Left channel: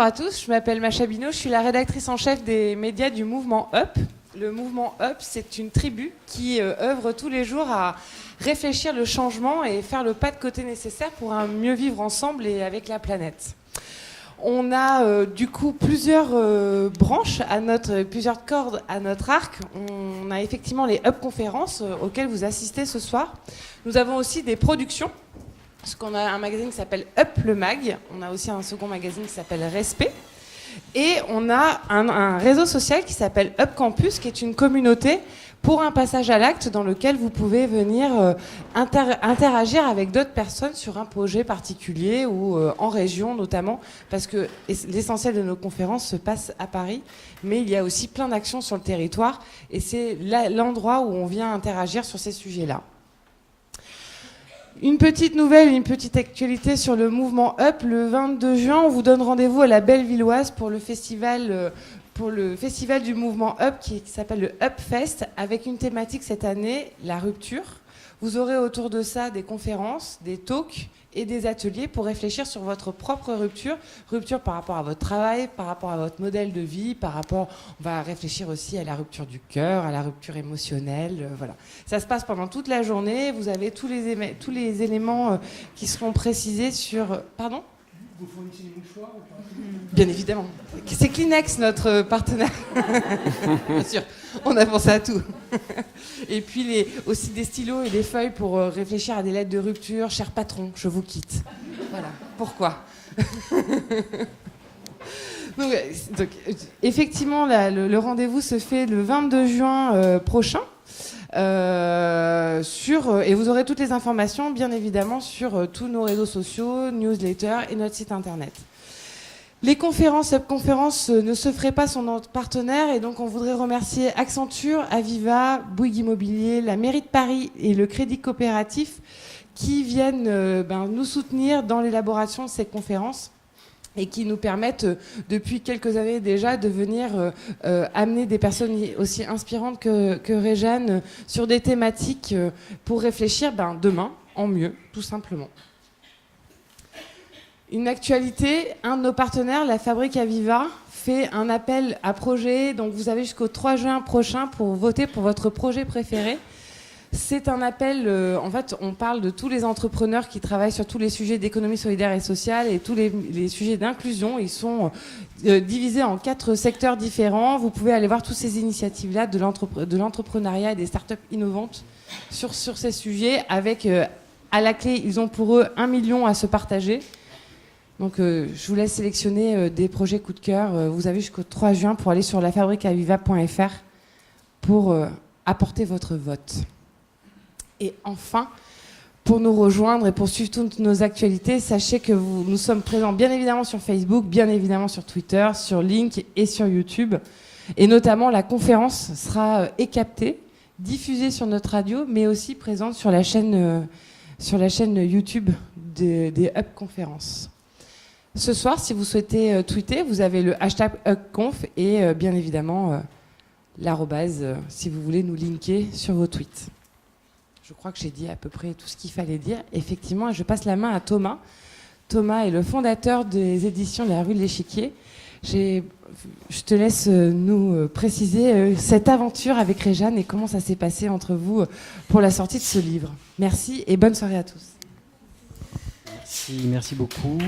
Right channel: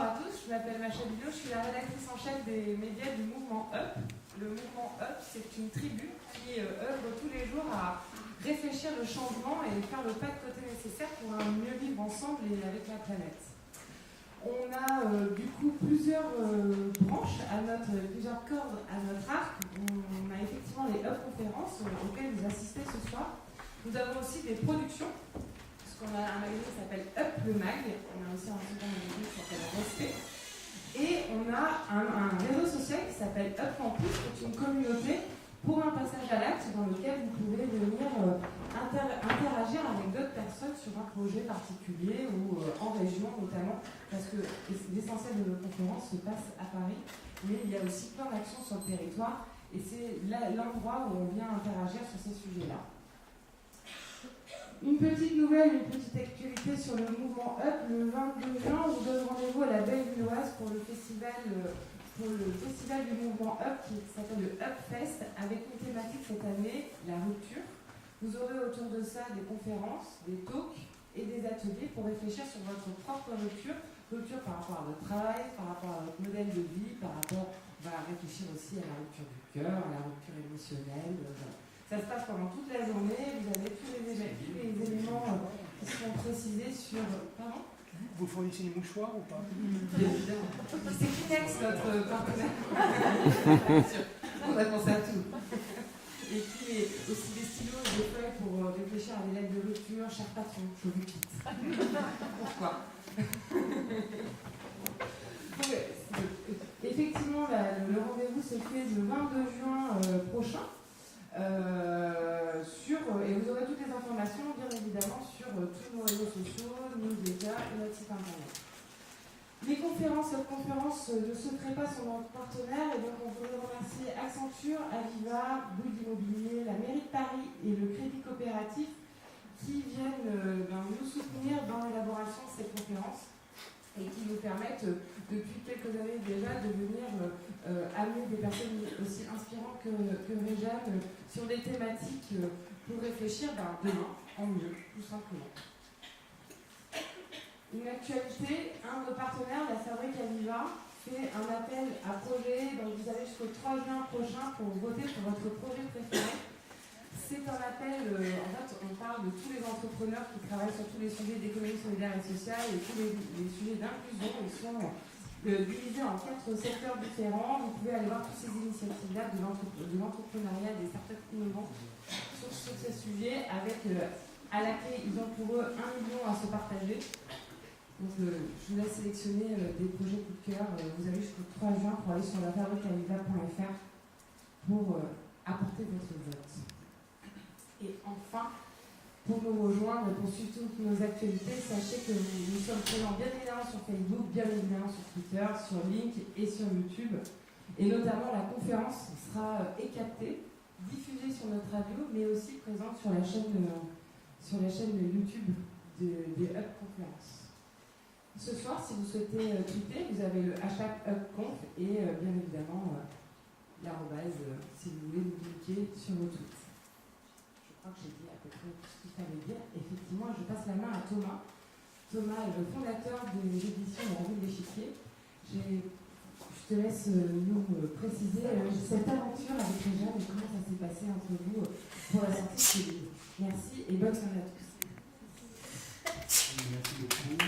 Bonsoir à tous, je m'appelle Macha Bino, je suis la rédactrice en chef des médias du mouvement UP. Le mouvement UP, c'est une tribu qui œuvre tous les jours à réfléchir le changement et faire le pas de côté nécessaire pour un mieux vivre ensemble et avec la planète. On a du coup plusieurs branches, plusieurs cordes à notre arc. On a effectivement les UP conférences auxquelles vous assistez ce soir. Nous avons aussi des productions, parce qu'on a un magazine qui s'appelle UP le Mag. On a aussi un second magazine qui s'appelle Respect. Et on a un réseau social qui s'appelle UP Campus, qui est une communauté pour un passage à l'acte dans lequel vous pouvez venir interagir avec d'autres personnes sur un projet particulier ou en région notamment, parce que l'essentiel de nos conférences se passe à Paris, mais il y a aussi plein d'actions sur le territoire et c'est l'endroit où on vient interagir sur ces sujets-là. Une petite nouvelle, une petite actualité sur le mouvement UP. Le 22 juin, on vous donne rendez-vous à la Bellevilloise pour le festival du mouvement UP qui s'appelle le UP Fest, avec une thématique cette année, la rupture. Vous aurez autour de ça des conférences, des talks et des ateliers pour réfléchir sur votre propre rupture. Rupture par rapport à votre travail, par rapport à votre modèle de vie, on va réfléchir aussi à la rupture du cœur, à la rupture émotionnelle, voilà. Ça se passe pendant toute la journée, vous avez tous les éléments qui seront précisés sur... Pardon ? Vous fournissez des mouchoirs ou pas ? Bien évidemment. C'est Kleenex, notre partenaire. Bien sûr, on a pensé à tout. Et puis aussi des stylos et des feuilles pour réfléchir à des lettres de rupture. Cher patron, je vous quitte. Voilà. Pourquoi ? donc, effectivement, le rendez-vous se fait le 22 juin prochain. Et vous aurez toutes les informations, bien évidemment, sur tous nos réseaux sociaux, newsletters et notre site internet. Les conférences, UP Conférences ne se feraient pas sans notre partenaire, et donc on voudrait remercier Accenture, Aviva, Bouygues Immobilier, la mairie de Paris et le Crédit Coopératif qui viennent nous soutenir dans l'élaboration de ces conférences et qui nous permettent depuis quelques années déjà de venir amener des personnes aussi inspirantes que Réjeanne sur des thématiques pour réfléchir demain en mieux, tout simplement. Une actualité, un de nos partenaires, la Fabrique Aviva, fait un appel à projet. Donc vous avez jusqu'au 3 juin prochain pour voter pour votre projet préféré. C'est un appel, en fait, on parle de tous les entrepreneurs qui travaillent sur tous les sujets d'économie solidaire et sociale et tous les sujets d'inclusion. Ils sont divisés en 4 secteurs différents. Vous pouvez aller voir toutes ces initiatives-là de l'entrepreneuriat et des startups innovantes sur ces sujets. Avec, à la clé, ils ont pour eux 1 million à se partager. Donc, je vous laisse sélectionner des projets coup de cœur. Vous avez jusqu'au 3 juin pour aller sur lafabriqueaviva.fr pour apporter votre vote. Et enfin, pour nous rejoindre et pour suivre toutes nos actualités, sachez que nous sommes présents bien évidemment sur Facebook, bien évidemment sur Twitter, sur Link et sur YouTube. Et notamment, la conférence sera captée, diffusée sur notre radio, mais aussi présente sur la chaîne YouTube des UP Conférences. Ce soir, si vous souhaitez tweeter, vous avez le hashtag UpConf et bien évidemment l'arrobase si vous voulez nous linker sur vos tweets. Je crois que j'ai dit à peu près tout ce qu'il fallait dire. Effectivement, je passe la main à Thomas. Thomas est le fondateur des éditions de la rue de l'Échiquier. Je te laisse nous préciser cette aventure avec Réjeanne et comment ça s'est passé entre vous pour la sortie de ce livre. Merci et bonne soirée à tous. Merci beaucoup.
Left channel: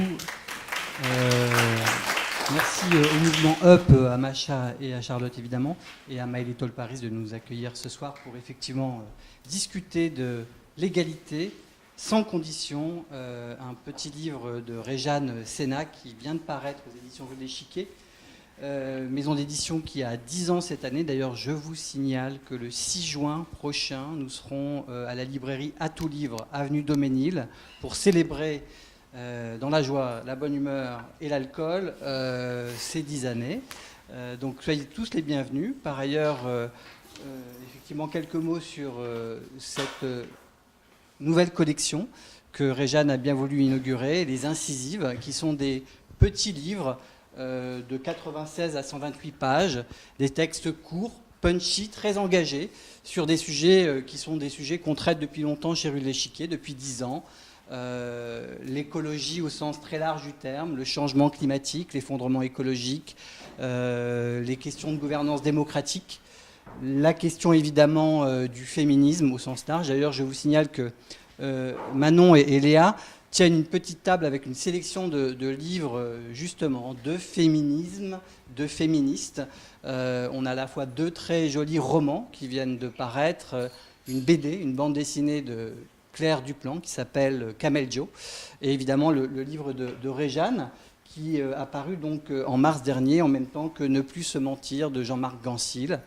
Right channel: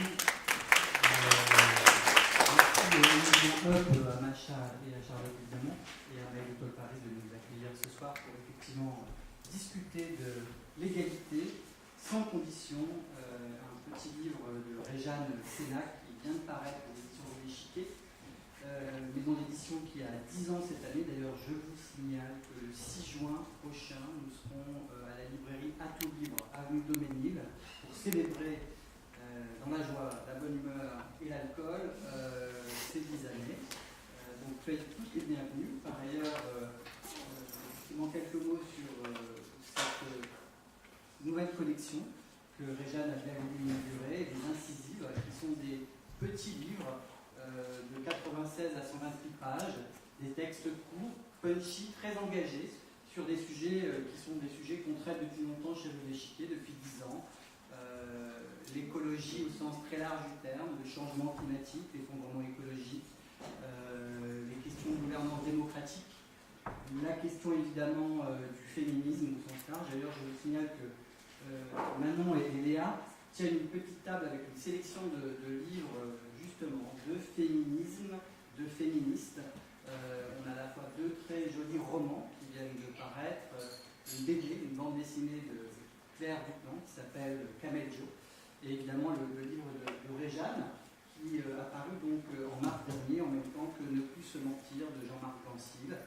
Merci au mouvement UP, à Macha et à Charlotte évidemment, et à My Little Paris de nous accueillir ce soir pour effectivement discuter de l'égalité sans condition, un petit livre de Réjeanne Sénac qui vient de paraître aux éditions de l'Échiquier, maison d'édition qui a 10 ans cette année. D'ailleurs, je vous signale que le 6 juin prochain, nous serons à la librairie À tout livre, avenue Daumesnil, pour célébrer dans la joie, la bonne humeur et l'alcool ces 10 années. Donc soyez tous les bienvenus. Par ailleurs, effectivement, quelques mots sur cette nouvelle collection que Réjeanne a bien voulu inaugurer, les incisives, qui sont des petits livres de 96 à 128 pages, des textes courts, punchy, très engagés, sur des sujets qui sont des sujets qu'on traite depuis longtemps chez Rue de l'Échiquier, depuis 10 ans. l'écologie au sens très large du terme, le changement climatique, l'effondrement écologique, les questions de gouvernance démocratique, la question évidemment du féminisme au sens large. D'ailleurs, je vous signale que Manon et Léa tiennent une petite table avec une sélection de livres justement de féminisme, de féministes. On a à la fois 2 très jolis romans qui viennent de paraître, une BD, une bande dessinée de Claire Duplan qui s'appelle Cameljo, et évidemment le livre de Réjeanne qui a paru donc en mars dernier, en même temps que Ne plus se mentir de Jean-Marc Gansil,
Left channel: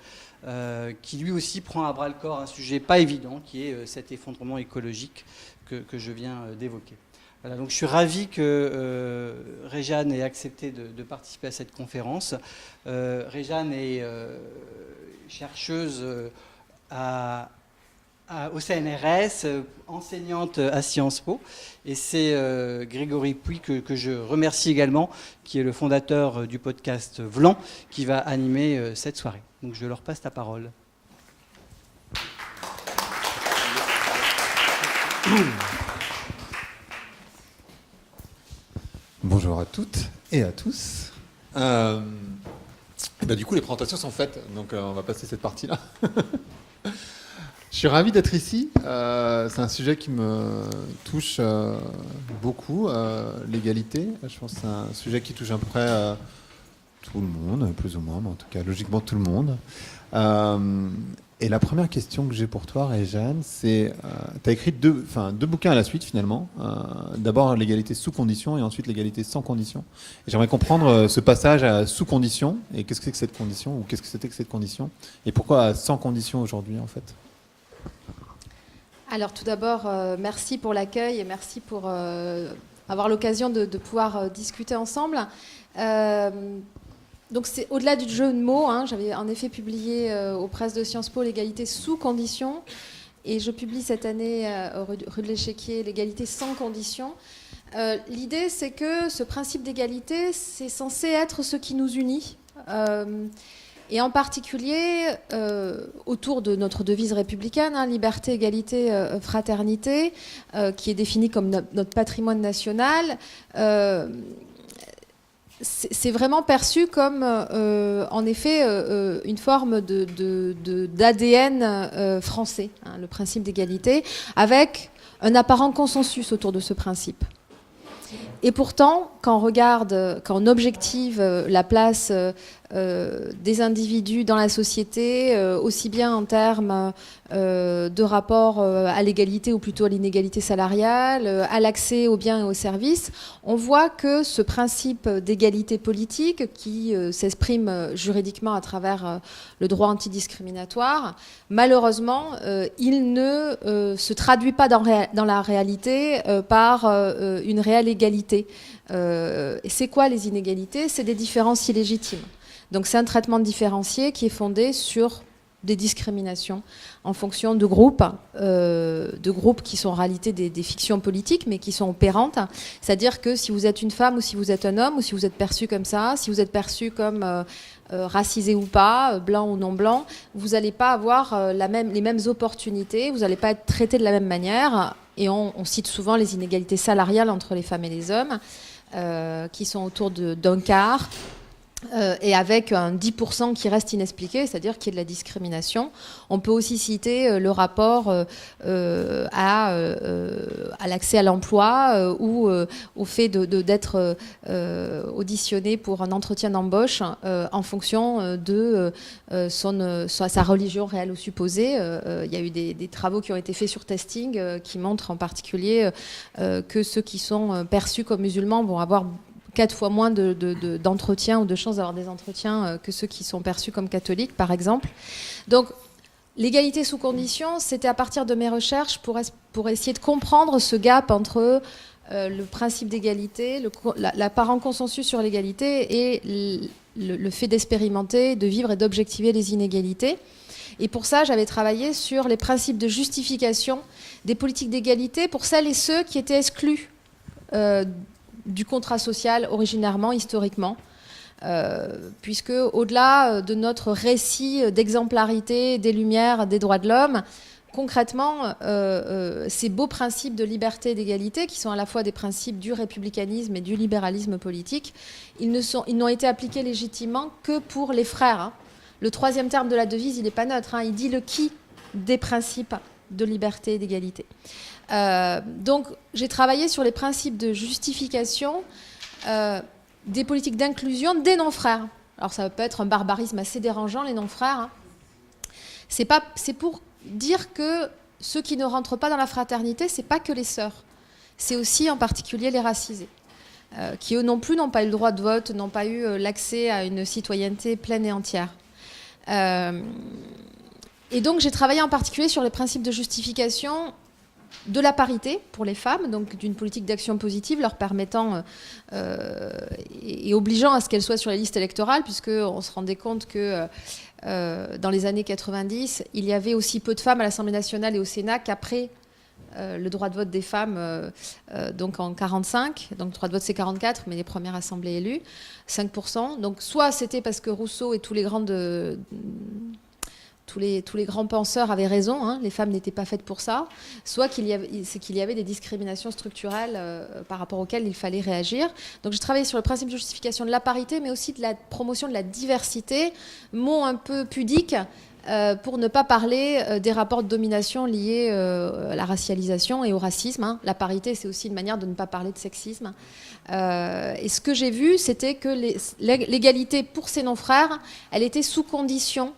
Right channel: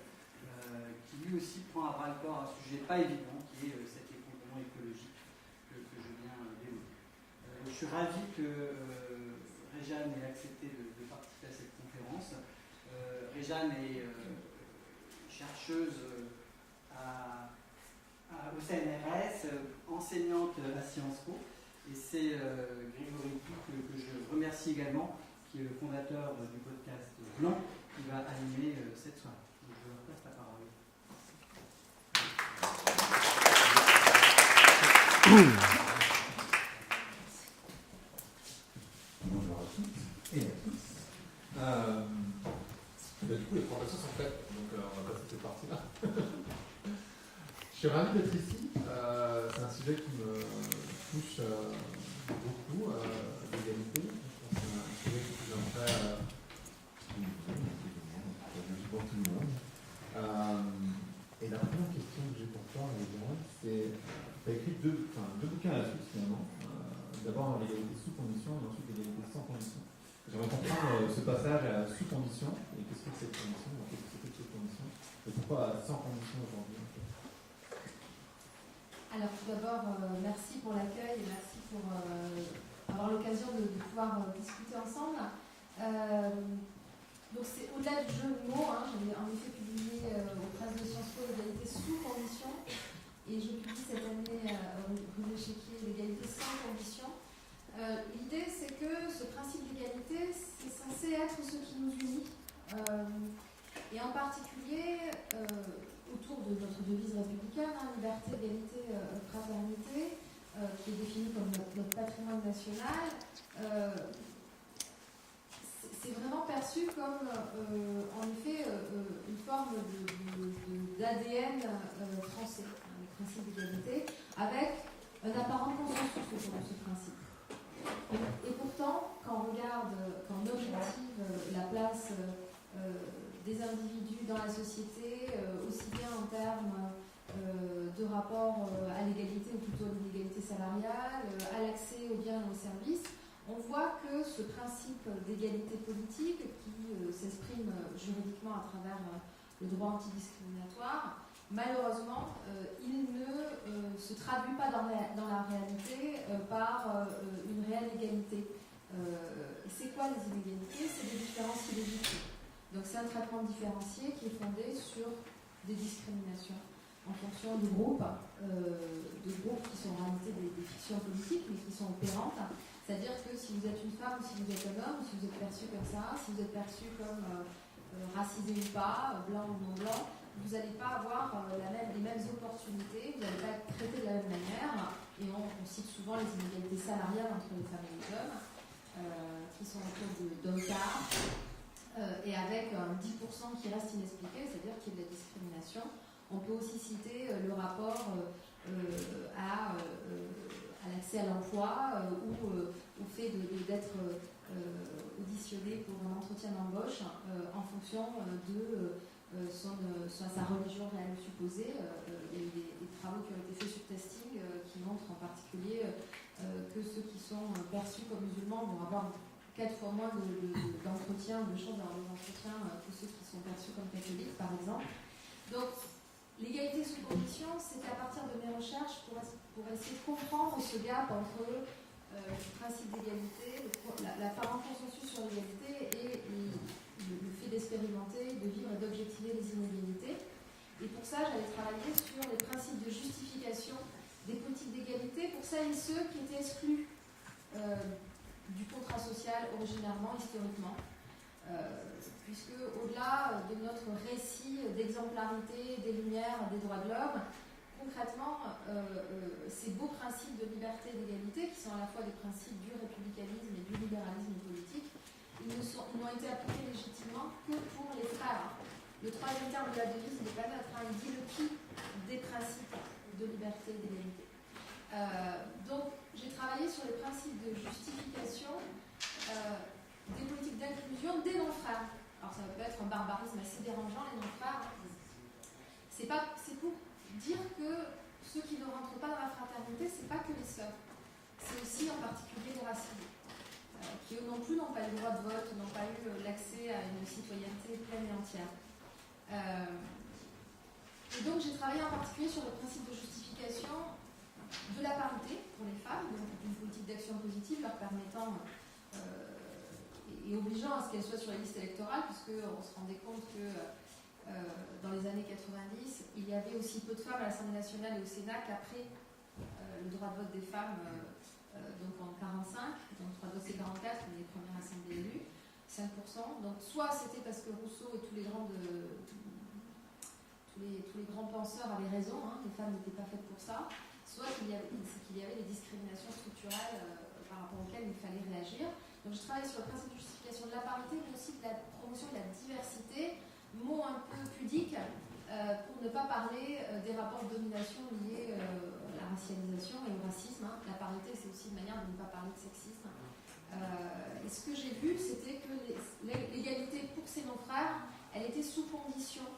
qui lui aussi prend à bras le corps un sujet pas évident qui est cet effondrement écologique que je viens d'évoquer. Voilà, donc je suis ravi que Réjeanne ait accepté de participer à cette conférence. Réjeanne est chercheuse au CNRS, enseignante à Sciences Po, et c'est Grégory Puy que je remercie également, qui est le fondateur du podcast Vlan, qui va animer cette soirée. Donc je leur passe la parole. Bonjour à toutes et à tous. Du coup, les présentations sont faites, donc on va passer cette partie-là. Je suis ravi d'être ici. C'est un sujet qui me touche beaucoup, l'égalité. Je pense que c'est un sujet qui touche à peu près tout le monde, plus ou moins, mais en tout cas logiquement tout le monde. Et la première question que j'ai pour toi, Réjeanne, c'est tu as écrit deux bouquins à la suite finalement. D'abord l'égalité sous condition et ensuite l'égalité sans condition. Et j'aimerais comprendre ce passage à sous condition et qu'est-ce que c'est que cette condition, ou qu'est-ce que c'était que cette condition, et pourquoi sans condition aujourd'hui en fait. Alors tout d'abord, merci pour l'accueil et merci pour avoir l'occasion de pouvoir discuter ensemble. Donc c'est au-delà du jeu de mots, hein, j'avais en effet publié aux presses de Sciences Po l'égalité sous conditions, et je publie cette année rue de l'Échiquier l'égalité sans conditions. L'idée, c'est que ce principe d'égalité, c'est censé être ce qui nous unit. Et en particulier autour de notre devise républicaine, hein, liberté, égalité, fraternité, qui est définie comme notre patrimoine national. C'est vraiment perçu comme, en effet, une forme d'ADN français, hein, le principe d'égalité, avec un apparent consensus autour de ce principe. Et pourtant, quand on objective la place des individus dans la société, aussi bien en termes de rapport à l'égalité ou plutôt à l'inégalité salariale, à l'accès aux biens et aux services, on voit que ce principe d'égalité politique qui s'exprime juridiquement à travers le droit antidiscriminatoire, malheureusement, il ne se traduit pas dans la réalité par une réelle égalité. Et c'est quoi les inégalités ? C'est des différences illégitimes. Donc c'est un traitement différencié qui est fondé sur des discriminations en fonction de groupes qui sont en réalité des fictions politiques, mais qui sont opérantes. C'est-à-dire que si vous êtes une femme ou si vous êtes un homme, ou si vous êtes perçu comme ça, si vous êtes perçu comme racisé ou pas, blanc ou non blanc, vous n'allez pas avoir les mêmes opportunités, vous n'allez pas être traité de la même manière. Et on cite souvent les inégalités salariales entre les femmes et les hommes, qui sont autour d'un quart. Et avec un 10% qui reste inexpliqué, c'est-à-dire qu'il y a de la discrimination. On peut aussi citer le rapport à l'accès à l'emploi ou au fait d'être auditionné pour un entretien d'embauche en fonction de sa religion réelle ou supposée. Il y a eu des travaux qui ont été faits sur testing qui montrent en particulier que ceux qui sont perçus comme musulmans vont avoir 4 fois moins d'entretiens ou de chances d'avoir des entretiens que ceux qui sont perçus comme catholiques, par exemple. Donc, l'égalité sous condition, c'était à partir de mes recherches pour essayer de comprendre ce gap entre le principe d'égalité, l'apparent consensus sur l'égalité et le fait d'expérimenter, de vivre et d'objectiver les inégalités. Et pour ça, j'avais travaillé sur les principes de justification des politiques d'égalité pour celles et ceux qui étaient exclus du contrat social originairement, historiquement, puisque au-delà de notre récit d'exemplarité, des Lumières, des droits de l'homme, concrètement, ces beaux principes de liberté et d'égalité, qui sont à la fois des principes du républicanisme et du libéralisme politique, ils n'ont été appliqués légitimement que pour les frères. Hein. Le troisième terme de la devise, il n'est pas neutre. Hein. Il dit le qui des principes de liberté et d'égalité. Donc, j'ai travaillé sur les principes de justification des politiques d'inclusion des non-frères. Alors, ça peut être un barbarisme assez dérangeant, les non-frères. Hein. C'est pour dire que ceux qui ne rentrent pas dans la fraternité, c'est pas que les sœurs. C'est aussi en particulier les racisés, qui eux non plus n'ont pas eu le droit de vote, n'ont pas eu l'accès à une citoyenneté pleine et entière. Et donc j'ai travaillé en particulier sur les principes de justification de la parité pour les femmes, donc d'une politique d'action positive leur permettant et obligeant à ce qu'elles soient sur les listes électorales, puisqu'on se rendait compte que dans les années 90, il y avait aussi peu de femmes à l'Assemblée nationale et au Sénat qu'après le droit de vote des femmes, donc en 45, donc le droit de vote c'est 44, mais les premières assemblées élues, 5%. Donc soit c'était parce que Rousseau et tous les grands penseurs avaient raison, hein, les femmes n'étaient pas faites pour ça, soit qu'il y avait des discriminations structurelles par rapport auxquelles il fallait réagir. Donc j'ai travaillé sur le principe de justification de la parité, mais aussi de la promotion de la diversité, mot un peu pudique, pour ne pas parler des rapports de domination liés à la racialisation et au racisme. Hein. La parité, c'est aussi une manière de ne pas parler de sexisme. Et ce que j'ai vu, c'était que l'égalité pour ces non-frères, elle était sous condition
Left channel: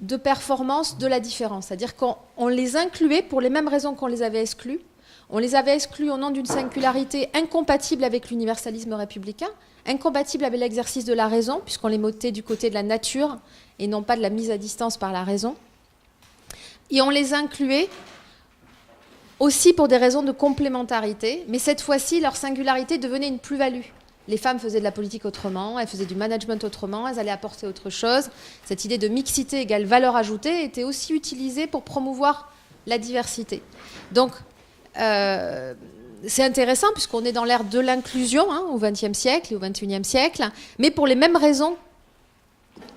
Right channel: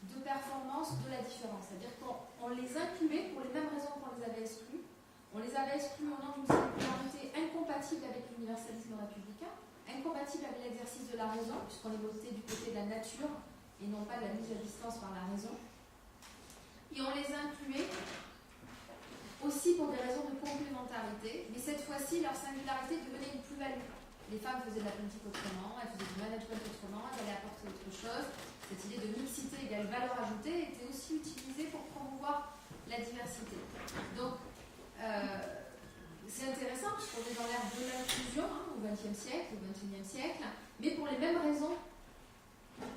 de performance de la différence. C'est-à-dire qu'on les incluait pour les mêmes raisons qu'on les avait exclus. On les avait exclus au nom d'une singularité incompatible avec l'universalisme républicain, incompatible avec l'exercice de la raison, puisqu'on les mettait du côté de la nature et non pas de la mise à distance par la raison. Et on les incluait aussi pour des raisons de complémentarité, mais cette fois-ci, leur singularité devenait une plus-value. Les femmes faisaient de la politique autrement, elles faisaient du management autrement, elles allaient apporter autre chose. Cette idée de mixité égale valeur ajoutée était aussi utilisée pour promouvoir la diversité. Donc, c'est intéressant puisqu'on est dans l'ère de l'inclusion au XXe siècle et au XXIe siècle, mais pour les mêmes raisons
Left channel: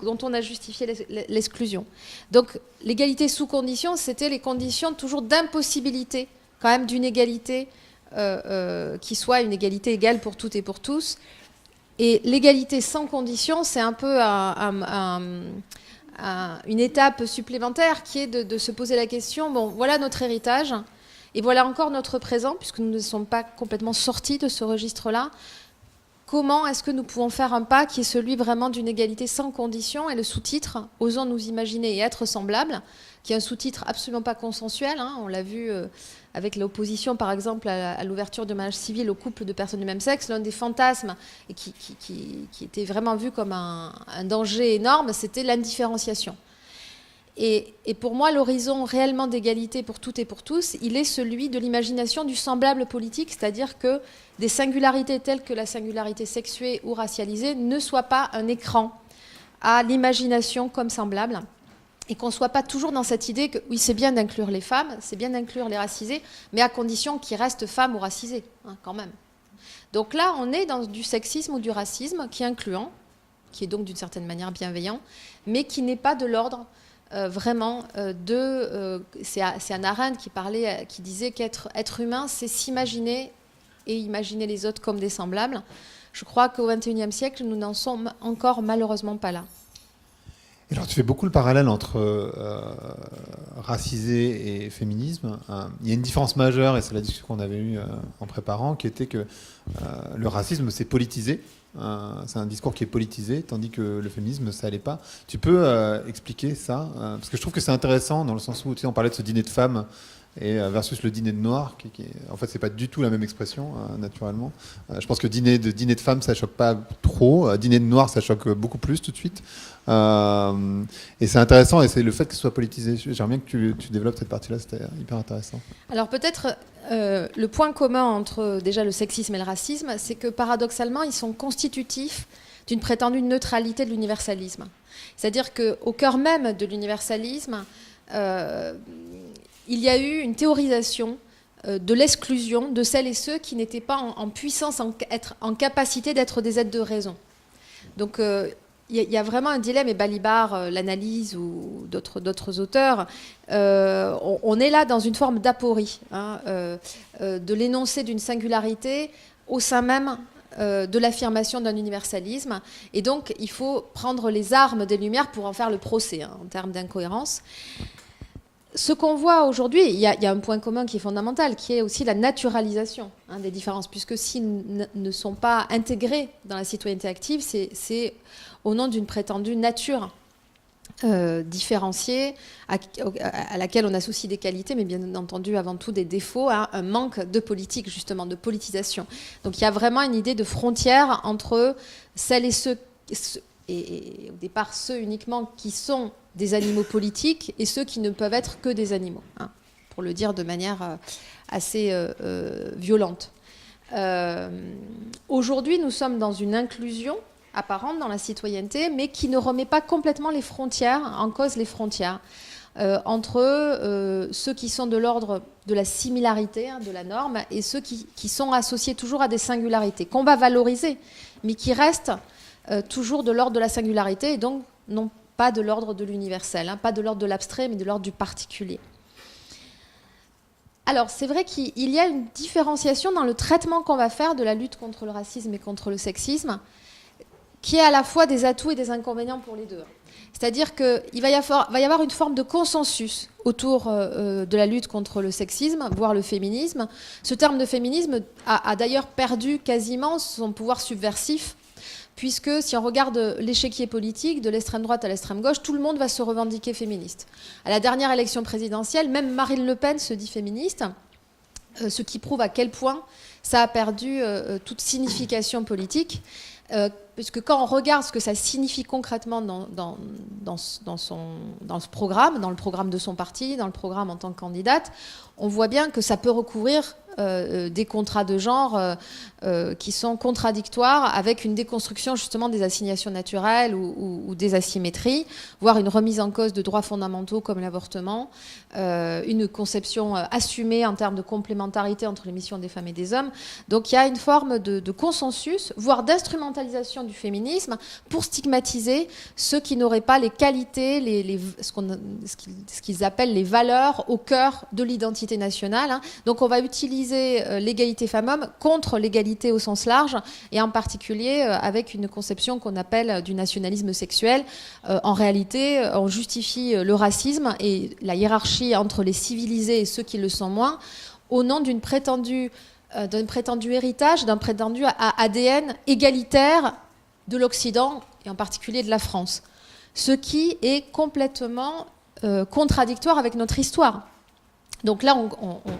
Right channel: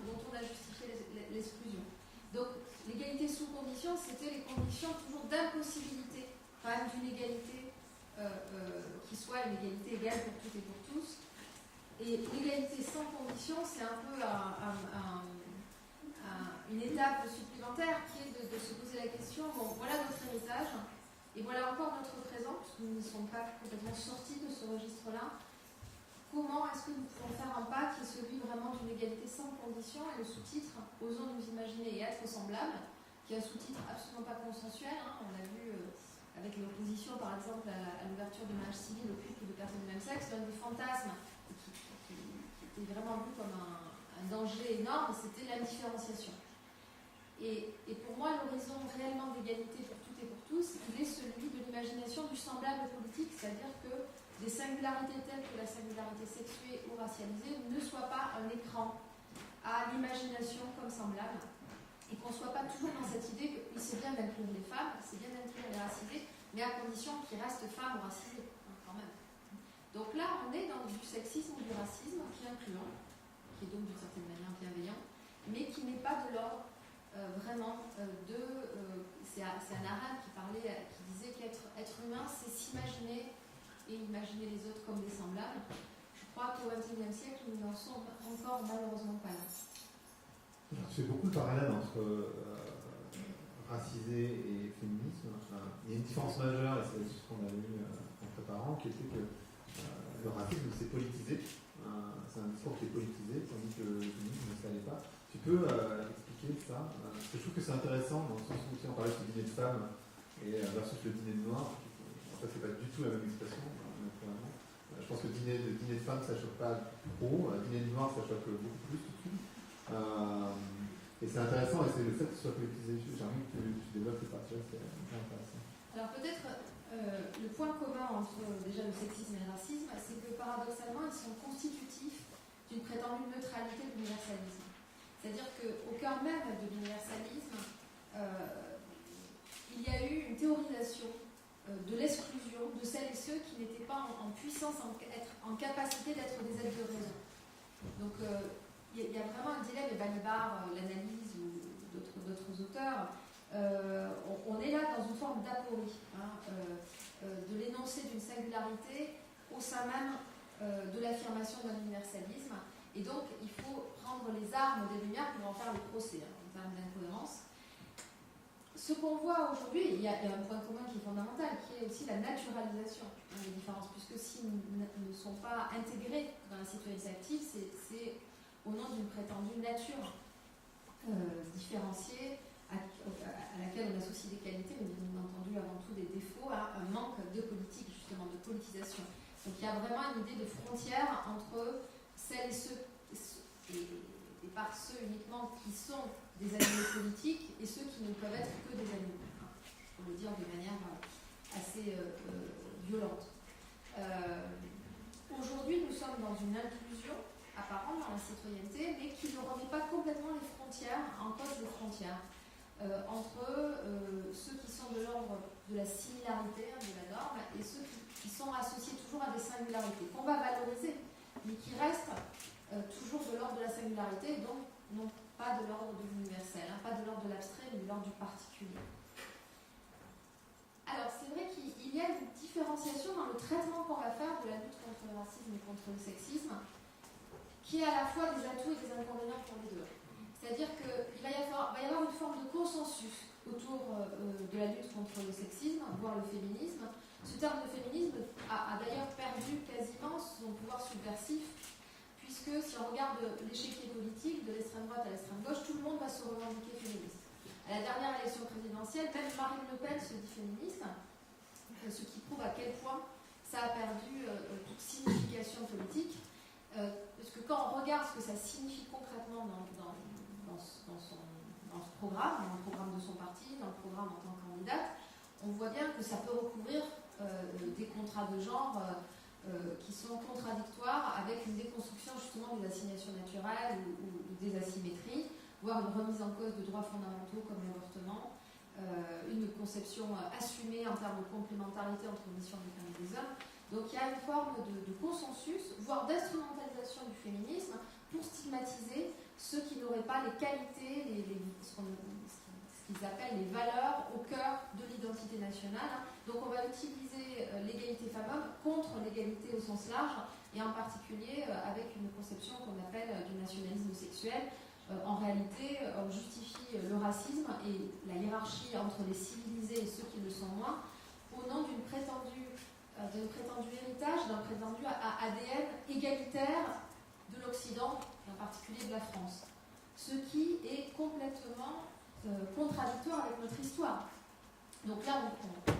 dont on a justifié l'exclusion. Donc, l'égalité sous conditions, c'était les conditions toujours d'impossibilité quand même d'une égalité qui soit une égalité égale pour toutes et pour tous. Et l'égalité sans condition, c'est un peu une étape supplémentaire qui est de se poser la question, bon, voilà notre héritage, et voilà encore notre présent, puisque nous ne sommes pas complètement sortis de ce registre-là. Comment est-ce que nous pouvons faire un pas qui est celui vraiment d'une égalité sans condition? Et le sous-titre, osons nous imaginer et être semblables, qui est un sous-titre absolument pas consensuel, hein, on l'a vu avec l'opposition, par exemple, à l'ouverture de mariage civil aux couples de personnes du même sexe, l'un des fantasmes et qui était vraiment vu comme un danger énorme, c'était l'indifférenciation. Et pour moi, l'horizon réellement d'égalité pour toutes et pour tous, il est celui de l'imagination du semblable politique, c'est-à-dire que des singularités telles que la singularité sexuée ou racialisée ne soient pas un écran à l'imagination comme semblable, et qu'on ne soit pas toujours dans cette idée que oui, c'est bien d'inclure les femmes, c'est bien d'inclure les racisés, mais à condition qu'ils restent femmes ou racisés, hein, quand même. Donc là, on est dans du sexisme ou du racisme qui est incluant, qui est donc d'une certaine manière bienveillant, mais qui n'est pas de l'ordre vraiment c'est Hannah Arendt qui disait qu'être humain, c'est s'imaginer et imaginer les autres comme des semblables. Je crois qu'au XXIe siècle, nous n'en sommes encore malheureusement pas là. Alors, tu fais beaucoup le parallèle entre racisé et féminisme. Il y a une différence majeure, et c'est la discussion qu'on avait eue en préparant, qui était que le racisme, c'est politisé. C'est un discours qui est politisé, tandis que le féminisme, ça n'allait pas. Tu peux expliquer ça parce que je trouve que c'est intéressant, dans le sens où tu sais, on parlait de ce dîner de femmes versus le dîner de noirs, en fait, c'est pas du tout la même expression, naturellement. Je pense que dîner de femmes, ça choque pas trop. Dîner de noirs, ça choque beaucoup plus tout de suite. Et c'est intéressant, et c'est le fait que ce soit politisé. J'aimerais bien que tu développes cette partie-là, c'était hyper intéressant. Alors peut-être le point commun entre déjà le sexisme et le racisme, c'est que paradoxalement, ils sont constitutifs d'une prétendue neutralité de l'universalisme. C'est-à-dire qu'au cœur même de l'universalisme, il y a eu une théorisation de l'exclusion de celles et ceux qui n'étaient pas en puissance, en capacité d'être des êtres de raison. Donc il y a vraiment un dilemme, et Balibar l'analyse, ou d'autres auteurs, on est là dans une forme d'aporie, hein, de l'énoncé d'une singularité au sein même de l'affirmation d'un universalisme. Et donc, il faut prendre les armes des Lumières pour en faire le procès, hein, en termes d'incohérence. Ce qu'on voit aujourd'hui, il y a un point commun qui est fondamental, qui est aussi la naturalisation, hein, des différences, puisque s'ils ne sont pas intégrés dans la citoyenneté active, c'est au nom d'une prétendue nature différenciée, à laquelle on associe des qualités, mais bien entendu avant tout des défauts, hein, un manque de politique, justement, de politisation. Donc il y a vraiment une idée de frontière entre celles et ceux, et au départ ceux uniquement qui sont des animaux politiques, et ceux qui ne peuvent être que des animaux, hein, pour le dire de manière assez violente. Aujourd'hui, nous sommes dans une inclusion apparente dans la citoyenneté, mais qui ne remet pas complètement les frontières, en cause les frontières, entre ceux qui sont de l'ordre de la similarité, hein, de la norme, et ceux qui sont associés toujours à des singularités, qu'on va valoriser, mais qui restent toujours de l'ordre de la singularité, et donc non pas de l'ordre de l'universel, hein, pas de l'ordre de l'abstrait, mais de l'ordre du particulier. Alors, c'est vrai qu'il y a une différenciation dans le traitement qu'on va faire de la lutte contre le racisme et contre le sexisme, qui est à la fois des atouts et des inconvénients pour les deux. C'est-à-dire qu'il va y avoir une forme de consensus autour de la lutte contre le sexisme, voire le féminisme. Ce terme de féminisme a d'ailleurs perdu quasiment son pouvoir subversif, puisque si on regarde l'échiquier politique, de l'extrême droite à l'extrême gauche, tout le monde va se revendiquer féministe. À la dernière élection présidentielle, même Marine Le Pen se dit féministe, ce qui prouve à quel point ça a perdu toute signification politique. Puisque quand on regarde ce que ça signifie concrètement dans ce programme, dans le programme de son parti, dans le programme en tant que candidate, on voit bien que ça peut recouvrir des contrats de genre qui sont contradictoires avec une déconstruction justement des assignations naturelles ou des asymétries, voire une remise en cause de droits fondamentaux comme l'avortement, une conception assumée en termes de complémentarité entre les missions des femmes et des hommes. Donc il y a une forme de consensus, voire d'instrumentalisation du féminisme pour stigmatiser ceux qui n'auraient pas les qualités, ce qu'ils appellent les valeurs au cœur de l'identité nationale, hein. Donc on va utiliser l'égalité femmes-hommes contre l'égalité au sens large, et en particulier avec une conception qu'on appelle du nationalisme sexuel. En réalité, on justifie le racisme et la hiérarchie entre les civilisés et ceux qui le sont moins au nom d'un prétendu héritage, d'un prétendu ADN égalitaire de l'Occident, et en particulier de la France. Ce qui est complètement contradictoire avec notre histoire. Donc là,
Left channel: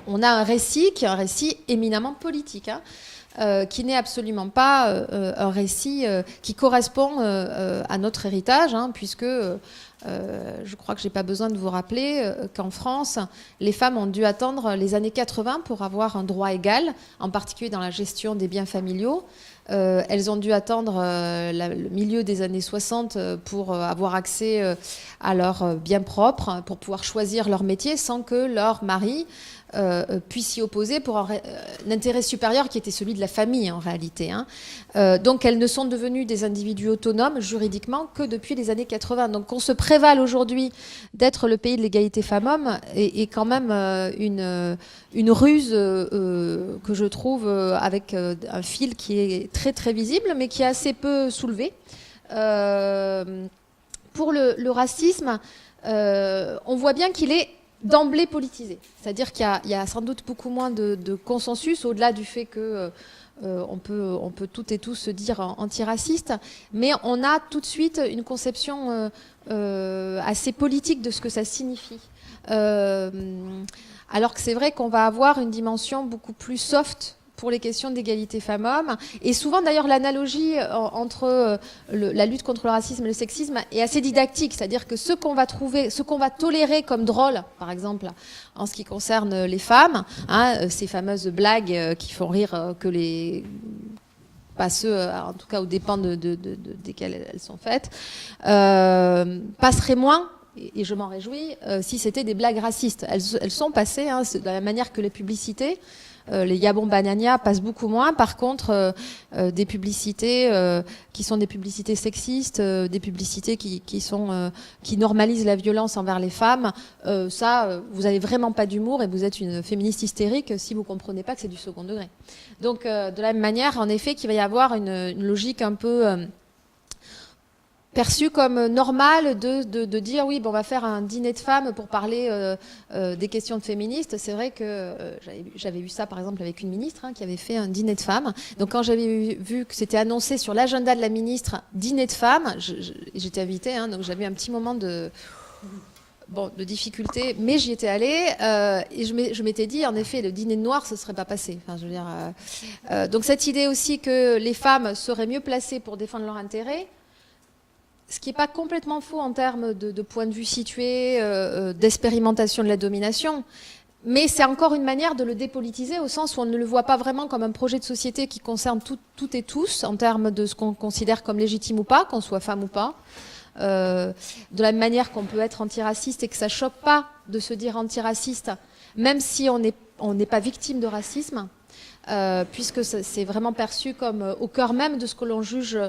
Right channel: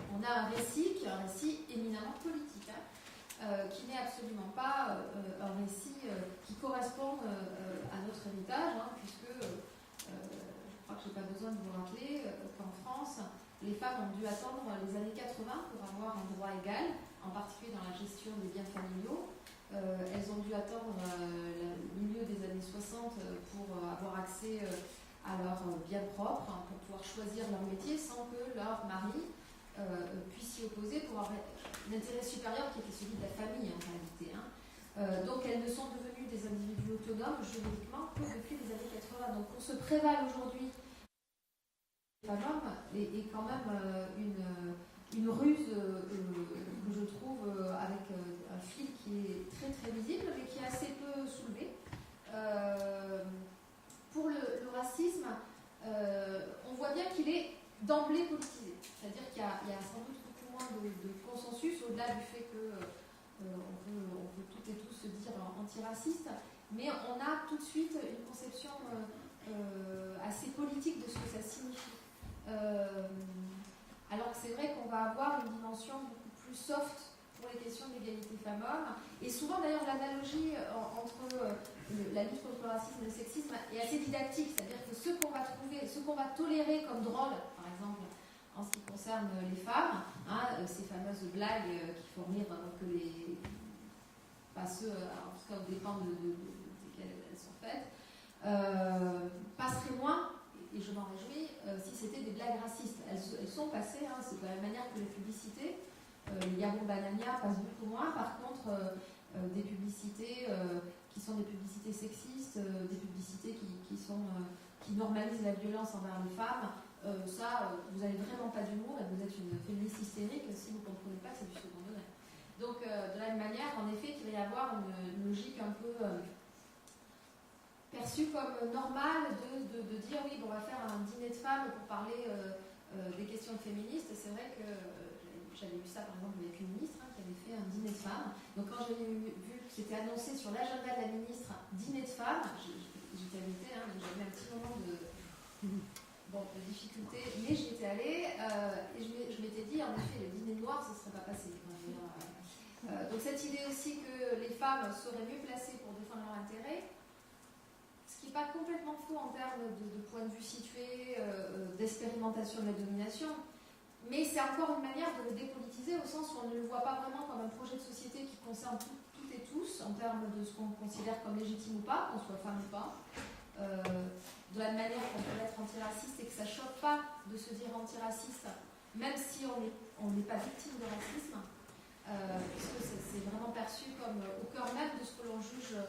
on a un récit qui est un récit éminemment politique, hein, qui n'est absolument pas un récit qui correspond à notre héritage, hein, puisque je crois que je n'ai pas besoin de vous rappeler qu'en France, les femmes ont dû attendre les années 80 pour avoir un droit égal, en particulier dans la gestion des biens familiaux. Elles ont dû attendre le milieu des années 60 pour avoir accès à leurs biens propres, pour pouvoir choisir leur métier sans que leur mari puisse s'y opposer pour un intérêt supérieur qui était celui de la famille en réalité, hein. Donc elles ne sont devenues des individus autonomes juridiquement que depuis les années 80. Donc qu'on se prévale aujourd'hui d'être le pays de l'égalité femmes-hommes est quand même une ruse que je trouve avec un fil qui est très très visible mais qui est assez peu soulevé. Pour le racisme, on voit bien qu'il est d'emblée politisé. C'est-à-dire qu'il y a sans doute beaucoup moins de consensus, au-delà du fait que on peut toutes et tous se dire antiraciste, mais on a tout de suite une conception assez politique de ce que ça signifie. Alors que c'est vrai qu'on va avoir une dimension beaucoup plus soft pour les questions d'égalité femmes-hommes. Et souvent, d'ailleurs, l'analogie entre la lutte contre le racisme et le sexisme est assez didactique. C'est-à-dire que ce qu'on va tolérer comme drôle, par exemple, en ce qui concerne les femmes, hein, ces fameuses blagues qui font rire pas ceux, en tout cas, aux dépens desquelles elles sont faites, passeraient moins, et je m'en réjouis, si c'était des blagues racistes. Elles sont passées, hein, de la même manière que les publicités. les Yabon Banania passent beaucoup moins. Par contre, des publicités qui sont des publicités sexistes, des publicités qui normalisent la violence envers les femmes, vous n'avez vraiment pas d'humour et vous êtes une féministe hystérique si vous ne comprenez pas que c'est du second degré. Donc, de la même manière, en effet, qu'il va y avoir une logique un peu perçue comme normale de dire oui, bon, on va faire un dîner de femmes pour parler des questions de féministes. C'est vrai que j'avais vu ça, par exemple, avec une ministre qui avait fait un dîner de femmes. Donc, quand j'avais vu que c'était annoncé sur l'agenda de la ministre, dîner de femmes, j'étais invitée, donc j'avais un petit moment de difficulté, mais j'y étais allée et je m'étais dit, en effet, le dîner de noir, ce ne serait pas passé. Enfin, je veux dire, donc cette idée aussi que les femmes seraient mieux placées pour défendre leurs intérêts, ce qui n'est pas complètement faux en termes de point de vue situé, d'expérimentation de la domination, mais c'est encore une manière de le dépolitiser au sens où on ne le voit pas vraiment comme un projet de société qui concerne toutes et tous en termes de ce qu'on considère comme légitime ou pas, qu'on soit femme ou pas. De la même manière qu'on peut être antiraciste et que ça ne choque pas de se dire antiraciste, même si on n'est pas victime de racisme, puisque c'est vraiment perçu comme au cœur même de ce que l'on juge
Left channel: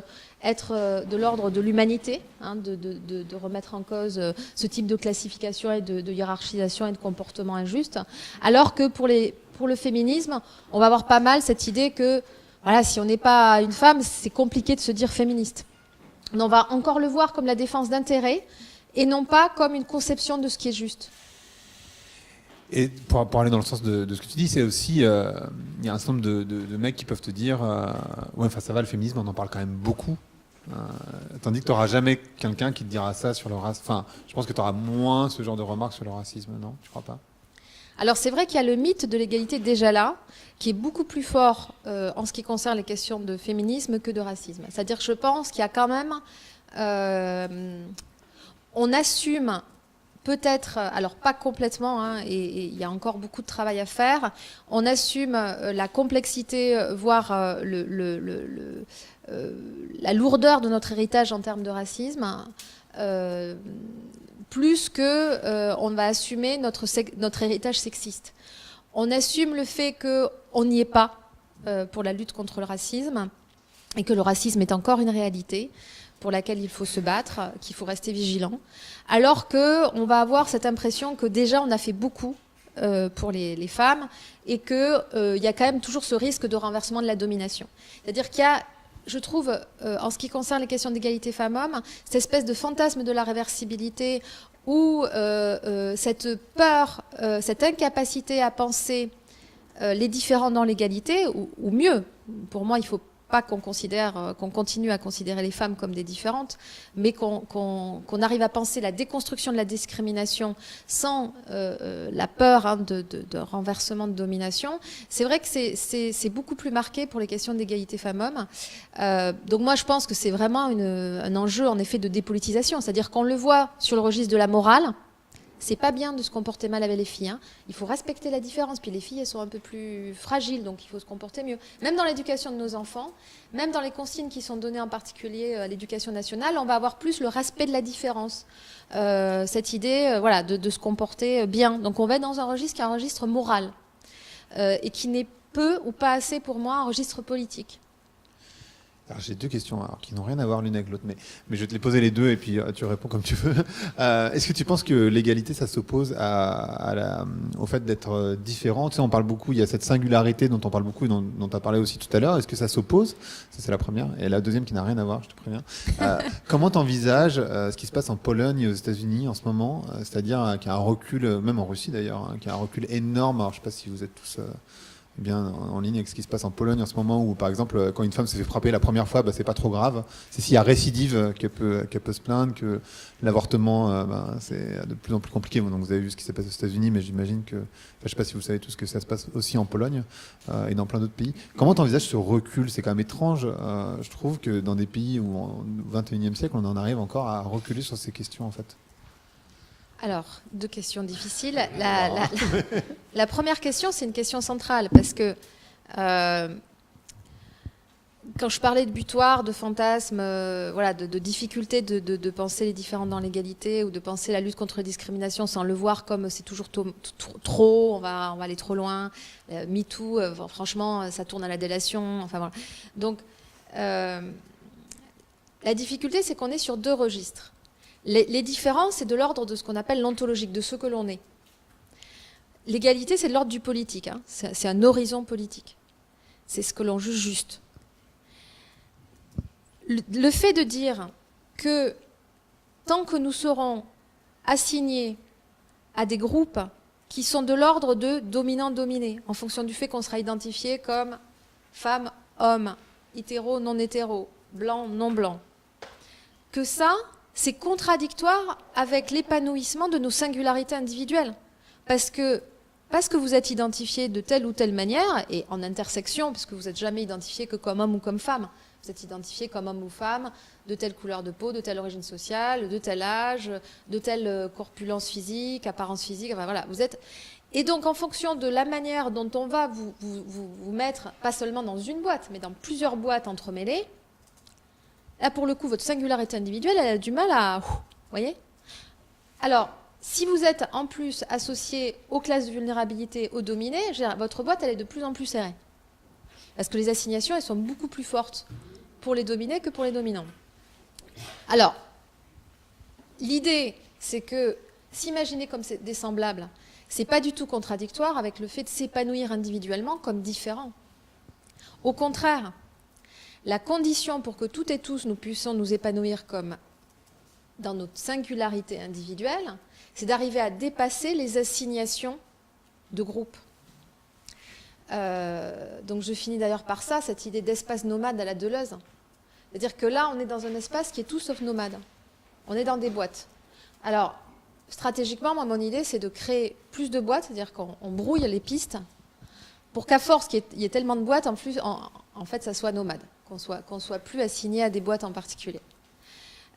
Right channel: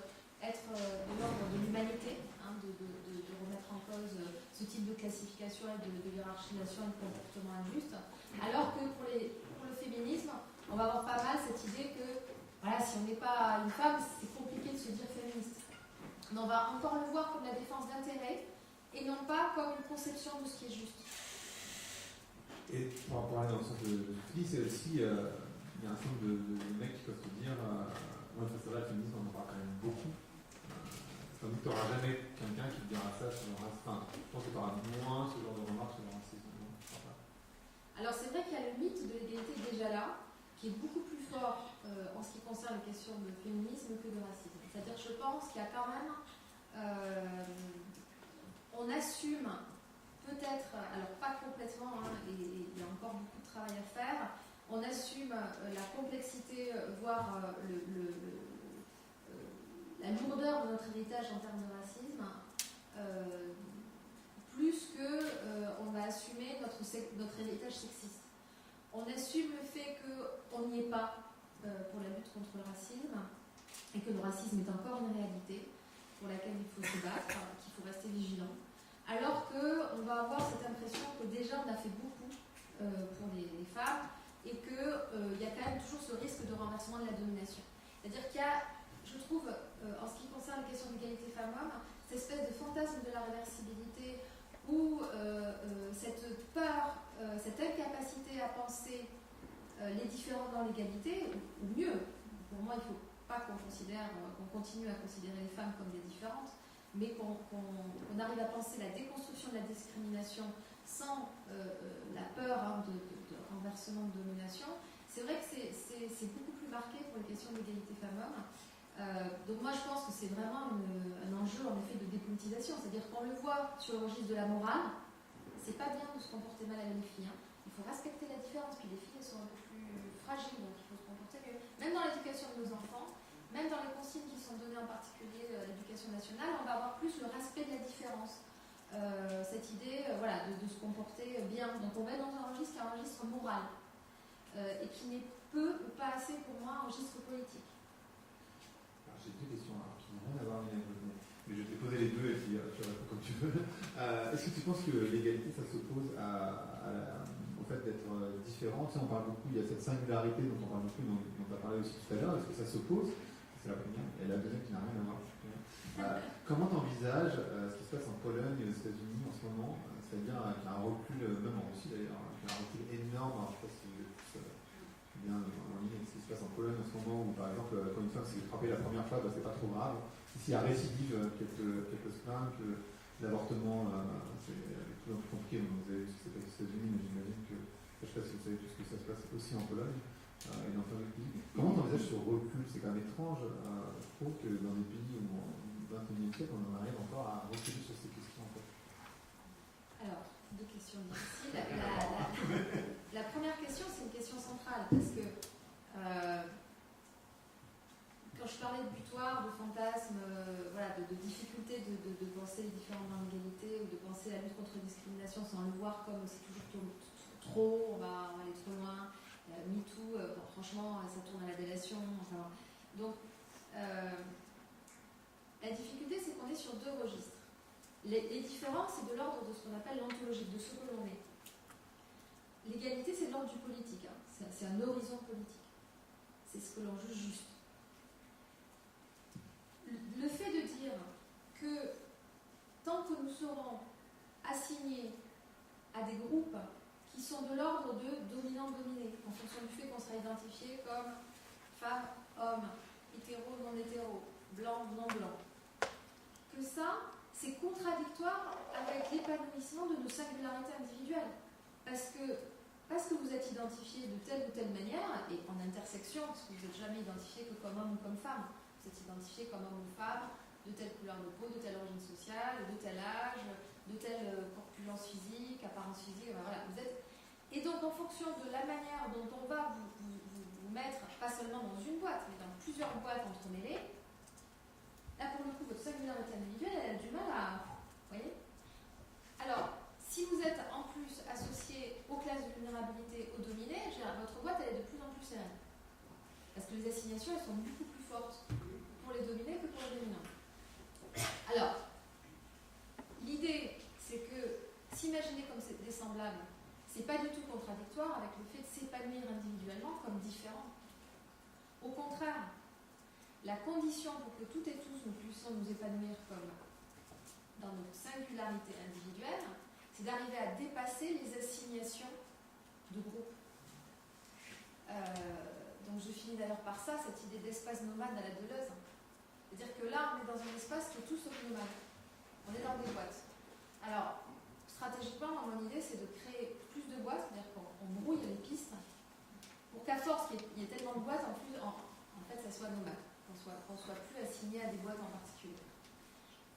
être de l'ordre de l'humanité, de remettre en cause ce type de classification et de hiérarchisation et de comportement injuste, alors que pour le féminisme, on va avoir pas mal cette idée que voilà, si on n'est pas une femme, c'est compliqué de se dire féministe. On va encore le voir comme la défense d'intérêts et non pas comme une conception de ce qui est juste. Et pour aller dans le sens de ce que tu dis, c'est aussi, il y a un certain nombre de mecs qui peuvent te dire ouais, enfin ça va, le féminisme, on en parle quand même beaucoup. Tandis que tu n'auras jamais quelqu'un qui te dira ça sur le racisme. Enfin, je pense que tu auras moins ce genre de remarques sur le racisme, non? Je crois pas. Alors c'est vrai qu'il y a le mythe de l'égalité déjà là, qui est beaucoup plus fort en ce qui concerne les questions de féminisme que de racisme. C'est-à-dire que je pense qu'il y a quand même... on assume peut-être, alors pas complètement, et il y a encore beaucoup de travail à faire, on assume la complexité, voire la lourdeur de notre héritage en termes de racisme, plus qu'on va assumer notre héritage sexiste. On assume le fait qu'on n'y est pas pour la lutte contre le racisme et que le racisme est encore une réalité pour laquelle il faut se battre, qu'il faut rester vigilant, alors qu'on va avoir cette impression que déjà on a fait beaucoup pour les femmes et qu'il y a quand même toujours ce risque de renversement de la domination. C'est-à-dire qu'il y a, je trouve, en ce qui concerne les questions d'égalité femmes-hommes, cette espèce de fantasme de la réversibilité où cette peur, cette incapacité à penser les différents dans l'égalité, ou mieux, pour moi, il ne faut pas qu'on continue à considérer les femmes comme des différentes, mais qu'on arrive à penser la déconstruction de la discrimination sans la peur de renversement de domination. C'est vrai que c'est beaucoup plus marqué pour les questions d'égalité femmes-hommes. Donc moi, je pense que c'est vraiment un enjeu, en effet, de dépolitisation. C'est-à-dire qu'on le voit sur le registre de la morale. C'est pas bien de se comporter mal avec les filles. Il faut respecter la différence. Puis les filles, elles sont un peu plus fragiles, donc il faut se comporter mieux. Même dans l'éducation de nos enfants, même dans les consignes qui sont données en particulier à l'éducation nationale, on va avoir plus le respect de la différence. Cette idée de se comporter bien. Donc on va être dans un registre qui est un registre moral et qui n'est peu ou pas assez pour moi un registre politique. Alors, j'ai deux questions qui n'ont rien à voir l'une avec l'autre, mais je vais te les poser les deux et puis tu réponds comme tu veux. Est-ce que tu penses que l'égalité, ça s'oppose au fait d'être différent? Tu sais, on parle beaucoup, il y a cette singularité dont on parle beaucoup et dont tu as parlé aussi tout à l'heure. Est-ce que ça s'oppose? Ça, c'est la première. Et la deuxième qui n'a rien à voir, je te préviens. Comment tu envisages ce qui se passe en Pologne et aux États-Unis en ce moment? C'est-à-dire qu'il y a un recul, même en Russie d'ailleurs, qu'il y a un recul énorme. Alors, je ne sais pas si vous êtes tous... bien en ligne avec ce qui se passe en Pologne en ce moment, où par exemple quand une femme se fait frapper la première fois, c'est pas trop grave, c'est s'il y a récidive qu'elle peut se plaindre, que l'avortement c'est de plus en plus compliqué. Donc vous avez vu ce qui s'est passé aux États-Unis, mais j'imagine que, je sais pas si vous savez tout ce que ça se passe aussi en Pologne et dans plein d'autres pays. Comment tu envisages ce recul? C'est quand même étrange, je trouve, que dans des pays où au XXIe siècle on en arrive encore à reculer sur ces questions en fait. Alors, deux questions difficiles. La première question, c'est une question centrale, parce que quand je parlais de butoir, de fantasme, voilà, de difficulté de penser les différents dans l'égalité ou de penser la lutte contre la discrimination sans le voir comme c'est toujours trop, on va aller trop loin. MeToo, franchement, ça tourne à la délation. Enfin, voilà. Donc, la difficulté, c'est qu'on est sur 2 registres. Les différences, c'est de l'ordre de ce qu'on appelle l'ontologique, de ce que l'on est. L'égalité, c'est de l'ordre du politique. Hein. C'est un horizon politique. C'est ce que l'on juge juste. Le fait de dire que tant que nous serons assignés à des groupes qui sont de l'ordre de dominant-dominé, en fonction du fait qu'on sera identifié comme femme, homme, hétéro, non hétéro, blanc, non blanc, que ça, c'est contradictoire avec l'épanouissement de nos singularités individuelles. Parce que vous êtes identifié de telle ou telle manière, et en intersection, parce que vous n'êtes jamais identifié que comme homme ou comme femme, vous êtes identifié comme homme ou femme, de telle couleur de peau, de telle origine sociale, de tel âge, de telle corpulence physique, apparence physique, enfin voilà, vous êtes... Et donc en fonction de la manière dont on va vous mettre, pas seulement dans une boîte, mais dans plusieurs boîtes entremêlées, là pour le coup, votre singularité individuelle, elle a du mal à... Vous voyez ? Alors, si vous êtes en plus associé aux classes de vulnérabilité, aux dominés, votre boîte, elle est de plus en plus serrée. Parce que les assignations, elles sont beaucoup plus fortes pour les dominés que pour les dominants. Alors, l'idée, c'est que s'imaginer comme des semblables, c'est pas du tout contradictoire avec le fait de s'épanouir individuellement comme différents. Au contraire, la condition pour que toutes et tous nous puissions nous épanouir comme dans notre singularité individuelle, c'est d'arriver à dépasser les assignations de groupe. Donc je finis d'ailleurs par ça, cette idée d'espace nomade à la Deleuze. C'est-à-dire que là, on est dans un espace qui est tout sauf nomade. On est dans des boîtes. Alors, stratégiquement, moi, mon idée, c'est de créer plus de boîtes, c'est-à-dire qu'on brouille les pistes, pour qu'à force qu'il y ait tellement de boîtes, en fait, ça soit nomade, qu'on soit plus assigné à des boîtes en particulier.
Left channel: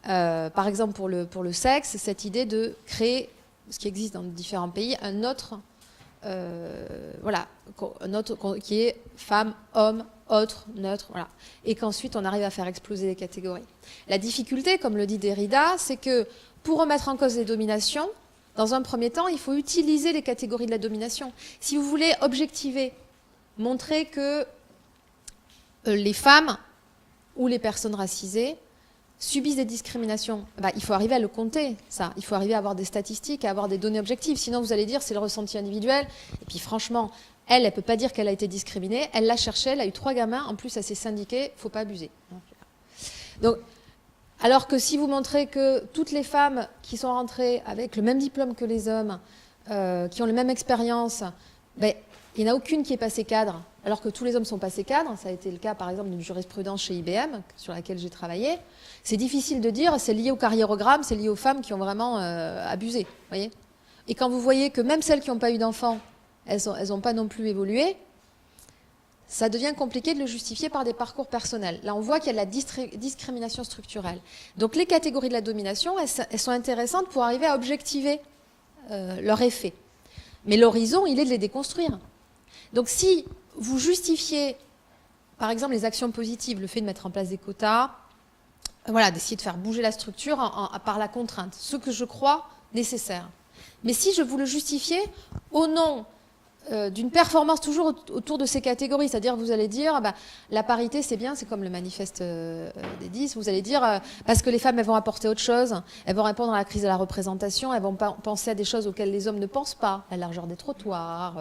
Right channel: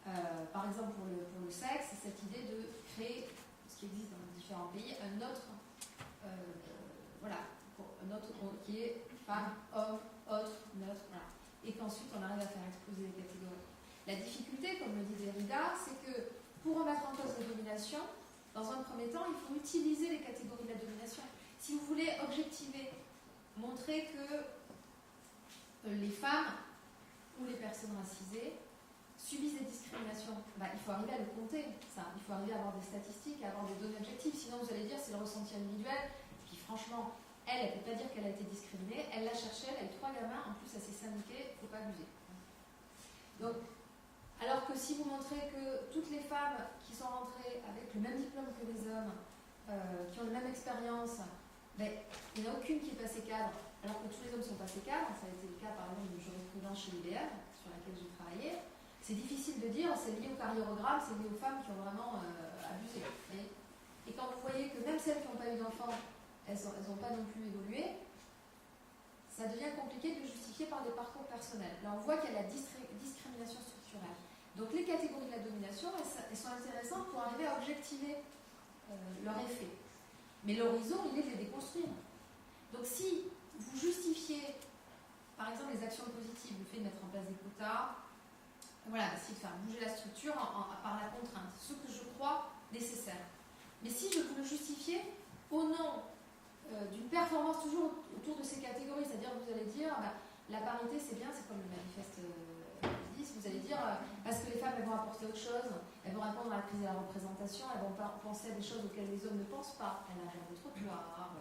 Par exemple, pour le sexe, cette idée de créer, ce qui existe dans différents pays, un autre qui est femme, homme, autre, neutre, voilà. Et qu'ensuite on arrive à faire exploser les catégories. La difficulté, comme le dit Derrida, c'est que pour remettre en cause les dominations, dans un premier temps, il faut utiliser les catégories de la domination. Si vous voulez objectiver, montrer que les femmes ou les personnes racisées subissent des discriminations, il faut arriver à le compter, ça. Il faut arriver à avoir des statistiques, à avoir des données objectives. Sinon, vous allez dire c'est le ressenti individuel. Et puis franchement, elle ne peut pas dire qu'elle a été discriminée. Elle l'a cherché, elle a eu 3 gamins. En plus, elle s'est syndiquée. Il ne faut pas abuser. Donc, alors que si vous montrez que toutes les femmes qui sont rentrées avec le même diplôme que les hommes, qui ont la même expérience, il n'y en a aucune qui est passée cadre, alors que tous les hommes sont passés cadres. Ça a été le cas, par exemple, d'une jurisprudence chez IBM, sur laquelle j'ai travaillé. C'est difficile de dire, c'est lié au carriérogramme, c'est lié aux femmes qui ont vraiment abusé. Voyez ? Et quand vous voyez que même celles qui n'ont pas eu d'enfants, elles n'ont pas non plus évolué, ça devient compliqué de le justifier par des parcours personnels. Là, on voit qu'il y a de la discrimination structurelle. Donc les catégories de la domination, elles sont intéressantes pour arriver à objectiver leur effet. Mais l'horizon, il est de les déconstruire. Donc si vous justifiez, par exemple, les actions positives, le fait de mettre en place des quotas, d'essayer de faire bouger la structure par la contrainte, ce que je crois nécessaire. Mais si je vous le justifiez au nom d'une performance toujours autour de ces catégories, c'est-à-dire vous allez dire la parité c'est bien, c'est comme le manifeste des 10, vous allez dire parce que les femmes elles vont apporter autre chose, elles vont répondre à la crise de la représentation, elles vont penser à des choses auxquelles les hommes ne pensent pas, la largeur des trottoirs,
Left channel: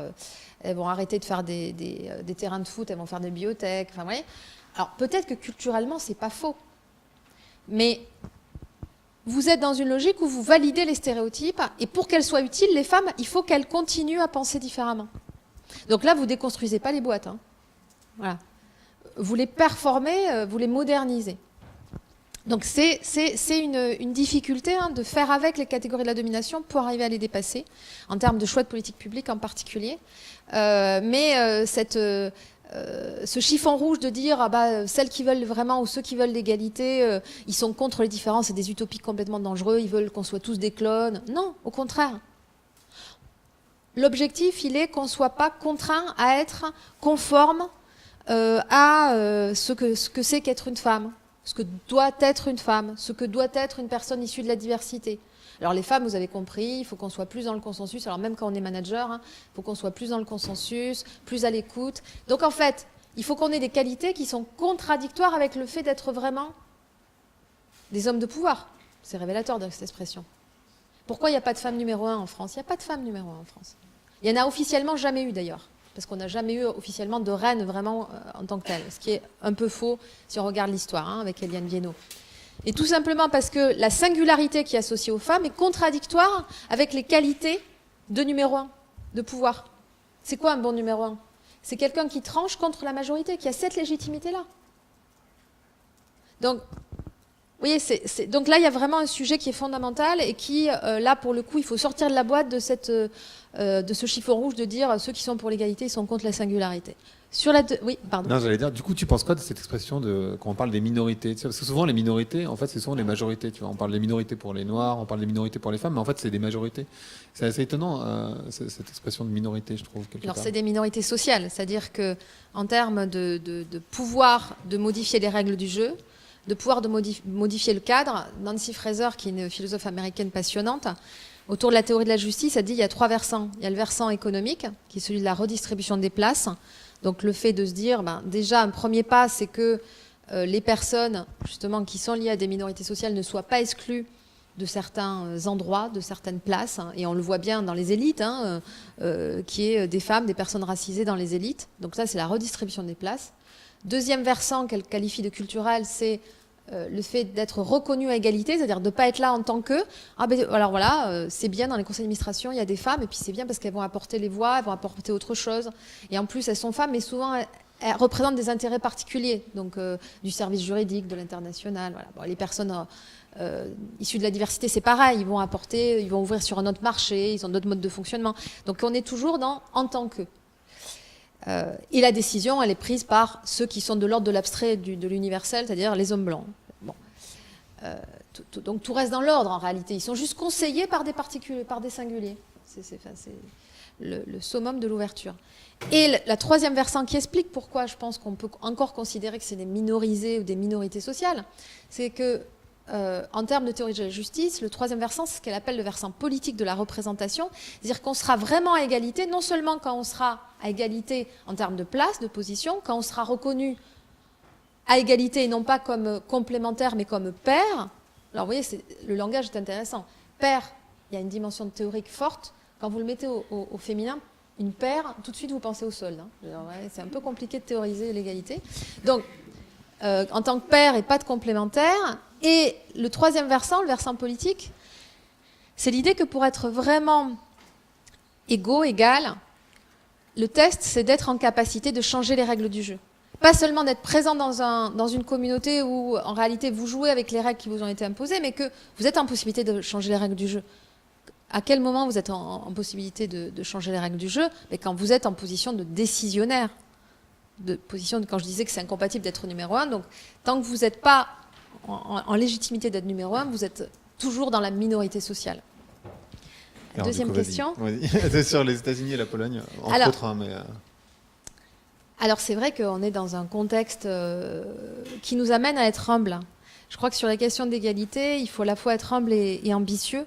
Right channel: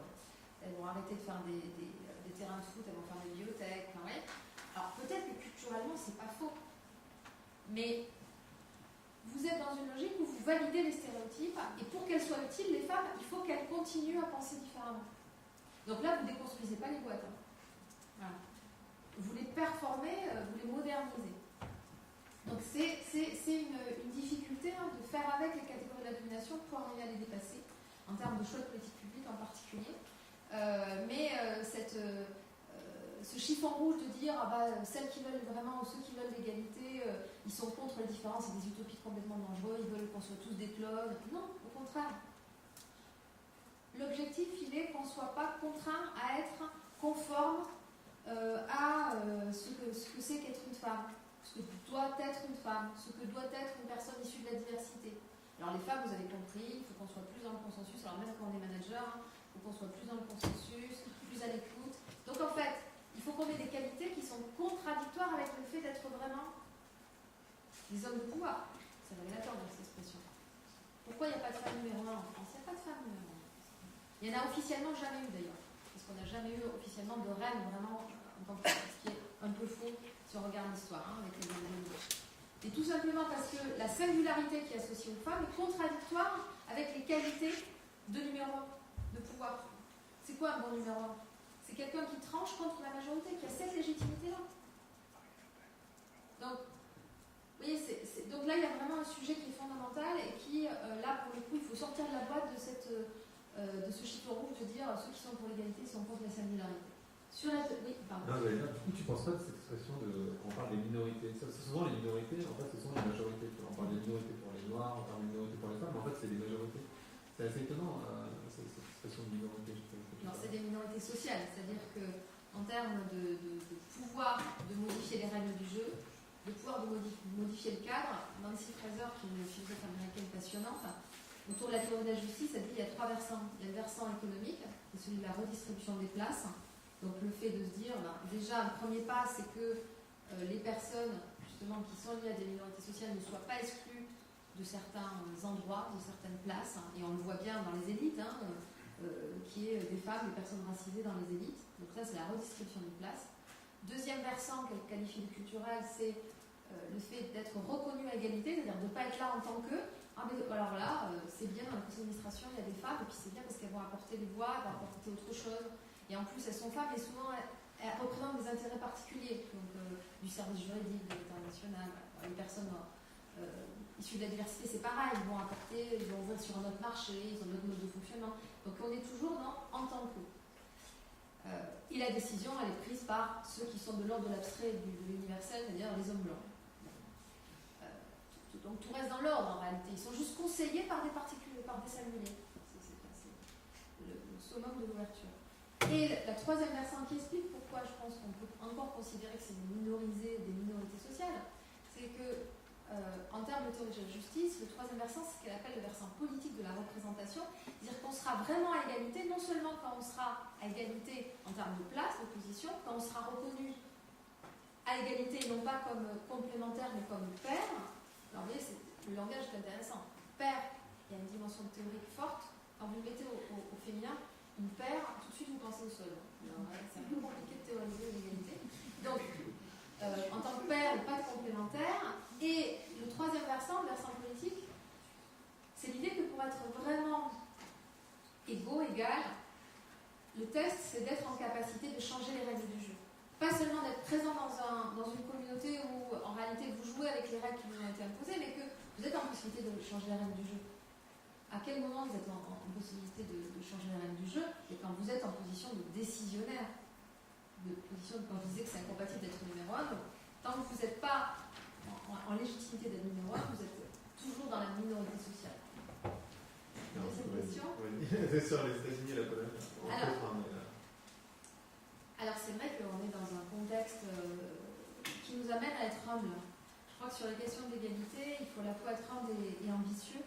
elles vont arrêter de faire des terrains de foot, elles vont faire des bibliothèques, enfin, vous voyez. Alors peut-être que culturellement c'est pas faux, mais vous êtes dans une logique où vous validez les stéréotypes et pour qu'elles soient utiles, les femmes, il faut qu'elles continuent à penser différemment. Donc là, vous ne déconstruisez pas les boîtes. Hein. Voilà. Vous les performez, vous les modernisez. Donc c'est une difficulté de faire avec les catégories de la domination pour arriver à les dépasser, en termes de choix de politique publique en particulier. Ce chiffon rouge de dire celles qui veulent vraiment ou ceux qui veulent l'égalité, ils sont contre les différences, c'est des utopies complètement dangereux, ils veulent qu'on soit tous des clones. Non, au contraire. L'objectif, il est qu'on ne soit pas contraint à être conforme ce que c'est qu'être une femme, ce que doit être une femme, ce que doit être une personne issue de la diversité. Alors les femmes, vous avez compris, il faut qu'on soit plus dans le consensus. Alors même quand on est manager, il faut qu'on soit plus dans le consensus, plus à l'écoute. Donc en fait, il faut qu'on ait des qualités qui sont contradictoires avec le fait d'être vraiment des hommes de pouvoir. C'est révélateur de cette expression. Pourquoi il n'y a pas de femme numéro 1 en France? Il n'y a pas de femme numéro 1 en France. Il n'y en a officiellement jamais eu d'ailleurs. Parce qu'on n'a jamais eu officiellement de reine vraiment en tant que telle. Ce qui est un peu faux si on regarde l'histoire avec Eliane Viennot. Et tout simplement parce que la singularité qui est associée aux femmes est contradictoire avec les qualités de numéro 1, de pouvoir. C'est quoi un bon numéro 1? C'est quelqu'un qui tranche contre la majorité, qui a cette légitimité-là. Donc, vous voyez, donc là, il y a vraiment un sujet qui est fondamental et qui, là, pour le coup, il faut sortir de la boîte de ce chiffon rouge de dire ceux qui sont pour l'égalité sont contre la singularité. Oui, pardon. Non, j'allais dire, du coup, tu penses quoi de cette expression quand on parle des minorités? Parce que souvent, les minorités, en fait, c'est souvent les majorités. Tu vois, on parle des minorités pour les Noirs, on parle des minorités pour les femmes, mais en fait, c'est des majorités. C'est assez étonnant, cette expression de minorité, je trouve. Alors, c'est des minorités sociales, c'est-à-dire qu'en termes de pouvoir de modifier les règles du jeu, de pouvoir de modifier le cadre, Nancy Fraser, qui est une philosophe américaine passionnante, autour de la théorie de la justice, a dit qu'il y a 3 versants. Il y a le versant économique, qui est celui de la redistribution des places. Donc le fait de se dire, déjà un premier pas, c'est que les personnes justement qui sont liées à des minorités sociales ne soient pas exclues de certains endroits, de certaines places, et on le voit bien dans les élites, qui est des femmes, des personnes racisées dans les élites. Donc ça, c'est la redistribution des places. Deuxième versant qu'elle qualifie de culturel, c'est le fait d'être reconnu à égalité, c'est-à-dire de ne pas être là en tant que alors voilà, c'est bien dans les conseils d'administration, il y a des femmes, et puis c'est bien parce qu'elles vont apporter les voix, elles vont apporter autre chose, et en plus elles sont femmes, mais souvent elles représentent des intérêts particuliers, donc du service juridique, de l'international. Voilà. Bon, les personnes issues de la diversité, c'est pareil, ils vont ouvrir sur un autre marché, ils ont d'autres modes de fonctionnement. Donc on est toujours dans en tant que. Et la décision, elle est prise par ceux qui sont de l'ordre de l'abstrait, de l'universel, c'est-à-dire les hommes blancs. Bon. Donc tout reste dans l'ordre en réalité. Ils sont juste conseillés par des particuliers, par des singuliers. C'est le summum de l'ouverture. Et la troisième versant qui explique pourquoi je pense qu'on peut encore considérer que c'est des minorisés ou des minorités sociales, c'est que en termes de théorie de la justice, le troisième versant, c'est ce qu'elle appelle le versant politique de la représentation, c'est-à-dire qu'on sera vraiment à égalité, non seulement quand on sera à égalité en termes de place, de position, quand on sera reconnu à égalité et non pas comme complémentaire mais comme pair. Alors vous voyez, le langage est intéressant. Pair, il y a une dimension théorique forte. Quand vous le mettez au féminin, une paire, tout de suite vous pensez au sol. C'est un peu compliqué de théoriser l'égalité. Donc, en tant que pair et pas de complémentaire. Et le troisième versant, le versant politique, c'est l'idée que pour être vraiment égaux, égal, le test, c'est d'être en capacité de changer les règles du jeu. Pas seulement d'être présent dans une communauté où, en réalité, vous jouez avec les règles qui vous ont été imposées, mais que vous êtes en possibilité de changer les règles du jeu. À quel moment vous êtes en possibilité de changer les règles du jeu? Mais quand vous êtes en position de décisionnaire. Quand je disais que c'est incompatible d'être numéro 1, donc tant que vous n'êtes pas en légitimité d'être numéro 1, vous êtes toujours dans la minorité sociale. Deuxième question. C'est sur les États-Unis et la Pologne, entre autres. Alors c'est vrai qu'on est dans un contexte qui nous amène à être humble. Je crois que sur la question d'égalité, il faut à la fois être humble et ambitieux,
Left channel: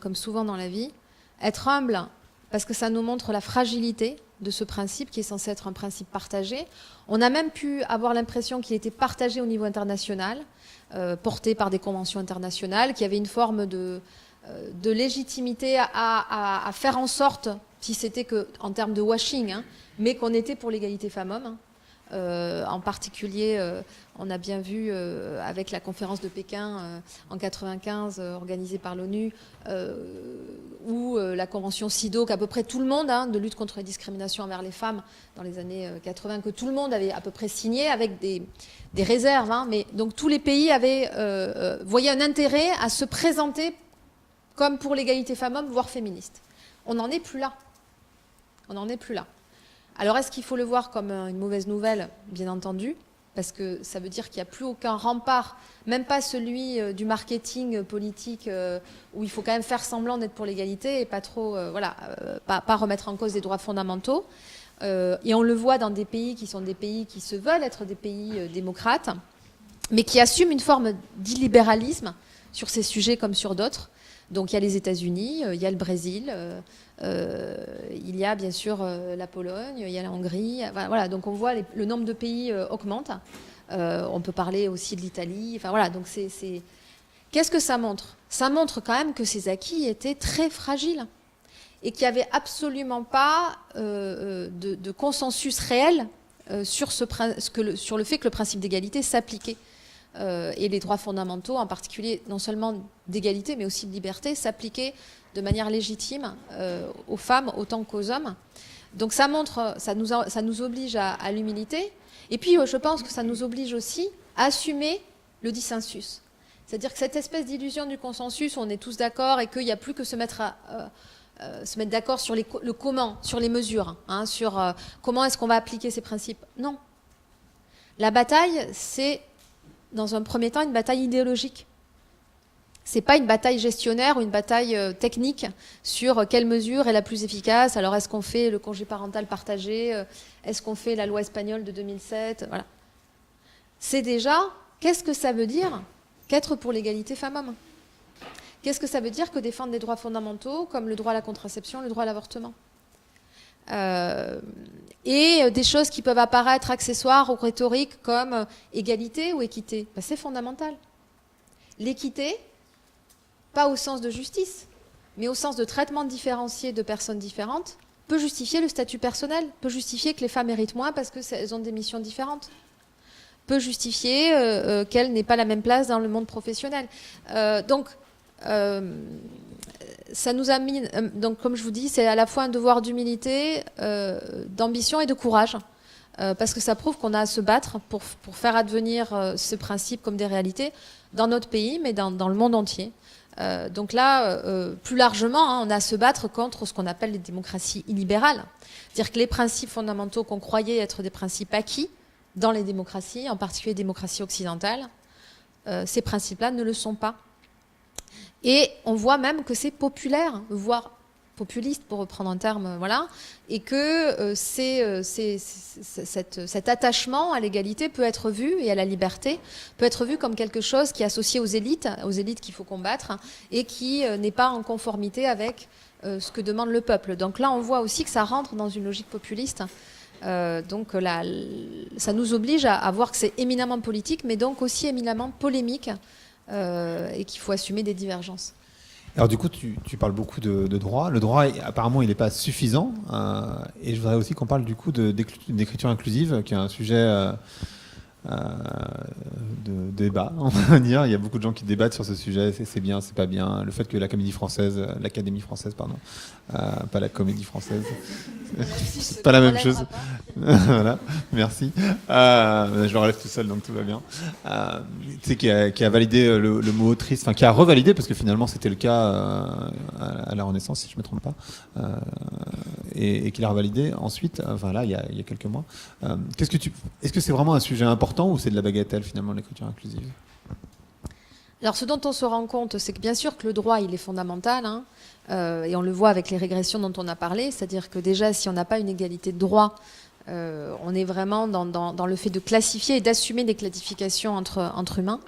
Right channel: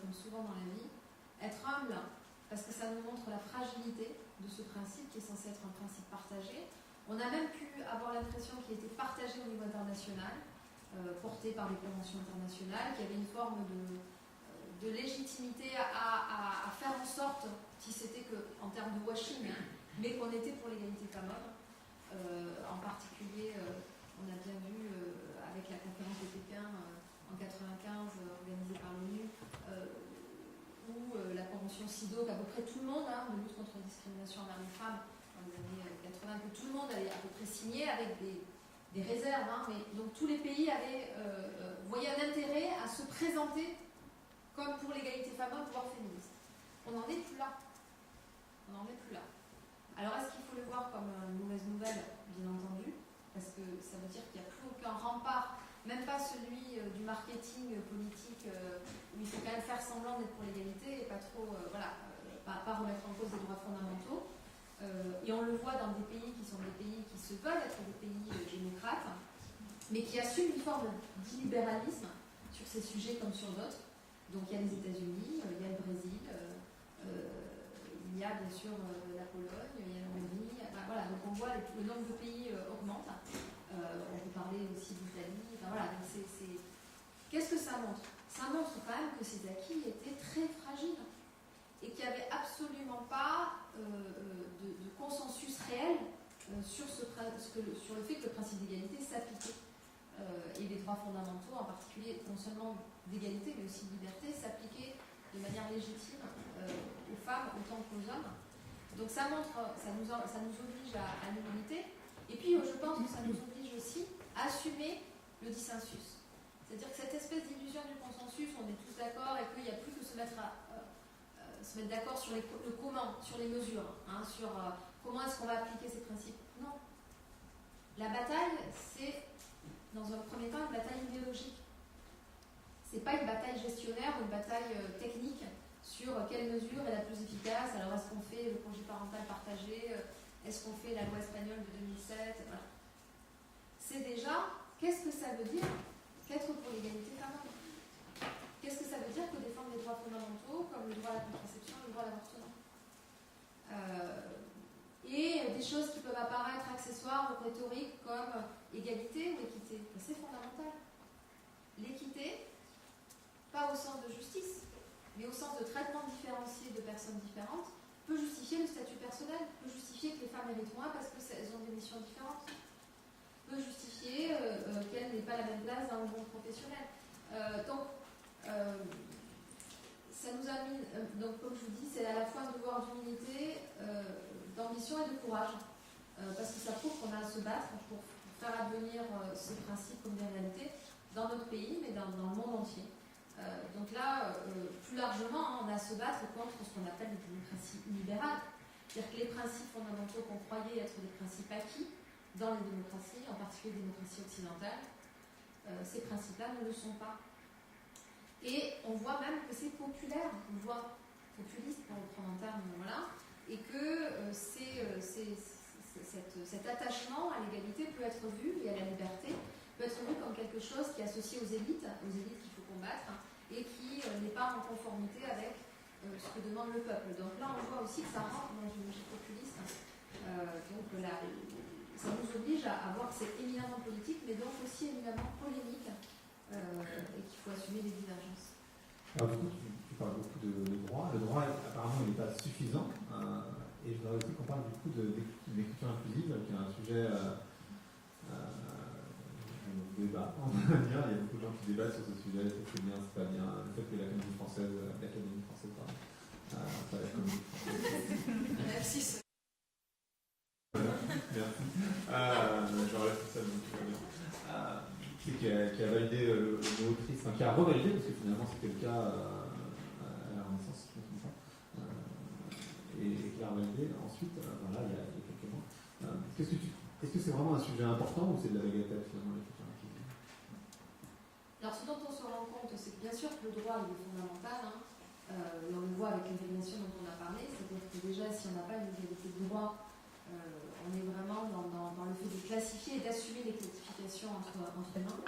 comme souvent dans la vie. Être humble parce que ça nous montre la fragilité de ce principe qui est censé être un principe partagé. On a même pu avoir l'impression qu'il était partagé au niveau international, porté par des conventions internationales, qui avait une forme de légitimité à faire en sorte, si c'était qu'en termes de washing, mais qu'on était pour l'égalité femmes-hommes. En particulier, on a bien vu avec la conférence de Pékin en 1995, organisée par l'ONU, ou la convention CIDO, qu'à peu près tout le monde, de lutte contre les discriminations envers les femmes dans les années 80, que tout le monde avait à peu près signé avec des réserves. Mais donc tous les pays voyaient un intérêt à se présenter comme pour l'égalité femmes-hommes, voire féministe. On n'en est plus là. On n'en est plus là. Alors est-ce qu'il faut le voir comme une mauvaise nouvelle? Bien entendu, parce que ça veut dire qu'il n'y a plus aucun rempart, même pas celui du marketing politique où il faut quand même faire semblant d'être pour l'égalité et pas trop, pas remettre en cause des droits fondamentaux. et on le voit dans des pays qui sont des pays qui se veulent être des pays démocrates, mais qui assument une forme d'illibéralisme sur ces sujets comme sur d'autres. Donc il y a les États-Unis, il y a le Brésil, il y a bien sûr la Pologne, il y a la Hongrie. Voilà, donc on voit le nombre de pays augmente. On peut parler aussi de l'Italie. Enfin voilà, donc qu'est-ce que ça montre? Ça montre quand même que ces acquis étaient très fragiles et qu'il n'y avait absolument pas de consensus réel sur le fait que le principe d'égalité s'appliquait. Et les droits fondamentaux, en particulier non seulement d'égalité, mais aussi de liberté, s'appliquaient de manière légitime aux femmes autant qu'aux hommes. Donc ça montre, ça nous oblige à l'humilité. Et puis je pense que ça nous oblige aussi à assumer le dissensus. C'est-à-dire que cette espèce d'illusion du consensus, où on est tous d'accord et qu'il n'y a plus que se mettre d'accord sur le comment, sur les mesures, hein, sur comment est-ce qu'on va appliquer ces principes. Non. La bataille, c'est dans un premier temps une bataille idéologique. Ce n'est pas une bataille gestionnaire ou une bataille technique sur quelle mesure est la plus efficace. Alors est-ce qu'on fait le congé parental partagé? Est-ce qu'on fait la loi espagnole de 2007? Voilà. C'est déjà, qu'est-ce que ça veut dire qu'être pour l'égalité femmes-hommes? Qu'est-ce que ça veut dire que défendre des droits fondamentaux comme le droit à la contraception, le droit à l'avortement? Et des choses qui peuvent apparaître accessoires ou rhétoriques comme égalité ou équité. Ben, c'est fondamental. L'équité, pas au sens de justice, mais au sens de traitement différencié de personnes différentes, peut justifier le statut personnel, peut justifier que les femmes méritent moins parce qu'elles ont des missions différentes, peut justifier qu'elles n'aient pas la même place dans le monde professionnel. Ça nous a mis, donc comme je vous dis, c'est à la fois un devoir d'humilité, d'ambition et de courage, parce que ça prouve qu'on a à se battre pour faire advenir ce principe comme des réalités dans notre pays, mais dans le monde entier. Donc là, plus largement, hein, on a à se battre contre ce qu'on appelle les démocraties illibérales. C'est-à-dire que les principes fondamentaux qu'on croyait être des principes acquis dans les démocraties, en particulier les démocraties occidentales, ces principes-là ne le sont pas. Et on voit même que c'est populaire, voire populiste, pour reprendre un terme, voilà, et que cet attachement à l'égalité peut être vu, et à la liberté, peut être vu comme quelque chose qui est associé aux élites qu'il faut combattre, et qui n'est pas en conformité avec ce que demande le peuple. Donc là, on voit aussi que ça rentre dans une logique populiste. Donc là, ça nous oblige à voir que c'est éminemment politique, mais donc aussi éminemment polémique, et qu'il faut assumer des divergences. Alors du coup, tu parles beaucoup de droit. Le droit, apparemment, il n'est pas suffisant. Et je voudrais aussi qu'on parle du coup d'écriture inclusive, qui est un sujet de débat, on va dire. Il y a beaucoup de gens qui débattent sur ce sujet. C'est bien, c'est pas bien. Le fait que l'Académie française, pas la Comédie française, c'est pas la même chose. Voilà, merci. Je le relève tout seul, donc tout va bien. Tu sais, qui a validé le mot autrice, enfin qui a revalidé, parce que finalement c'était le cas à la Renaissance, si je ne me trompe pas, et qui l'a revalidé ensuite, enfin là, il y a quelques mois. Est-ce que c'est vraiment un sujet important ou c'est de la bagatelle finalement, l'écriture inclusive? Alors ce dont on se rend compte, c'est que bien sûr que le droit, il est fondamental, hein, et on le voit avec les régressions dont on a parlé, c'est-à-dire que déjà, si on n'a pas une égalité de droit, on est vraiment dans le fait de classifier et d'assumer des classifications entre humains.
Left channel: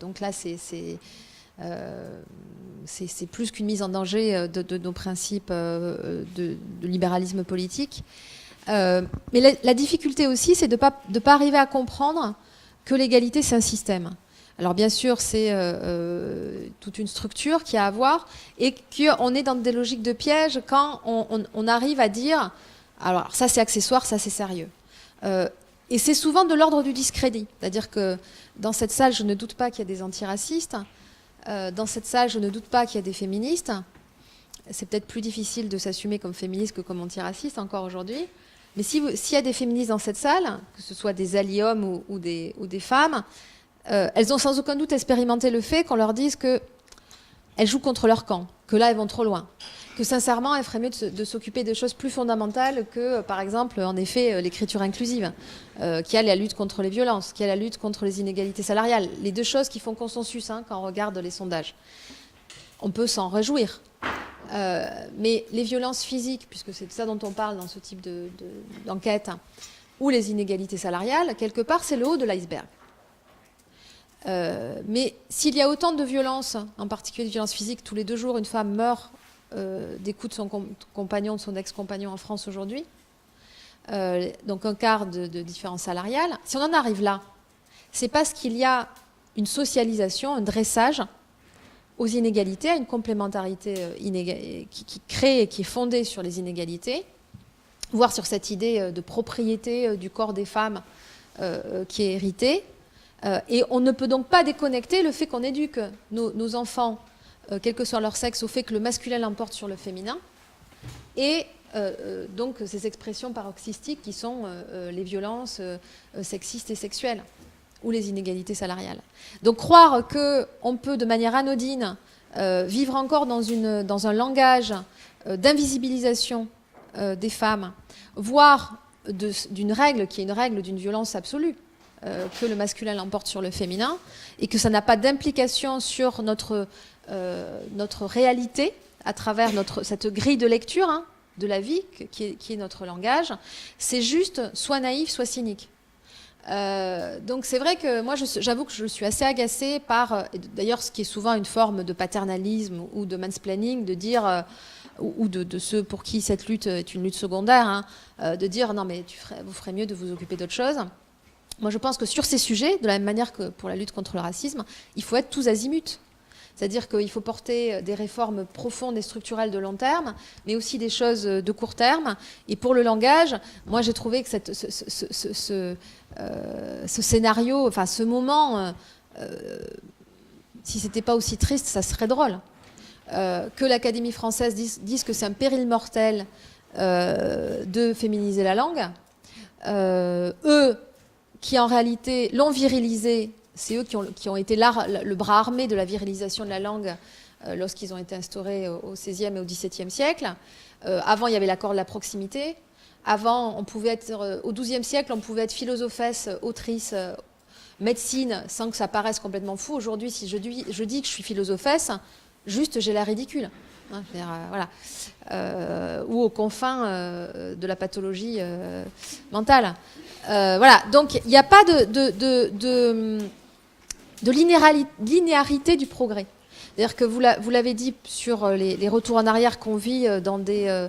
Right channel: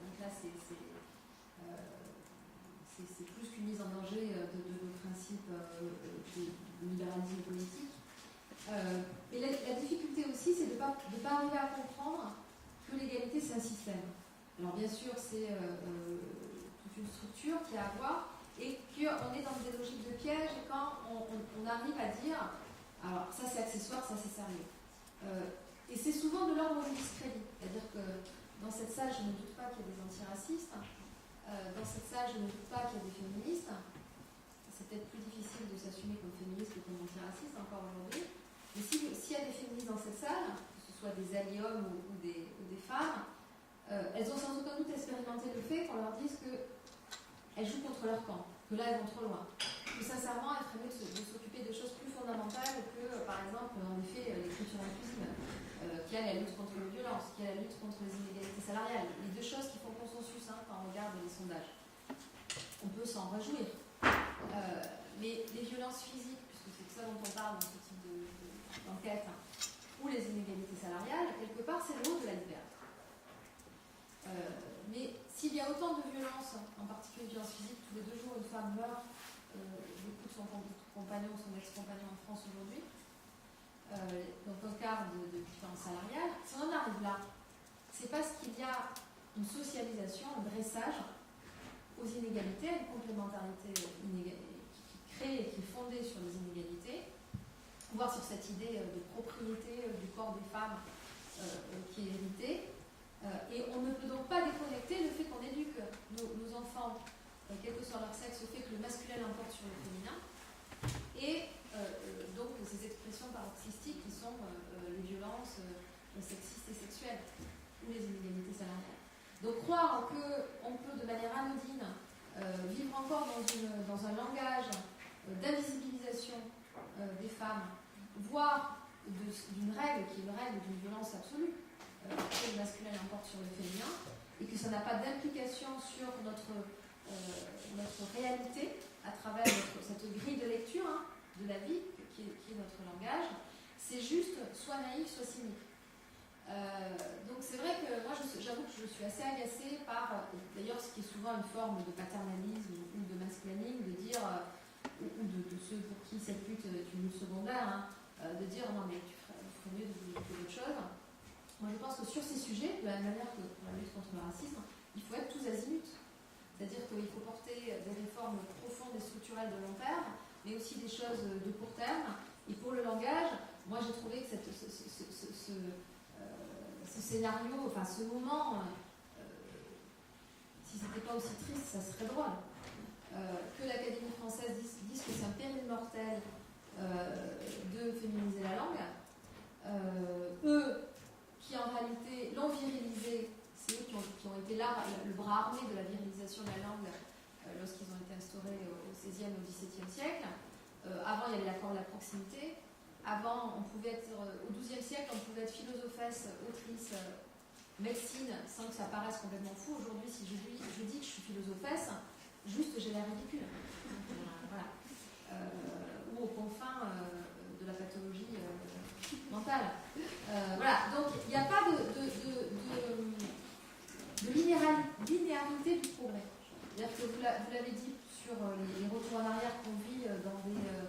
Donc là, c'est plus qu'une mise en danger de nos principes de libéralisme politique. Mais la difficulté aussi, c'est de ne pas arriver à comprendre que l'égalité, c'est un système. Alors bien sûr, c'est toute une structure qu'il y a à voir, et qu'on est dans des logiques de piège quand on arrive à dire alors ça c'est accessoire, ça c'est sérieux. Et c'est souvent de l'ordre du discrédit. C'est-à-dire que dans cette salle, je ne doute pas qu'il y a des antiracistes. Dans cette salle, je ne doute pas qu'il y a des féministes. C'est peut-être plus difficile de s'assumer comme féministe que comme antiraciste encore aujourd'hui. Mais s'il y a des féministes dans cette salle, que ce soit des alliés hommes ou des femmes, elles ont sans aucun doute expérimenté le fait qu'on leur dise qu'elles jouent contre leur camp, que là, elles vont trop loin. Que sincèrement, elles feraient mieux de s'occuper de choses plus fondamentales que, par exemple, en effet, l'écriture inclusive, qui a la lutte contre les violences, qui a la lutte contre les inégalités salariales. Les deux choses qui font consensus, hein, quand on regarde les sondages. On peut s'en réjouir. Mais les violences physiques, puisque c'est de ça dont on parle dans ce type d'enquête, ou les inégalités salariales, quelque part, c'est le haut de l'iceberg. Mais s'il y a autant de violences, en particulier de violences physiques, tous les 2 jours, une femme meurt des coups de son compagnon, de son ex-compagnon en France aujourd'hui, donc un quart de différence salariale, si on en arrive là, c'est parce qu'il y a une socialisation, un dressage aux inégalités, à une complémentarité qui crée et qui est fondée sur les inégalités, voire sur cette idée de propriété du corps des femmes qui est héritée. Et on ne peut donc pas déconnecter le fait qu'on éduque nos enfants, quel que soit leur sexe, au fait que le masculin l'emporte sur le féminin, et donc ces expressions paroxystiques qui sont les violences sexistes et sexuelles, ou les inégalités salariales. Donc croire qu'on peut de manière anodine vivre encore dans un langage d'invisibilisation des femmes, voire d'une règle qui est une règle d'une violence absolue, que le masculin l'emporte sur le féminin, et que ça n'a pas d'implication sur notre réalité à travers cette grille de lecture de la vie qui est notre langage, c'est juste soit naïf, soit cynique. Donc c'est vrai que moi j'avoue que je suis assez agacée par, d'ailleurs ce qui est souvent une forme de paternalisme ou de mansplaining, de dire, ou de ceux pour qui cette lutte est une lutte secondaire, de dire non mais vous ferez mieux de vous occuper d'autre chose. Moi je pense que sur ces sujets, de la même manière que pour la lutte contre le racisme, il faut être tous azimuts. C'est-à-dire qu'il faut porter des réformes profondes et structurelles de long terme, mais aussi des choses de court terme. Et pour le langage, moi j'ai trouvé que ce scénario, enfin ce moment, si c'était pas aussi triste, ça serait drôle. Que l'Académie française dise que c'est un péril mortel de féminiser la langue. Eux, qui en réalité l'ont virilisé, c'est eux qui ont été le bras armé de la virilisation de la langue lorsqu'ils ont été instaurés au XVIe et au XVIIe siècle. Avant, il y avait l'accord de la proximité. Avant, on pouvait être, au XIIe siècle, on pouvait être philosophesse, autrice, médecine, sans que ça paraisse complètement fou. Aujourd'hui, si je dis que je suis philosophesse, juste j'ai l'air ridicule. Voilà. Ou aux confins de la pathologie mentale. Voilà. Donc, il n'y a pas de linéarité du progrès. C'est-à-dire que vous l'avez dit sur les retours en arrière qu'on vit dans des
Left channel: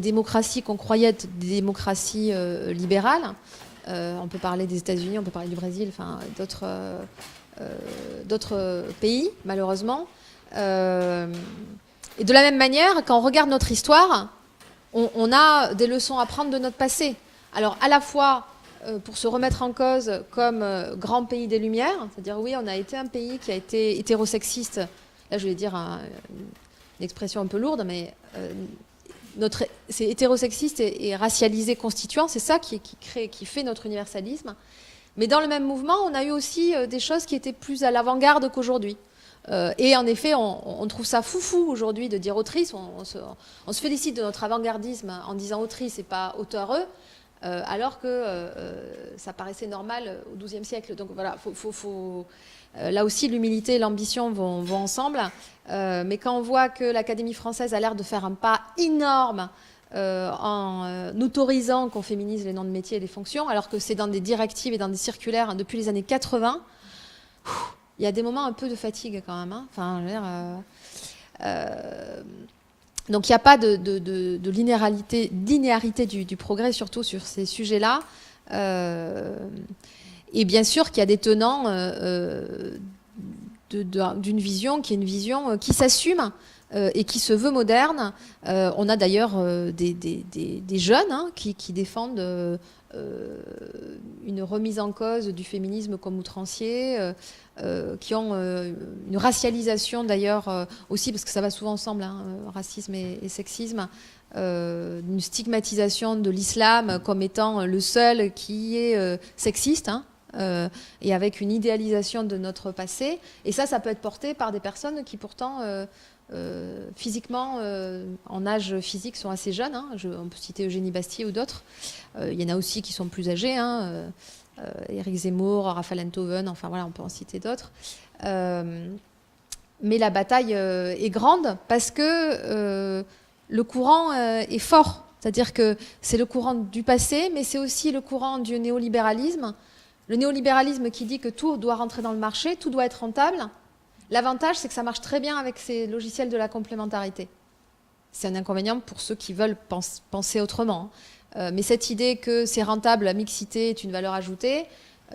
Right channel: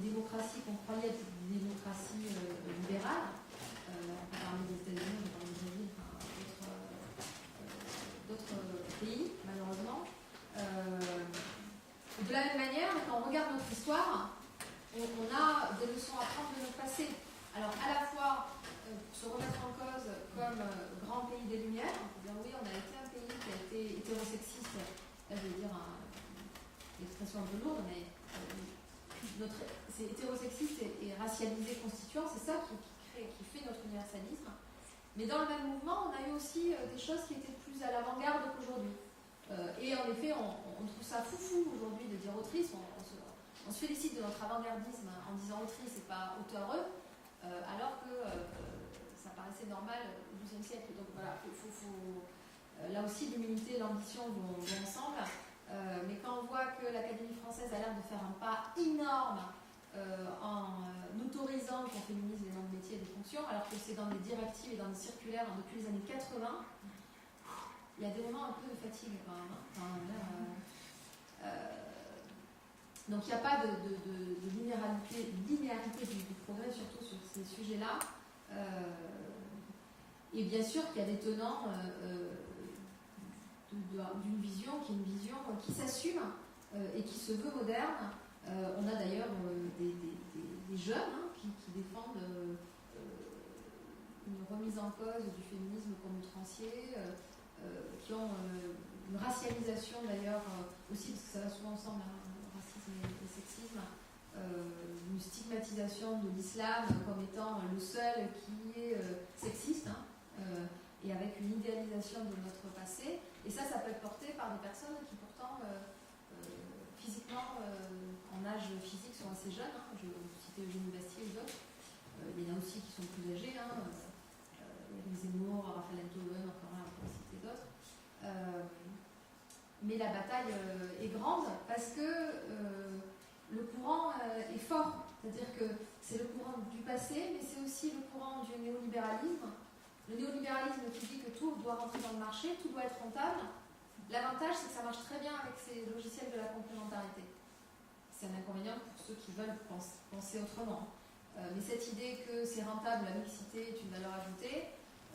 démocraties qu'on croyait être des démocraties libérales. On peut parler des États-Unis, on peut parler du Brésil, enfin d'autres pays, malheureusement. Et de la même manière, quand on regarde notre histoire, on a des leçons à prendre de notre passé. Alors, à la fois pour se remettre en cause comme grand pays des Lumières, c'est-à-dire oui, on a été un pays qui a été hétérosexiste. Là, je vais dire une expression un peu lourde, mais c'est hétérosexiste et racialisé constituant, c'est ça qui fait notre universalisme. Mais dans le même mouvement, on a eu aussi des choses qui étaient plus à l'avant-garde qu'aujourd'hui. Et en effet, on trouve ça foufou aujourd'hui de dire autrice. On se félicite de notre avant-gardisme en disant autrice et pas auteureux, alors que ça paraissait normal au XIIe siècle. Donc voilà, là aussi, l'humilité et l'ambition vont ensemble. Mais quand on voit que l'Académie française a l'air de faire un pas énorme en autorisant qu'on féminise les noms de métiers et les fonctions, alors que c'est dans des directives et dans des circulaires depuis les années 80, il y a des moments un peu de fatigue quand même. Enfin, je veux dire, donc il n'y a pas de linéarité du progrès, surtout sur ces sujets-là. Et bien sûr qu'il y a des tenants d'une vision qui est une vision qui s'assume et qui se veut moderne. On a d'ailleurs des jeunes qui défendent une remise en cause du féminisme comme outrancier, qui ont une racialisation d'ailleurs aussi, parce que ça va souvent ensemble, racisme et sexisme, une stigmatisation de l'islam comme étant le seul qui est sexiste, et avec une idéalisation de notre passé. Et ça peut être porté par des personnes qui pourtant physiquement, en âge physique, sont assez jeunes. On peut citer Eugénie Bastier ou d'autres. Il y en a aussi qui sont plus âgés, Éric Zemmour, Raphaël Enthoven, enfin voilà, on peut en citer d'autres. Mais la bataille est grande parce que le courant est fort. C'est-à-dire que c'est le courant du passé, mais c'est aussi le courant du néolibéralisme. Le néolibéralisme qui dit que tout doit rentrer dans le marché, tout doit être rentable. L'avantage, c'est que ça marche très bien avec ces logiciels de la complémentarité. C'est un inconvénient pour ceux qui veulent penser autrement. Mais cette idée que c'est rentable, la mixité est une valeur ajoutée,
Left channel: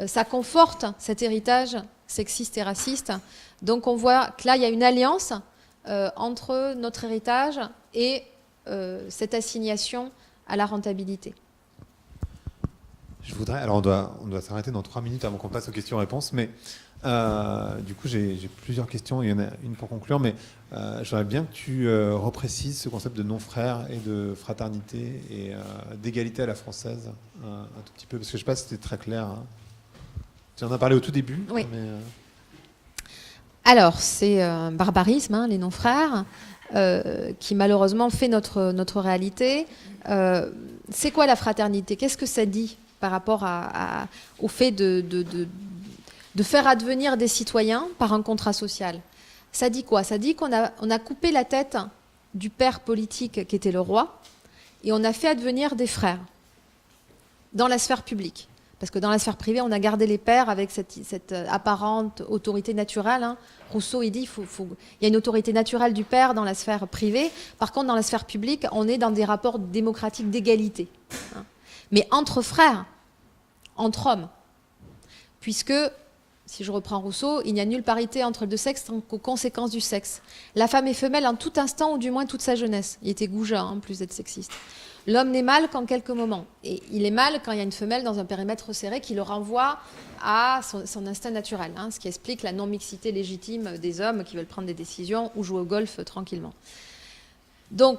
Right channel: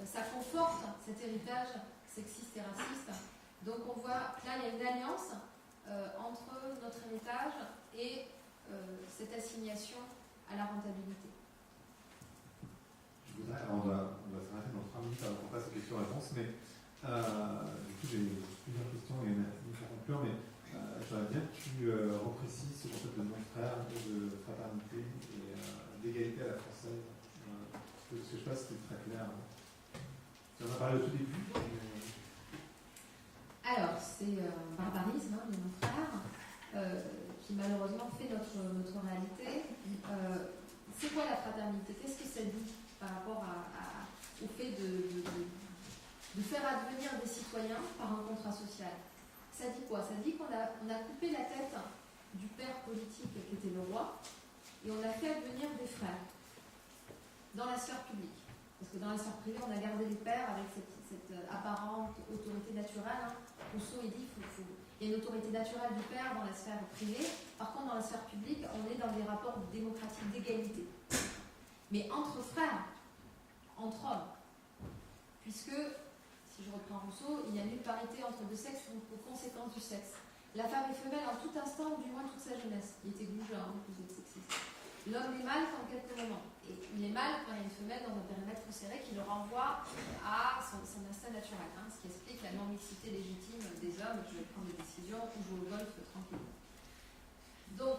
ça conforte cet héritage sexiste et raciste. Donc on voit que là, il y a une alliance entre notre héritage et cette assignation à la rentabilité. Je voudrais, alors on doit s'arrêter dans 3 minutes avant qu'on passe aux questions-réponses, mais du coup j'ai plusieurs questions, il y en a une pour conclure, mais j'aimerais bien que tu reprécises ce concept de non-frère et de fraternité et d'égalité à la française un tout petit peu, parce que je ne sais pas si c'était très clair. Hein. Tu en as parlé au tout début. Oui. Mais, Alors, c'est un barbarisme, hein, les non-frères, qui malheureusement fait notre réalité. C'est quoi la fraternité? Qu'est-ce que ça dit par rapport au fait de faire advenir des citoyens par un contrat social? Ça dit quoi? Ça dit qu'on a coupé la tête du père politique qui était le roi et on a fait advenir des frères dans la sphère publique. Parce que dans la sphère privée, on a gardé les pères avec cette apparente autorité naturelle. Hein. Rousseau, il dit il y a une autorité naturelle du père dans la sphère privée. Par contre, dans la sphère publique, on est dans des rapports démocratiques d'égalité. Hein. Mais entre frères, entre hommes. Puisque, si je reprends Rousseau, il n'y a nulle parité entre les deux sexes qu'aux conséquences du sexe. La femme est femelle en tout instant, ou du moins toute sa jeunesse. Il était goujat, en plus d'être sexiste. L'homme n'est mâle qu'en quelques moments. Et il est mâle quand il y a une femelle dans un périmètre serré qui le renvoie à son instinct naturel, hein, ce qui explique la non-mixité légitime des hommes qui veulent prendre des décisions ou jouer au golf tranquillement. Donc,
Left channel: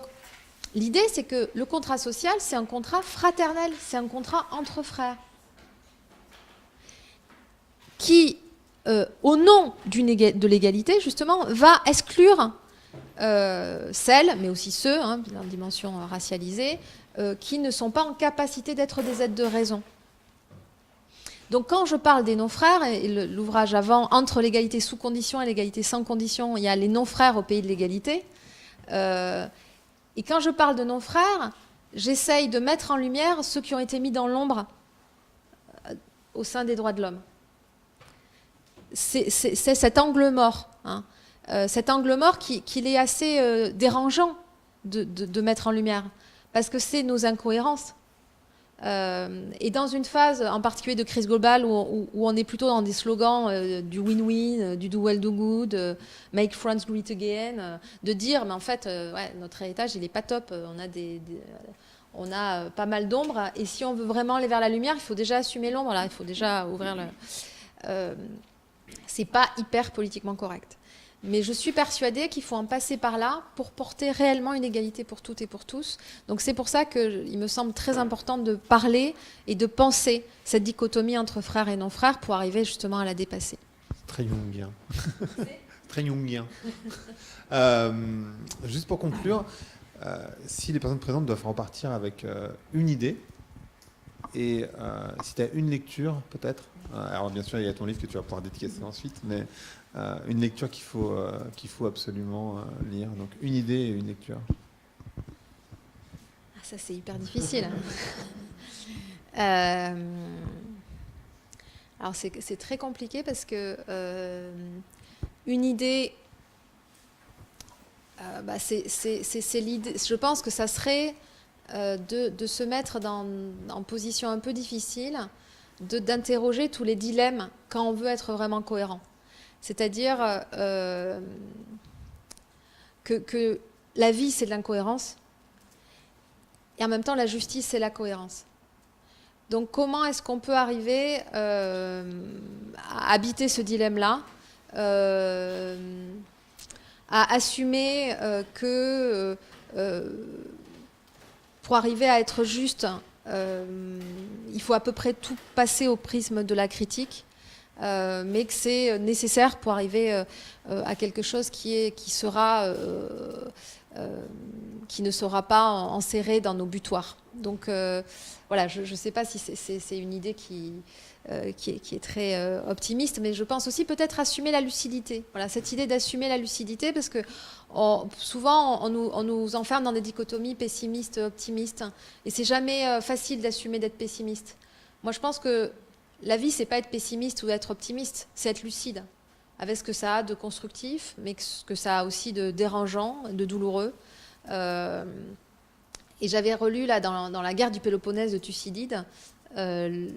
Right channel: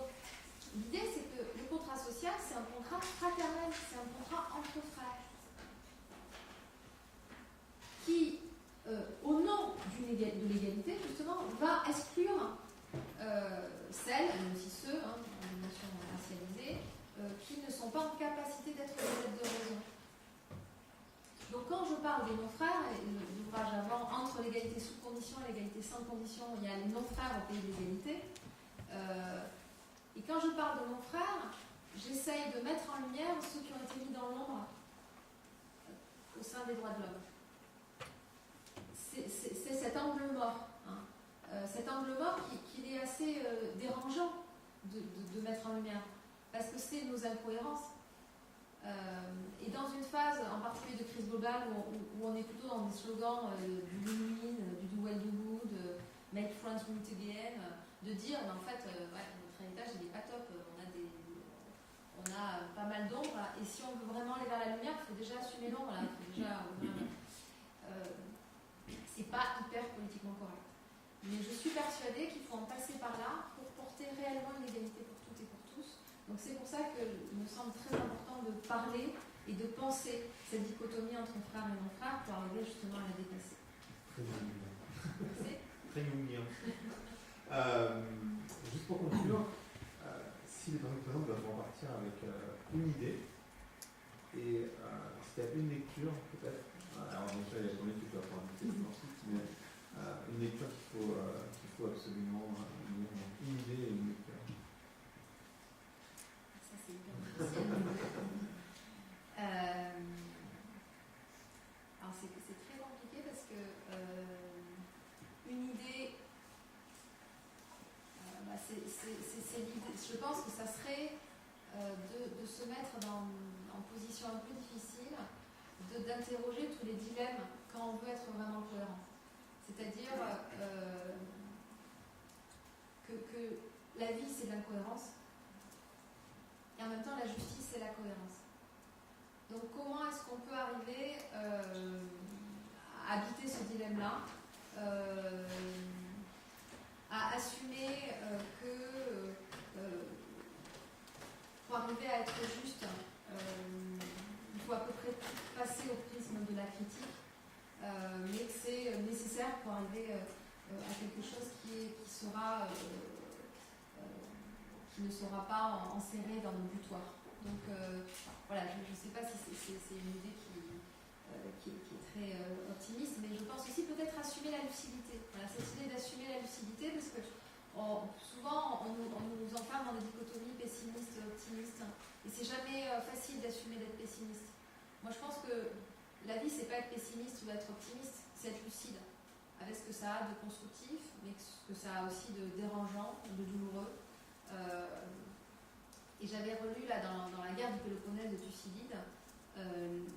l'idée, c'est que le contrat social, c'est un contrat fraternel, c'est un contrat entre frères, qui, au nom de l'égalité, justement, va exclure celles, mais aussi ceux, hein, en dimension racialisée, qui ne sont pas en capacité d'être des êtres de raison. Donc quand je parle des non-frères, et l'ouvrage avant, entre l'égalité sous condition et l'égalité sans condition, il y a les non-frères au pays de l'égalité. Et quand je parle de non-frères, j'essaye de mettre en lumière ceux qui ont été mis dans l'ombre au sein des droits de l'homme. C'est cet angle mort, hein. Cet angle mort qu'il est assez dérangeant de mettre en lumière, parce que c'est nos incohérences. Et dans une phase en particulier de crise globale où on est plutôt dans des slogans du win-win, du do well, do good, make France great again, de dire mais en fait ouais, notre héritage il n'est pas top, on a pas mal d'ombre, et si on veut vraiment aller vers la lumière, il faut déjà assumer l'ombre, il faut déjà ouvrir le... c'est pas hyper politiquement correct. Mais je suis persuadée qu'il faut en passer par là pour porter réellement une égalité pour toutes et pour tous. Donc c'est pour ça qu'il me semble très important de parler et de penser cette dichotomie entre frères et non-frères pour arriver justement à la dépasser. très jungien. Très jungien. Juste pour conclure, si les personnes présentes doivent repartir avec une idée, et si tu as une lecture peut-être, alors bien sûr il y a ton livre que tu vas pouvoir dédicacer ensuite, mais une lecture qu'il faut absolument lire. Donc une idée et une lecture. Ça c'est hyper difficile. Alors c'est très compliqué parce que une idée, c'est l'idée. Je pense que ça serait de se mettre en position un peu difficile, d'interroger tous les dilemmes quand on veut être vraiment cohérent. C'est-à-dire que la vie, c'est de l'incohérence, et en même temps, la justice, c'est la cohérence. Donc, comment est-ce qu'on peut arriver à habiter ce dilemme-là, à assumer que pour arriver à être juste, il faut à peu près tout passer au prisme de la critique, mais que c'est nécessaire pour arriver à quelque chose qui ne sera pas enserré dans nos butoirs. Donc voilà, je ne sais pas si c'est une idée qui est très optimiste, mais je pense aussi peut-être assumer la lucidité. Voilà, cette idée d'assumer la lucidité, parce que souvent on nous enferme dans des dichotomies pessimistes, optimistes, et c'est jamais facile d'assumer d'être pessimiste. Moi, je pense que la vie, c'est pas être pessimiste ou être optimiste, c'est être lucide, avec ce que ça a de constructif, mais ce que ça a aussi de dérangeant, de douloureux. Et j'avais relu là dans la guerre du Péloponnèse de Thucydide, il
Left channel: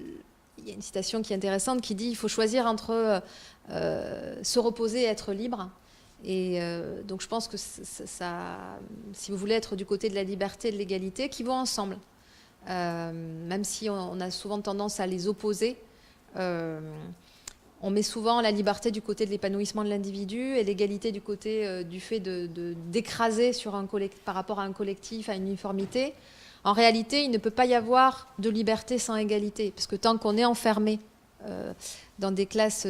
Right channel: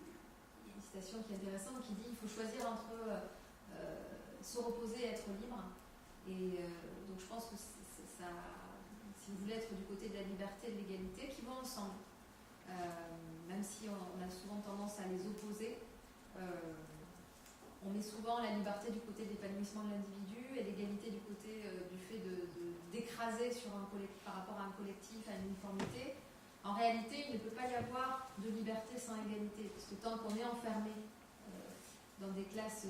y a une citation qui est intéressante qui dit il faut choisir entre se reposer et être libre. Et donc je pense que ça, si vous voulez être du côté de la liberté et de l'égalité, qui vont ensemble, même si on a souvent tendance à les opposer. On met souvent la liberté du côté de l'épanouissement de l'individu et l'égalité du côté du fait d'écraser par rapport à un collectif, à une uniformité. En réalité, il ne peut pas y avoir de liberté sans égalité, parce que tant qu'on est enfermé dans des classes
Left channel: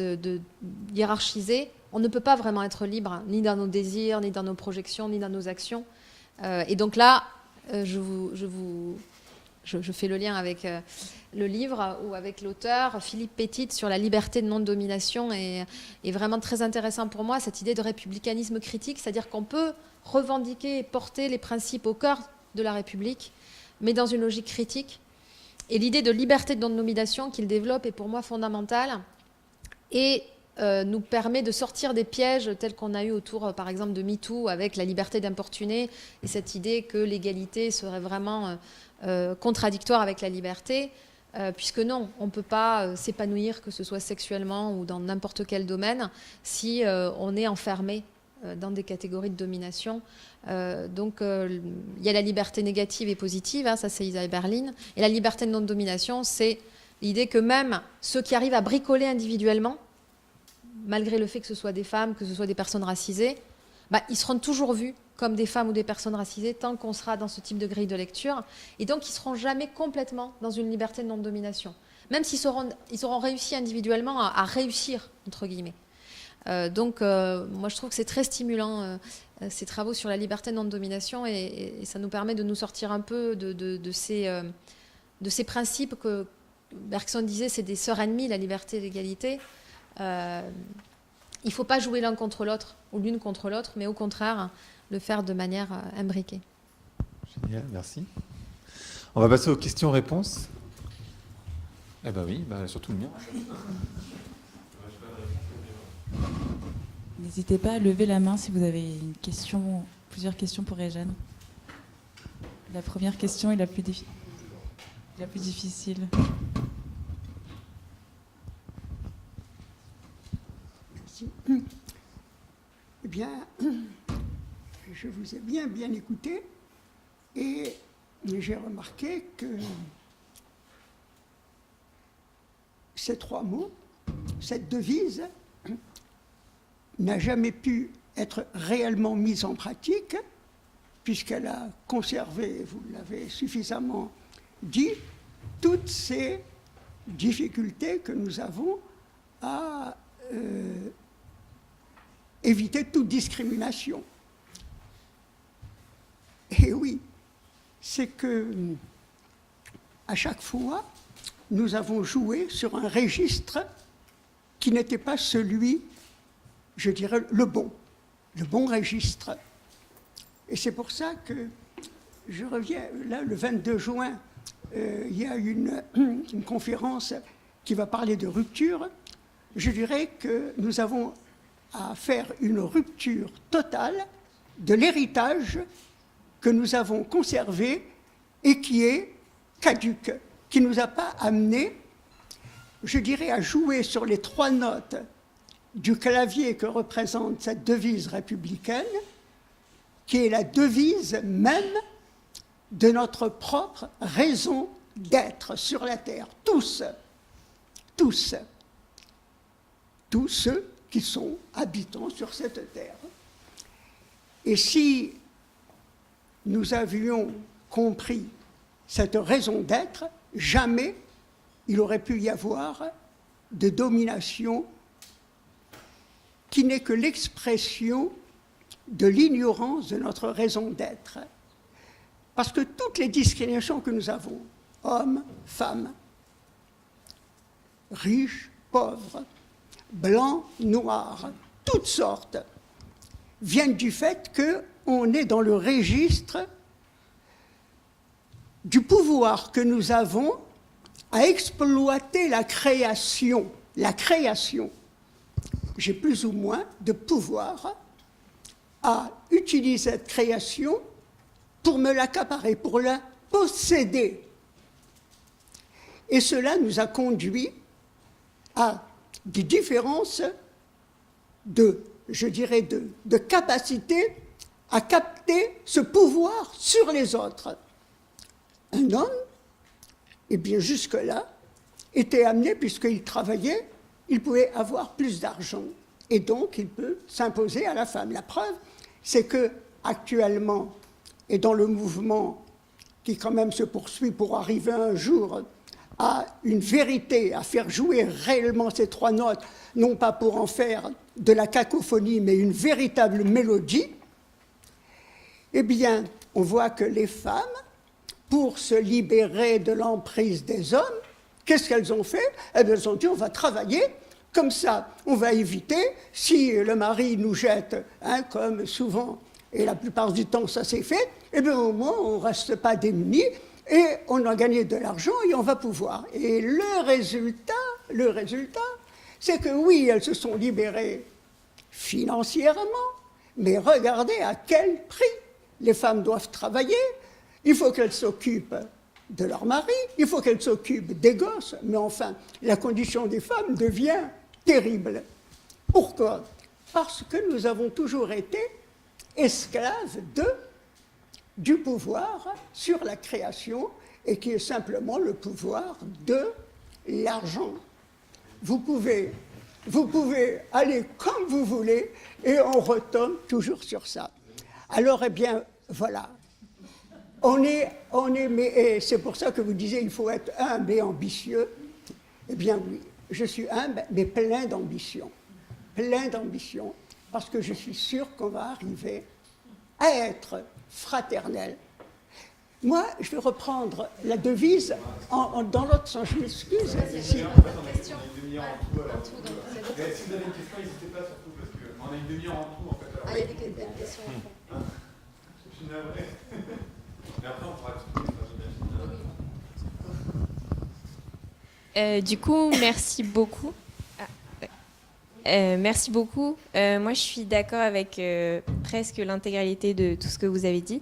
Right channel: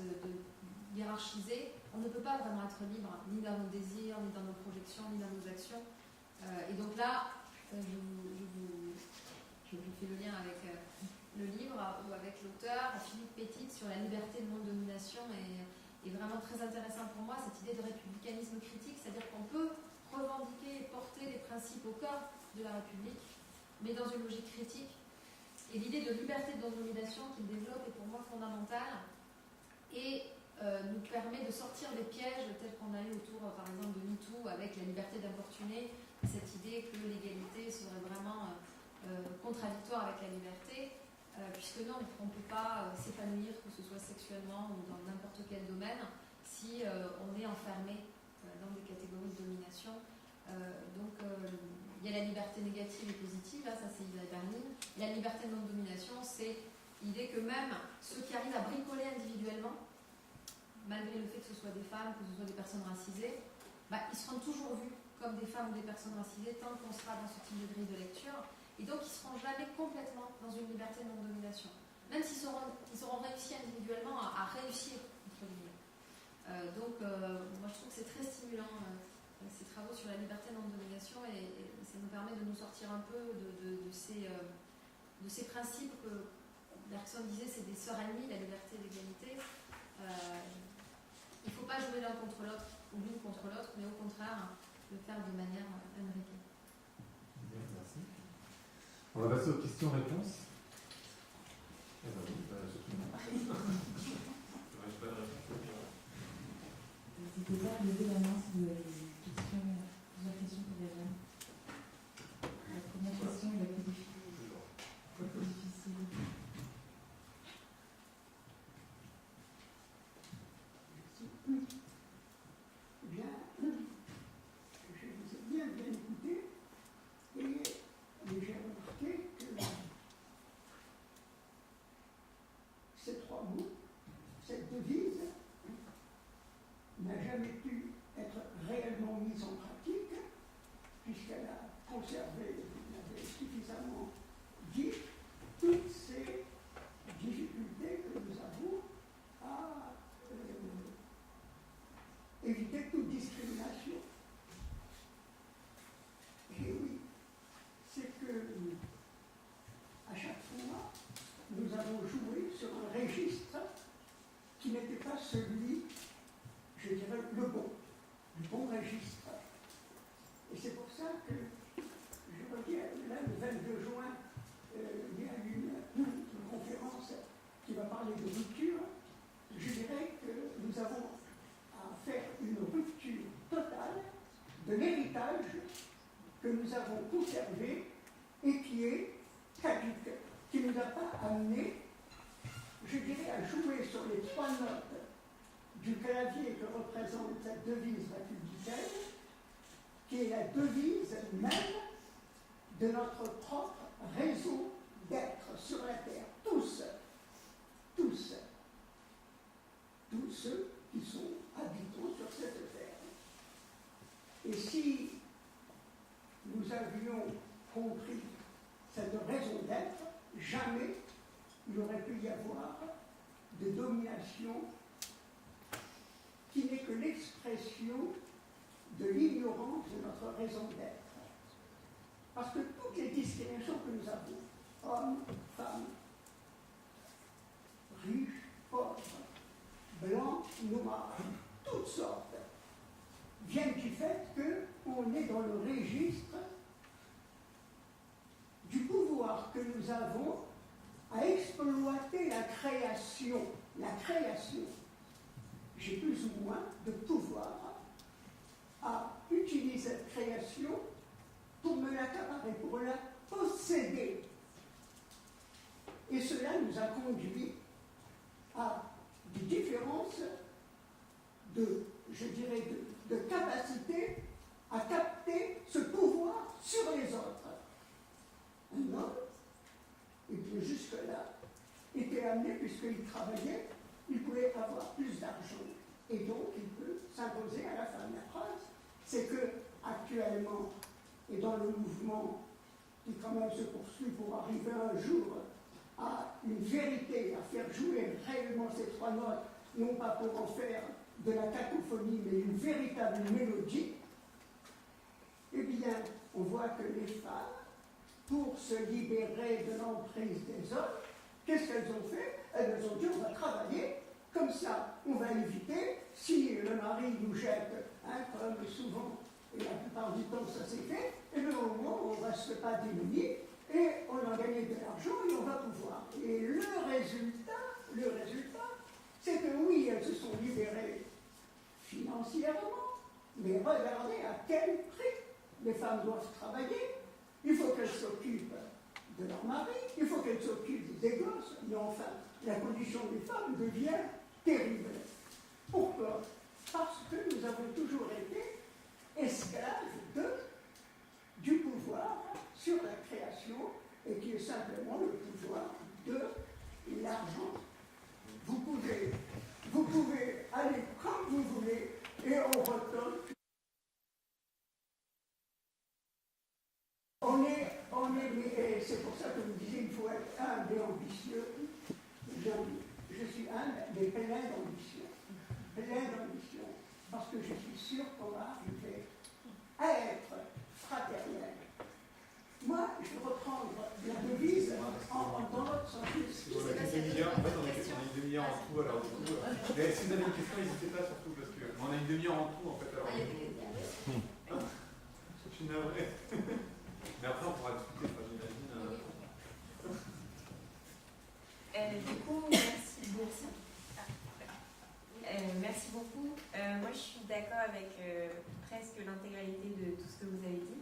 hiérarchisées, on ne peut pas vraiment être libre, ni dans nos désirs, ni dans nos projections, ni dans nos actions. Et donc là, je fais le lien avec le livre ou avec l'auteur Philippe Petit sur la liberté de non-domination est vraiment très intéressant pour moi, cette idée de républicanisme critique, c'est-à-dire qu'on peut revendiquer et porter les principes au cœur de la République, mais dans une logique critique. Et l'idée de liberté de non-domination qu'il développe est pour moi fondamentale et nous permet de sortir des pièges tels qu'on a eu autour, par exemple, de MeToo, avec la liberté d'importuner et cette idée que l'égalité serait vraiment contradictoire avec la liberté, puisque non, on ne peut pas s'épanouir, que ce soit sexuellement ou dans n'importe quel domaine, si on est enfermé dans des catégories de domination. Donc il y a la liberté négative et positive, ça c'est Isaiah Berlin, et la liberté de non-domination, c'est l'idée que même ceux qui arrivent à bricoler individuellement, malgré le fait que ce soit des femmes, que ce soit des personnes racisées, ils seront toujours vus comme des femmes ou des personnes racisées tant qu'on sera dans ce type de grille de lecture, et donc ils ne seront jamais complètement dans une liberté de non-domination, même s'ils auront réussi individuellement à réussir, entre guillemets. Donc moi je trouve que c'est très stimulant ces travaux sur la liberté de non-domination et ça nous permet de nous sortir un peu de ces principes que Bergson disait, c'est des sœurs ennemies, la liberté et l'égalité. Il ne faut pas jouer l'un contre l'autre ou l'une contre l'autre, mais au contraire le faire de manière imbriquée. Génial, merci. On va passer aux questions-réponses. Eh ben oui, surtout le mien. N'hésitez pas à lever la main si vous avez une question, plusieurs questions pour Réjeanne. La première question est la plus difficile. Merci. Eh bien, je vous ai bien écouté et j'ai remarqué que ces trois mots, cette devise, n'a jamais pu être réellement mise en pratique, puisqu'elle a conservé, vous l'avez suffisamment dit, toutes ces difficultés que nous avons à éviter toute discrimination. Et oui, c'est que à chaque fois, nous avons joué sur un registre qui n'était pas celui, je dirais, le bon registre. Et c'est pour ça que je reviens, là, le 22 juin, il y a une conférence qui va parler de rupture. Je dirais que nous avons à faire une rupture totale de l'héritage que nous avons conservé et qui est caduque, qui ne nous a pas amené, je dirais, à jouer sur les trois notes du clavier que représente cette devise républicaine, qui est la devise même de notre propre raison d'être sur la terre. Tous ceux qui sont habitants sur cette terre. Et si nous avions compris cette raison d'être, jamais il aurait pu y avoir de domination qui n'est que l'expression de l'ignorance de notre raison d'être. Parce que toutes les discriminations que nous avons, hommes, femmes, riches, pauvres, blancs, noirs, toutes sortes, viennent du fait qu'on est dans le registre du pouvoir que nous avons à exploiter la création. La création. J'ai plus ou moins de pouvoir à utiliser cette création pour me l'accaparer, pour la posséder. Et cela nous a conduit à des différences de capacité à capter ce pouvoir sur les autres. Un homme, eh bien jusque-là, était amené, puisqu'il travaillait, il pouvait avoir plus d'argent. Et donc, il peut s'imposer à la femme. La preuve, c'est que actuellement, et dans le mouvement qui quand même se poursuit pour arriver un jour à une vérité, à faire jouer réellement ces trois notes, non pas pour en faire de la cacophonie, mais une véritable mélodie, eh bien, on voit que les femmes, pour se libérer de l'emprise des hommes, qu'est-ce qu'elles ont fait? Elles ont dit, on va travailler, comme ça, on va éviter, si le mari nous jette, comme souvent, et la plupart du temps ça s'est fait, eh bien au moins on ne reste pas démunis, et on a gagné de l'argent et on va pouvoir. Et le résultat, c'est que oui, elles se sont libérées financièrement, mais regardez à quel prix. Les femmes doivent travailler, il faut qu'elles s'occupent de leur mari, il faut qu'elles s'occupent des gosses, mais enfin, la condition des femmes devient terrible. Pourquoi? Parce que nous avons toujours été esclaves du pouvoir sur la création, et qui est simplement le pouvoir de l'argent. Vous pouvez aller comme vous voulez, et on retombe toujours sur ça. Alors, eh bien, voilà. Et c'est pour ça que vous disiez il faut être humble et ambitieux. Eh bien oui, je suis humble, mais plein d'ambition. Plein d'ambition, parce que je suis sûr qu'on va arriver à être fraternel. Moi, je vais reprendre la devise dans l'autre sens. Je m'excuse. En fait, on a une demi-heure en tout. Alors, mais si vous avez une question, n'hésitez pas surtout, parce qu'on a une demi-heure en tout, en fait. Alors, il y a des questions. Je suis navré. Mais après, on pourra discuter, j'imagine. Du coup, merci beaucoup. Merci beaucoup. Moi, je suis d'accord avec presque l'intégralité de tout ce que vous avez dit.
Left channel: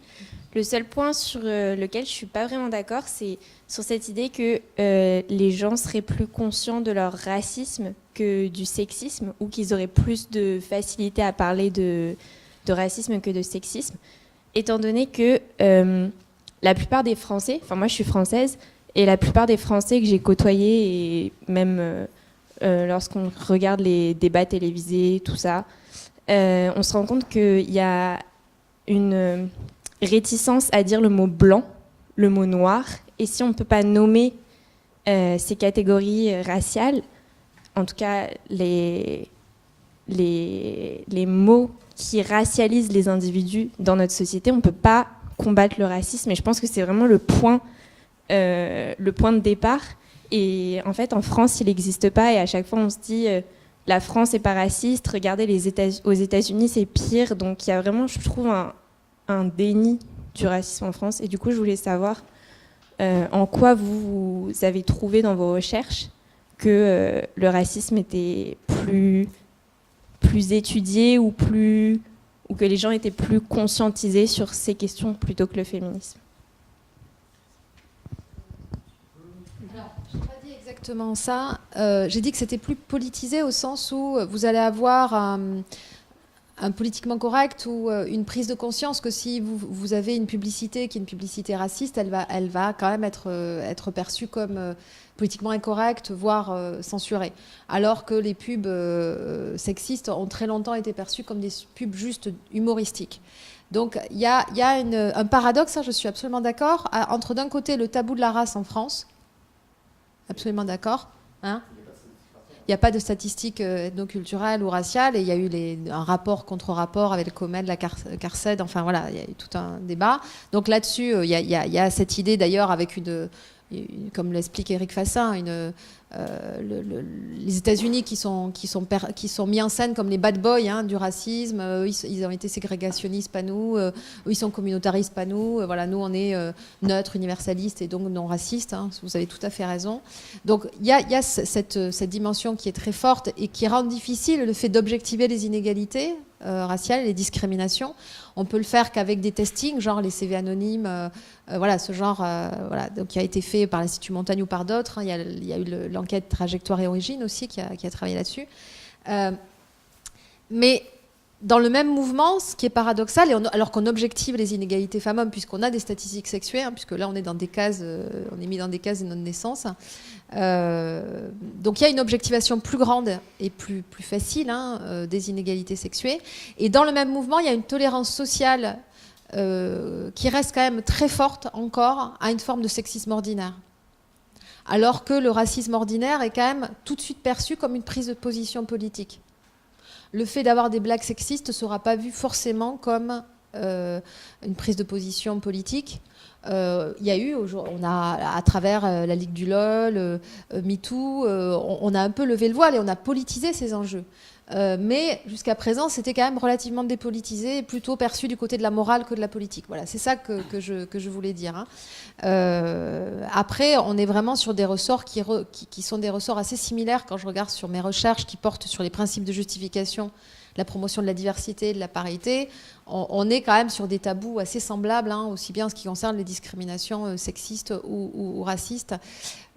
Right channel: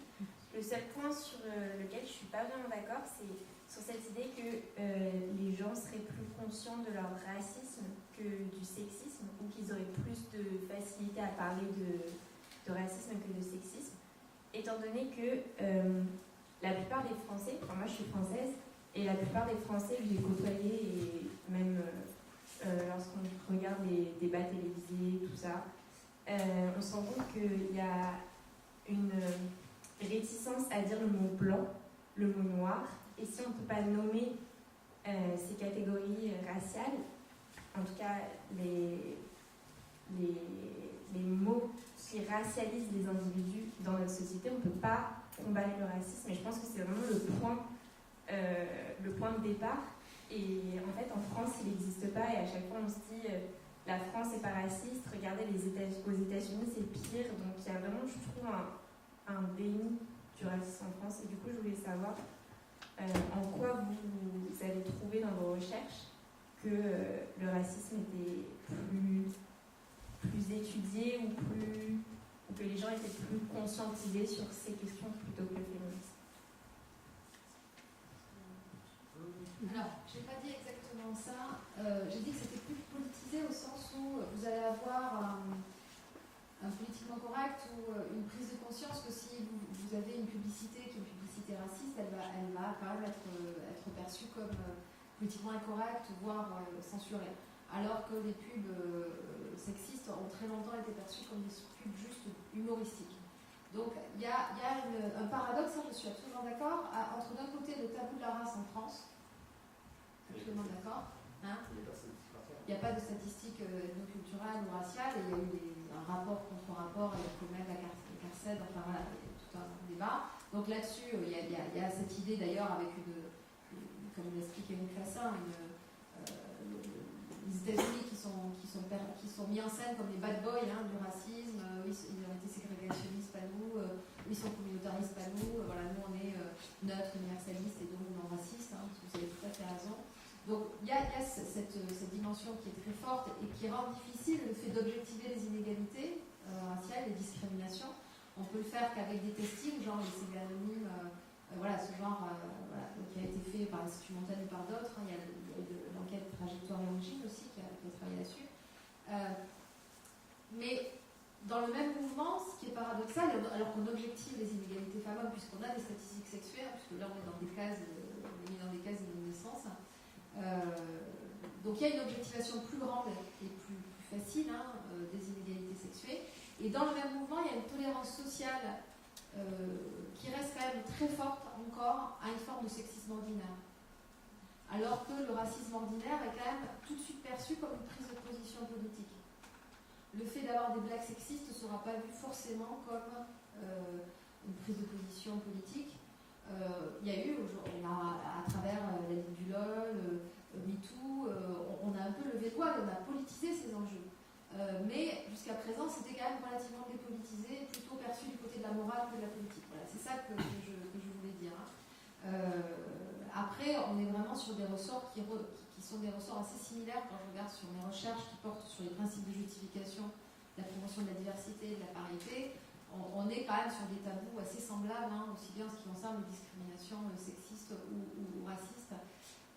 Le seul point sur lequel je ne suis pas vraiment d'accord, c'est sur cette idée que les gens seraient plus conscients de leur racisme que du sexisme, ou qu'ils auraient plus de facilité à parler de racisme que de sexisme, étant donné que la plupart des Français, enfin moi je suis française, et la plupart des Français que j'ai côtoyés, et même lorsqu'on regarde les débats télévisés, tout ça, on se rend compte qu'il y a une réticence à dire le mot blanc, le mot noir, et si on ne peut pas nommer ces catégories raciales, en tout cas les mots qui racialisent les individus dans notre société, on ne peut pas combattre le racisme, et je pense que c'est vraiment le point de départ. Et en fait, en France, il n'existe pas, et à chaque fois, on se dit la France n'est pas raciste, regardez aux États-Unis, c'est pire. Donc il y a vraiment, je trouve, un déni du racisme en France. Et du coup, je voulais savoir en quoi vous avez trouvé dans vos recherches que le racisme était plus étudié, ou que les gens étaient plus conscientisés sur ces questions plutôt que le féminisme. Alors, je n'ai pas dit exactement ça. J'ai dit que c'était plus politisé au sens où vous allez avoir un politiquement correct ou une prise de conscience que si vous avez une publicité qui est une publicité raciste, elle va quand même être perçue comme politiquement incorrecte, voire censurée. Alors que les pubs sexistes ont très longtemps été perçues comme des pubs juste humoristiques. Donc il y a un paradoxe, je suis absolument d'accord, entre d'un côté le tabou de la race en France, absolument d'accord, hein. Il n'y a pas de statistiques ethnoculturelles ou raciales, et il y a eu un rapport contre-rapport avec le COMED, la CARCED, enfin voilà, il y a eu tout un débat. Donc là-dessus, il y a cette idée d'ailleurs avec comme l'explique Éric Fassin, les États-Unis qui sont mis en scène comme les bad boys hein, du racisme. Ils ont été ségrégationnistes, pas nous. Eux, ils sont communautaristes, pas nous. Voilà, nous, on est neutres, universalistes et donc non racistes. Hein, vous avez tout à fait raison. Donc, il y a cette dimension qui est très forte et qui rend difficile le fait d'objectiver les inégalités raciales, les discriminations. On peut le faire qu'avec des testings, genre les CV anonymes. Voilà, ce genre voilà, donc, qui a été fait par l'Institut Montaigne ou par d'autres. Hein. Il y a eu l'enquête Trajectoire et Origine aussi qui a travaillé là-dessus. Mais dans le même mouvement, ce qui est paradoxal, alors qu'on objective les inégalités femmes-hommes, puisqu'on a des statistiques sexuées, hein, puisque là on est dans des cases, on est mis dans des cases de notre naissance. Donc il y a une objectivation plus grande et plus facile hein, des inégalités sexuées. Et dans le même mouvement, il y a une tolérance sociale qui reste quand même très forte encore à une forme de sexisme ordinaire. Alors que le racisme ordinaire est quand même tout de suite perçu comme une prise de position politique. Le fait d'avoir des blagues sexistes ne sera pas vu forcément comme une prise de position politique. Il y a eu, on a, à travers la Ligue du LOL, MeToo, on a un peu levé le voile et on a politisé ces enjeux. Mais jusqu'à présent, c'était quand même relativement dépolitisé et plutôt perçu du côté de la morale que de la politique. Voilà, c'est ça que je voulais dire. Hein. Après, on est vraiment sur des ressorts qui sont des ressorts assez similaires quand je regarde sur mes recherches qui portent sur les principes de justification, la promotion de la diversité, de la parité. On est quand même sur des tabous assez semblables, hein, aussi bien en ce qui concerne les discriminations sexistes ou racistes.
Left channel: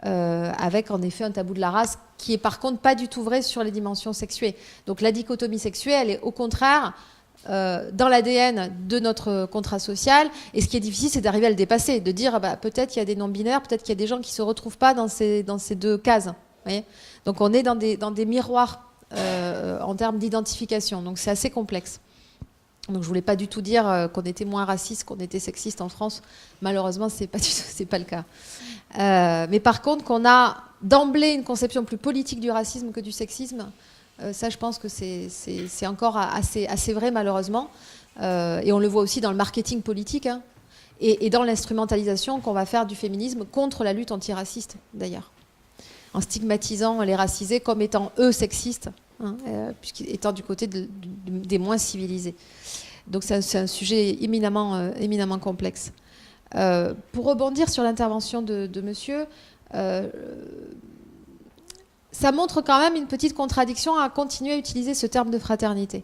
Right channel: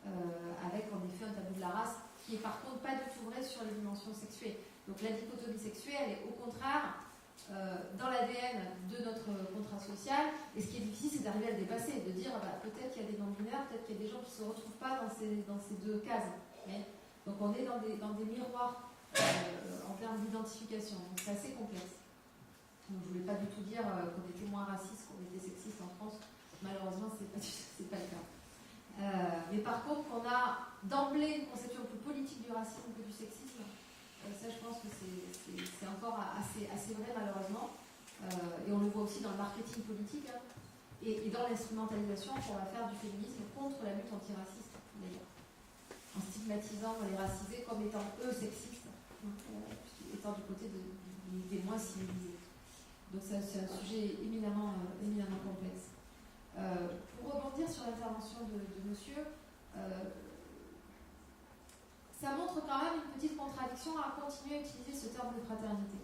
Avec en effet un tabou de la race qui est par contre pas du tout vrai sur les dimensions sexuées. Donc la dichotomie sexuelle est au contraire dans l'ADN de notre contrat social, et ce qui est difficile c'est d'arriver à le dépasser, de dire bah, peut-être il y a des non-binaires, peut-être qu'il y a des gens qui ne se retrouvent pas dans ces deux cases. Vous voyez. Donc on est dans des miroirs en termes d'identification, donc c'est assez complexe. Donc je voulais pas du tout dire qu'on était moins raciste, qu'on était sexiste en France. Malheureusement, c'est pas le cas. Mais par contre, qu'on a d'emblée une conception plus politique du racisme que du sexisme, ça, je pense que c'est encore assez vrai, malheureusement. Et on le voit aussi dans le marketing politique hein, et dans l'instrumentalisation qu'on va faire du féminisme contre la lutte antiraciste, d'ailleurs. En stigmatisant les racisés comme étant eux sexistes, hein, étant du côté des moins civilisés. Donc c'est un sujet éminemment complexe. Pour rebondir sur l'intervention de monsieur, ça montre quand même une petite contradiction à continuer à utiliser ce terme de fraternité.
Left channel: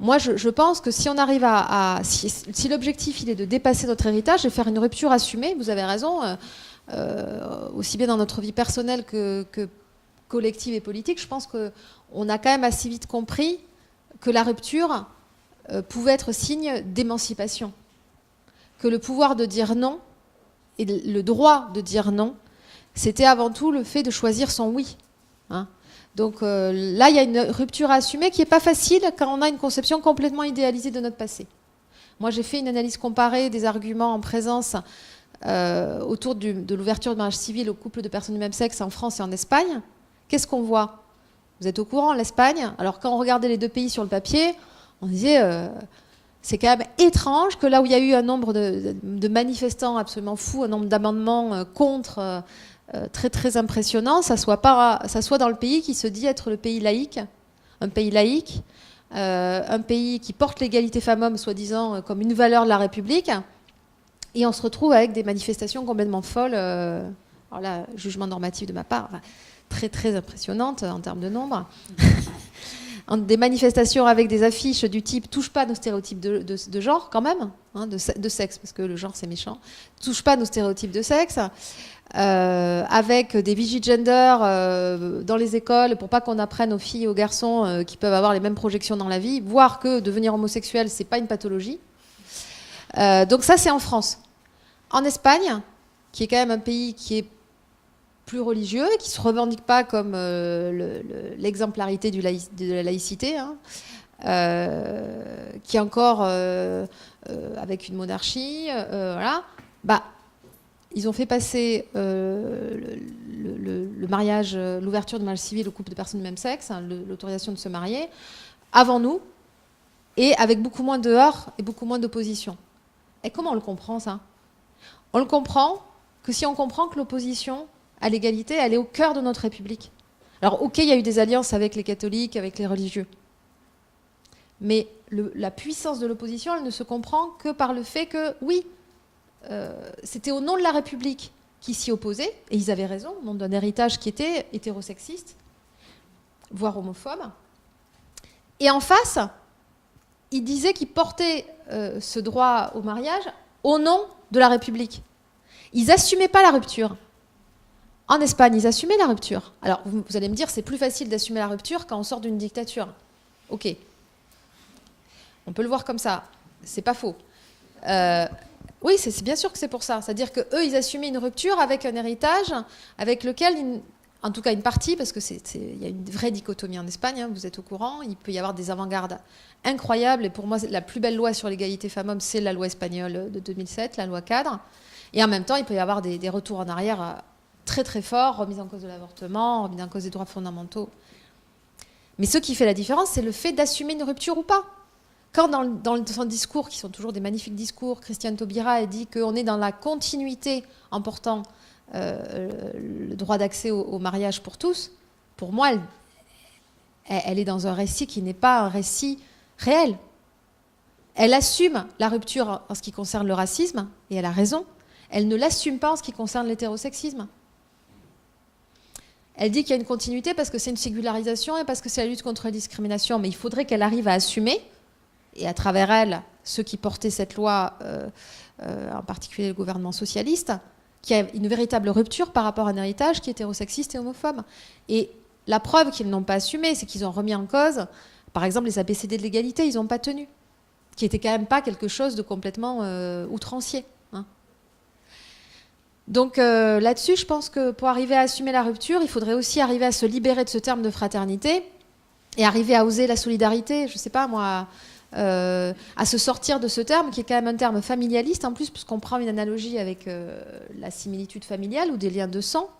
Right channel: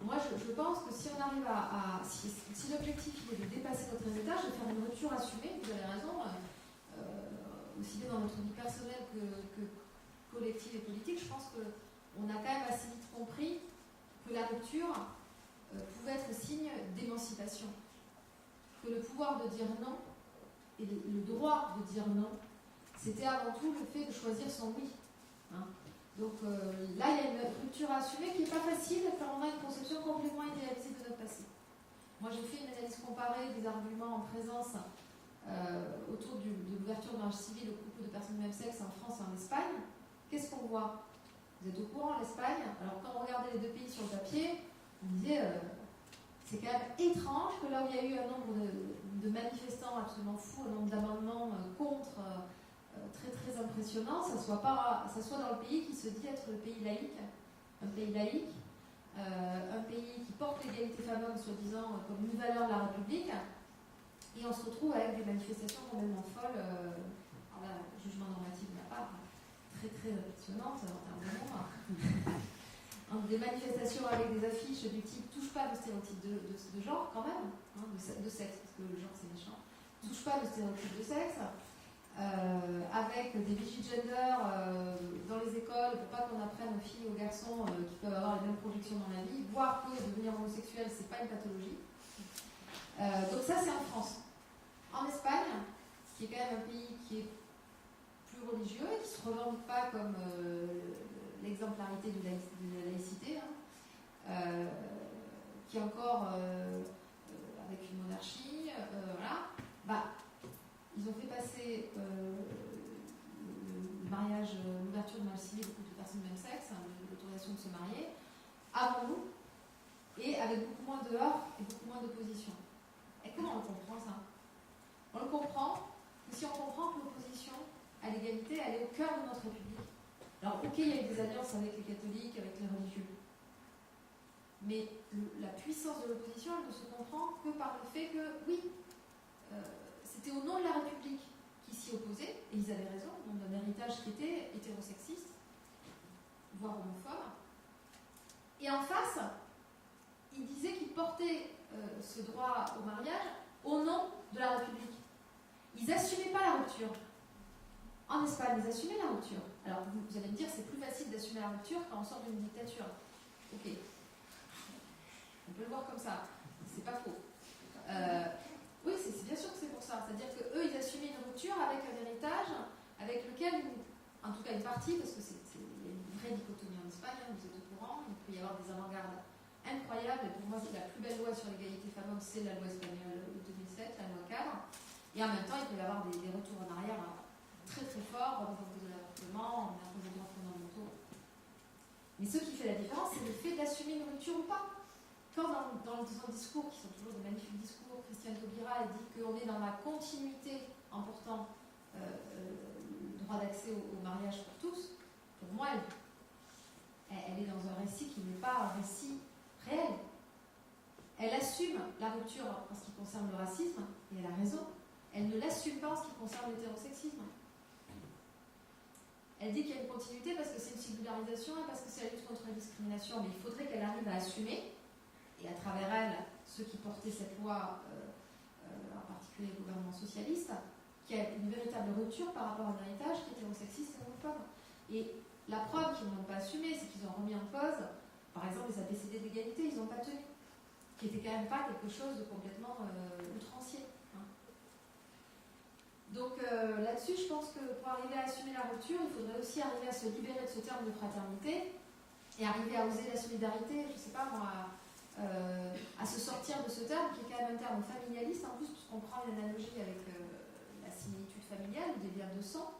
Moi, je pense que si on arrive si l'objectif il est de dépasser notre héritage et faire une rupture assumée, vous avez raison, aussi bien dans notre vie personnelle que collective et politique, je pense qu'on a quand même assez vite compris que la rupture pouvait être signe d'émancipation, que le pouvoir de dire non et le droit de dire non, c'était avant tout le fait de choisir son oui. Hein. Donc là, il y a une rupture à assumer qui n'est pas facile quand on a une conception complètement idéalisée de notre passé. Moi, j'ai fait une analyse comparée des arguments en présence autour de l'ouverture de mariage civil aux couples de personnes du même sexe en France et en Espagne. Qu'est-ce qu'on voit ? Vous êtes au courant, l'Espagne. Alors quand on regardait les deux pays sur le papier, on disait c'est quand même étrange que là où il y a eu un nombre de manifestants absolument fous, un nombre d'amendements contre très très impressionnant, ça soit dans le pays qui se dit être le pays laïque, un pays laïque, un pays qui porte l'égalité femmes-hommes soi-disant comme une valeur de la République, et on se retrouve avec des manifestations complètement folles. Alors là, jugement normatif de ma part. Très très impressionnante en termes de nombre. Des manifestations avec des affiches du type « touche pas à nos stéréotypes de genre » quand même, hein, de sexe, parce que le genre c'est méchant. « Touche pas à nos stéréotypes de sexe », avec des vigies gender dans les écoles pour pas qu'on apprenne aux filles et aux garçons qui peuvent avoir les mêmes projections dans la vie, voire que devenir homosexuel c'est pas une pathologie. Donc ça c'est en France. En Espagne, qui est quand même un pays qui est plus religieux, qui ne se revendique pas comme l'exemplarité de la laïcité, hein, qui est encore avec une monarchie, voilà, bah, ils ont fait passer le mariage, l'ouverture de mariage civil aux couples de personnes du même sexe, hein, l'autorisation de se marier, avant nous, et avec beaucoup moins de heurts et beaucoup moins d'opposition. Et comment on le comprend, ça ? On le comprend que si on comprend que l'opposition à l'égalité, elle est au cœur de notre République. Alors, ok, il y a eu des alliances avec les catholiques, avec les religieux. Mais la puissance de l'opposition, elle ne se comprend que par le fait que, oui, c'était au nom de la République qu'ils s'y opposaient, et ils avaient raison, au nom d'un héritage qui était hétérosexiste, voire homophobe. Et en face, ils disaient qu'ils portaient ce droit au mariage au nom de la République. Ils n'assumaient pas la rupture. En Espagne, ils assumaient la rupture. Alors, vous allez me dire, c'est plus facile d'assumer la rupture quand on sort d'une dictature. Ok. On peut le voir comme ça. C'est pas faux. Oui, c'est bien sûr que c'est pour ça. C'est-à-dire qu'eux, ils assumaient une rupture avec un héritage avec lequel, en tout cas une partie, parce qu'il y a une vraie dichotomie en Espagne, hein, vous êtes au courant, il peut y avoir des avant-gardes incroyables. Et pour moi, la plus belle loi sur l'égalité femmes-hommes, c'est la loi espagnole de 2007, la loi cadre. Et en même temps, il peut y avoir des retours en arrière très très forts, remise en cause de l'avortement, remise en cause des droits fondamentaux. Mais ce qui fait la différence, c'est le fait d'assumer une rupture ou pas. Quand dans son discours, qui sont toujours des magnifiques discours, Christiane Taubira a dit qu'on est dans la continuité en portant le droit d'accès au mariage pour tous, pour moi, elle est dans un récit qui n'est pas un récit réel. Elle assume la rupture en ce qui concerne le racisme, et elle a raison. Elle ne l'assume pas en ce qui concerne l'hétérosexisme. Elle dit qu'il y a une continuité parce que c'est une singularisation et parce que c'est la lutte contre la discrimination, mais il faudrait qu'elle arrive à assumer, et à travers elle, ceux qui portaient cette loi, en particulier le gouvernement socialiste, qu'il y a une véritable rupture par rapport à un héritage qui est hétérosexiste et homophobe. Et la preuve qu'ils n'ont pas assumé, c'est qu'ils ont remis en cause, par exemple, les ABCD de l'égalité, ils n'ont pas tenu, qui n'était quand même pas quelque chose de complètement outrancier. Hein. Donc là-dessus, je pense que pour arriver à assumer la rupture, il faudrait aussi arriver à se libérer de ce terme de fraternité et arriver à oser la solidarité, je ne sais pas moi, à se sortir de ce terme qui est quand même un terme familialiste en plus, puisqu'on prend une analogie avec la similitude familiale ou des liens de sang,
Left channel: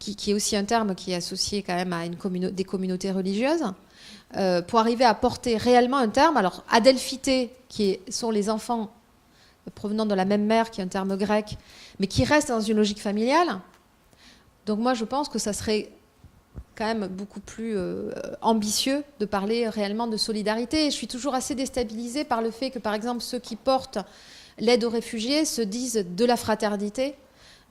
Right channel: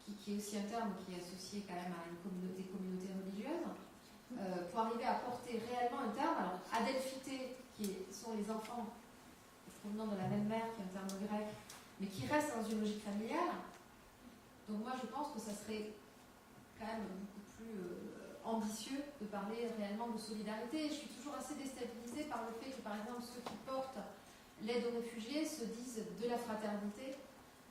qui est aussi un terme qui est associé quand même à des communautés religieuses, pour arriver à porter réellement un terme. Alors, adelphité, sont les enfants provenant de la même mère, qui est un terme grec, mais qui reste dans une logique familiale. Donc moi, je pense que ça serait quand même beaucoup plus ambitieux de parler réellement de solidarité. Et je suis toujours assez déstabilisée par le fait que, par exemple, ceux qui portent l'aide aux réfugiés se disent de la fraternité,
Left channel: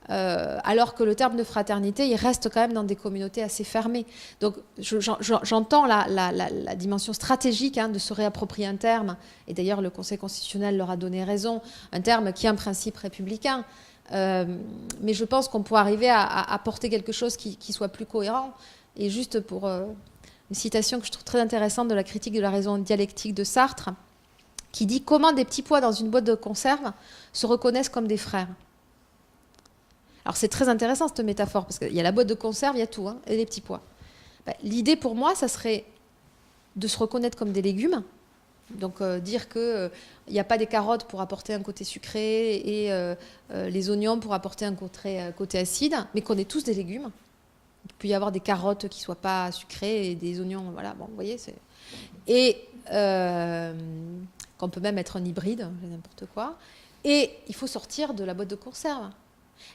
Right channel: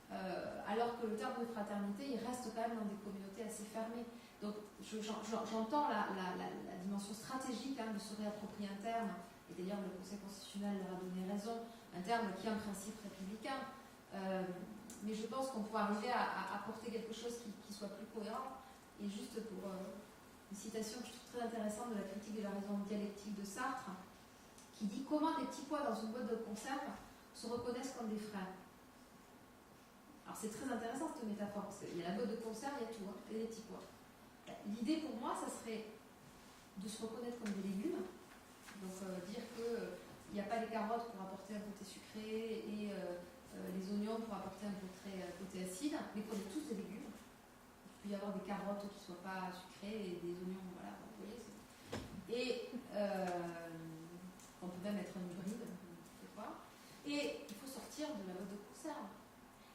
alors que le terme de fraternité, il reste quand même dans des communautés assez fermées. Donc j'entends la dimension stratégique de se réapproprier un terme, et d'ailleurs le Conseil constitutionnel leur a donné raison, un terme qui est un principe républicain, mais je pense qu'on pourrait arriver à porter quelque chose qui soit plus cohérent. Et juste pour une citation que je trouve très intéressante de la critique de la raison dialectique de Sartre, qui dit « Comment des petits pois dans une boîte de conserve se reconnaissent comme des frères ?» Alors c'est très intéressant cette métaphore, parce qu'il y a la boîte de conserve, il y a tout, et les petits pois. L'idée pour moi, ça serait de se reconnaître comme des légumes, donc dire qu'il n'y a pas des carottes pour apporter un côté sucré et les oignons pour apporter un côté acide, mais qu'on est tous des légumes. Il peut y avoir des carottes qui ne soient pas sucrées et des oignons, voilà, bon, vous voyez, et qu'on peut même être un hybride, n'importe quoi. Et il faut sortir de la boîte de conserve.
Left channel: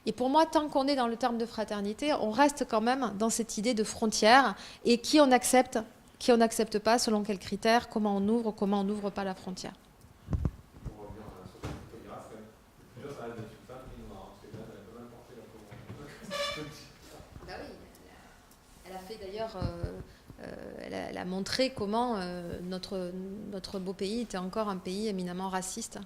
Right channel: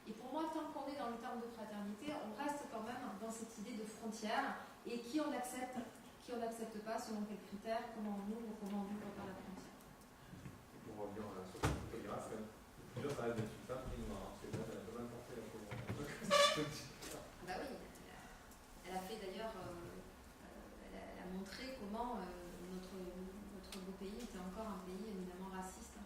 Et pour moi, tant qu'on est dans le terme de fraternité, on reste quand même dans cette idée de frontière et qui on accepte pas, selon quels critères, comment on n'ouvre pas la frontière. Pour revenir sur cette photographe, déjà ça reste d'être une femme qui est noire, parce qu'elle a quand même porté la commande. Bah oui, elle a fait d'ailleurs, elle a montré comment notre beau pays était encore un pays éminemment raciste.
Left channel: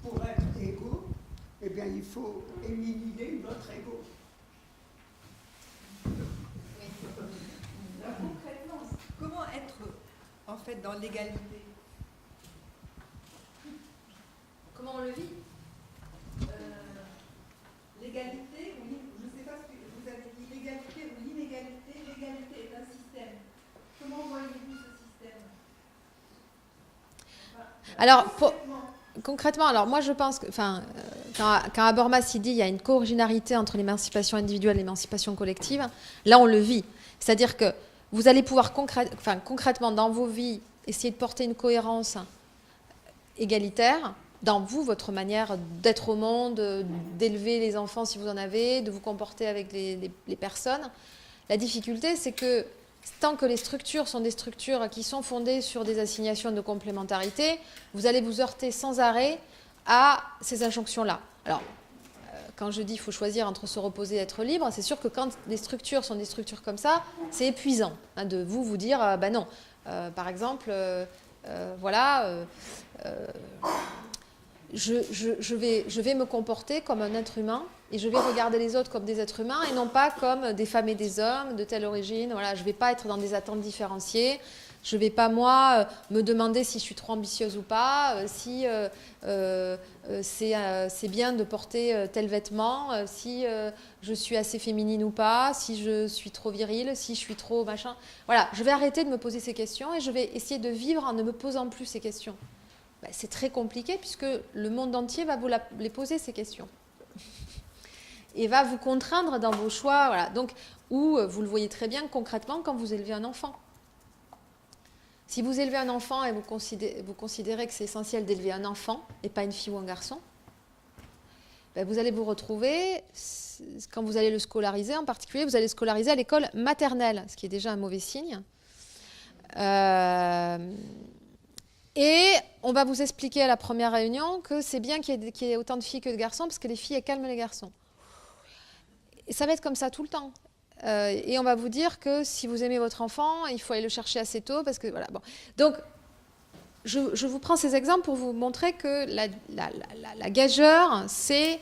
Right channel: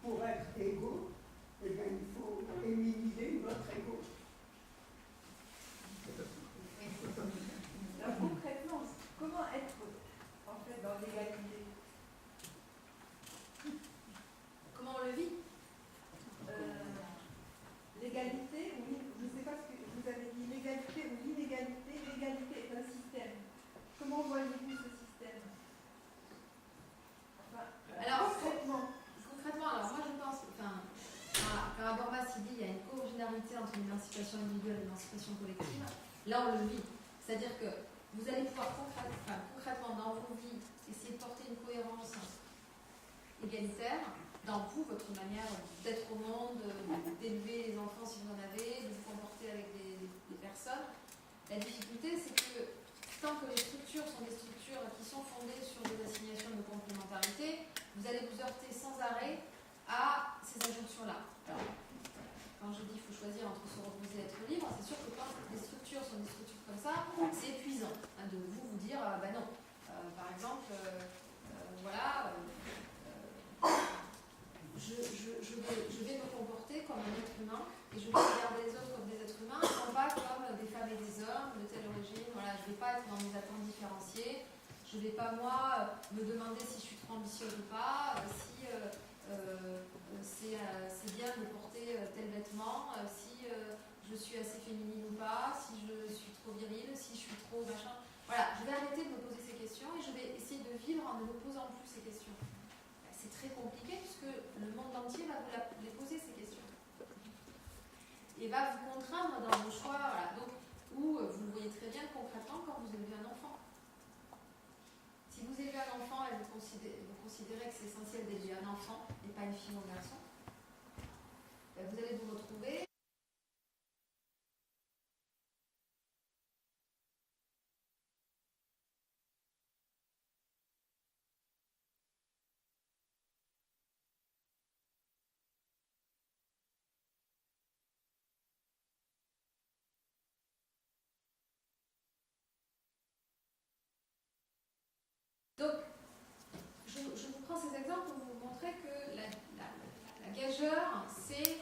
Pour être égaux, eh bien, il faut éliminer notre ego. Alors, concrètement, comment être en fait dans l'égalité? Comment on le vit? L'égalité, oui, je ne sais pas ce que vous avez dit, l'égalité ou l'inégalité. L'égalité est un système. Comment voyez-vous ce système? Alors, concrètement, alors moi je pense que, quand Habermas il dit il y a une co-originalité entre l'émancipation individuelle et l'émancipation collective, là on le vit. C'est-à-dire que vous allez pouvoir concrètement dans vos vies essayer de porter une cohérence égalitaire dans vous, votre manière d'être au monde, d'élever les enfants si vous en avez, de vous comporter avec les personnes. La difficulté, c'est que tant que les structures sont des structures qui sont fondées sur des assignations de complémentarité, vous allez vous heurter sans arrêt à ces injonctions-là. Alors, quand je dis qu'il faut choisir entre se reposer et être libre, c'est sûr que quand les structures sont des structures comme ça, c'est épuisant de vous dire, ben non. Par exemple, voilà, je vais me comporter comme un être humain et je vais regarder les autres comme des êtres humains et non pas comme des femmes et des hommes de telle origine. Voilà, je ne vais pas être dans des attentes différenciées. Je ne vais pas, moi, me demander si je suis trop ambitieuse ou pas, si c'est bien de porter tel vêtement, si je suis assez féminine ou pas, si je suis trop virile, si je suis trop machin. Voilà, je vais arrêter de me poser ces questions et je vais essayer de vivre en ne me posant plus ces questions. Ben, c'est très compliqué puisque le monde entier va vous les poser ces questions et va vous contraindre dans vos choix. Voilà. Donc, ou vous le voyez très bien concrètement quand vous élevez un enfant. Si vous élevez un enfant et vous considérez que c'est essentiel d'élever un enfant et pas une fille ou un garçon, ben vous allez vous retrouver, quand vous allez le scolariser en particulier, vous allez le scolariser à l'école maternelle, ce qui est déjà un mauvais signe. Et on va vous expliquer à la première réunion que c'est bien qu'il y ait autant de filles que de garçons parce que les filles, elles calment les garçons. Et ça va être comme ça tout le temps. Et on va vous dire que si vous aimez votre enfant, il faut aller le chercher assez tôt parce que voilà. Bon. Donc, je vous prends ces exemples pour vous montrer que la gageure, c'est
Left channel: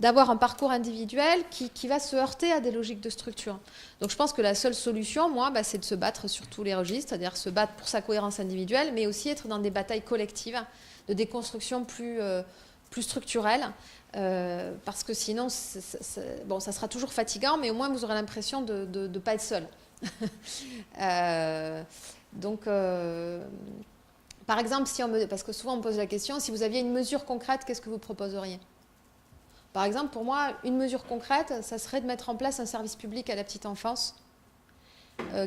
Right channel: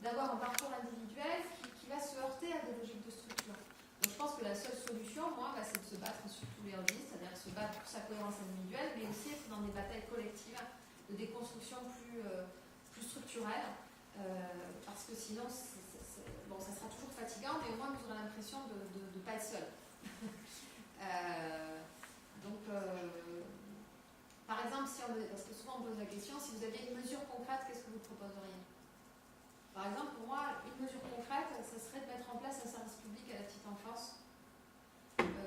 d'avoir un parcours individuel qui va se heurter à des logiques de structure. Donc, je pense que la seule solution, moi, c'est de se battre sur tous les registres, c'est-à-dire se battre pour sa cohérence individuelle, mais aussi être dans des batailles collectives, de déconstruction plus structurelle. Parce que sinon, bon, ça sera toujours fatigant, mais au moins vous aurez l'impression de ne pas être seul. Donc, par exemple, parce que souvent on me pose la question, si vous aviez une mesure concrète, qu'est-ce que vous proposeriez ? Par exemple, pour moi, une mesure concrète, ça serait de mettre en place un service public à la petite enfance,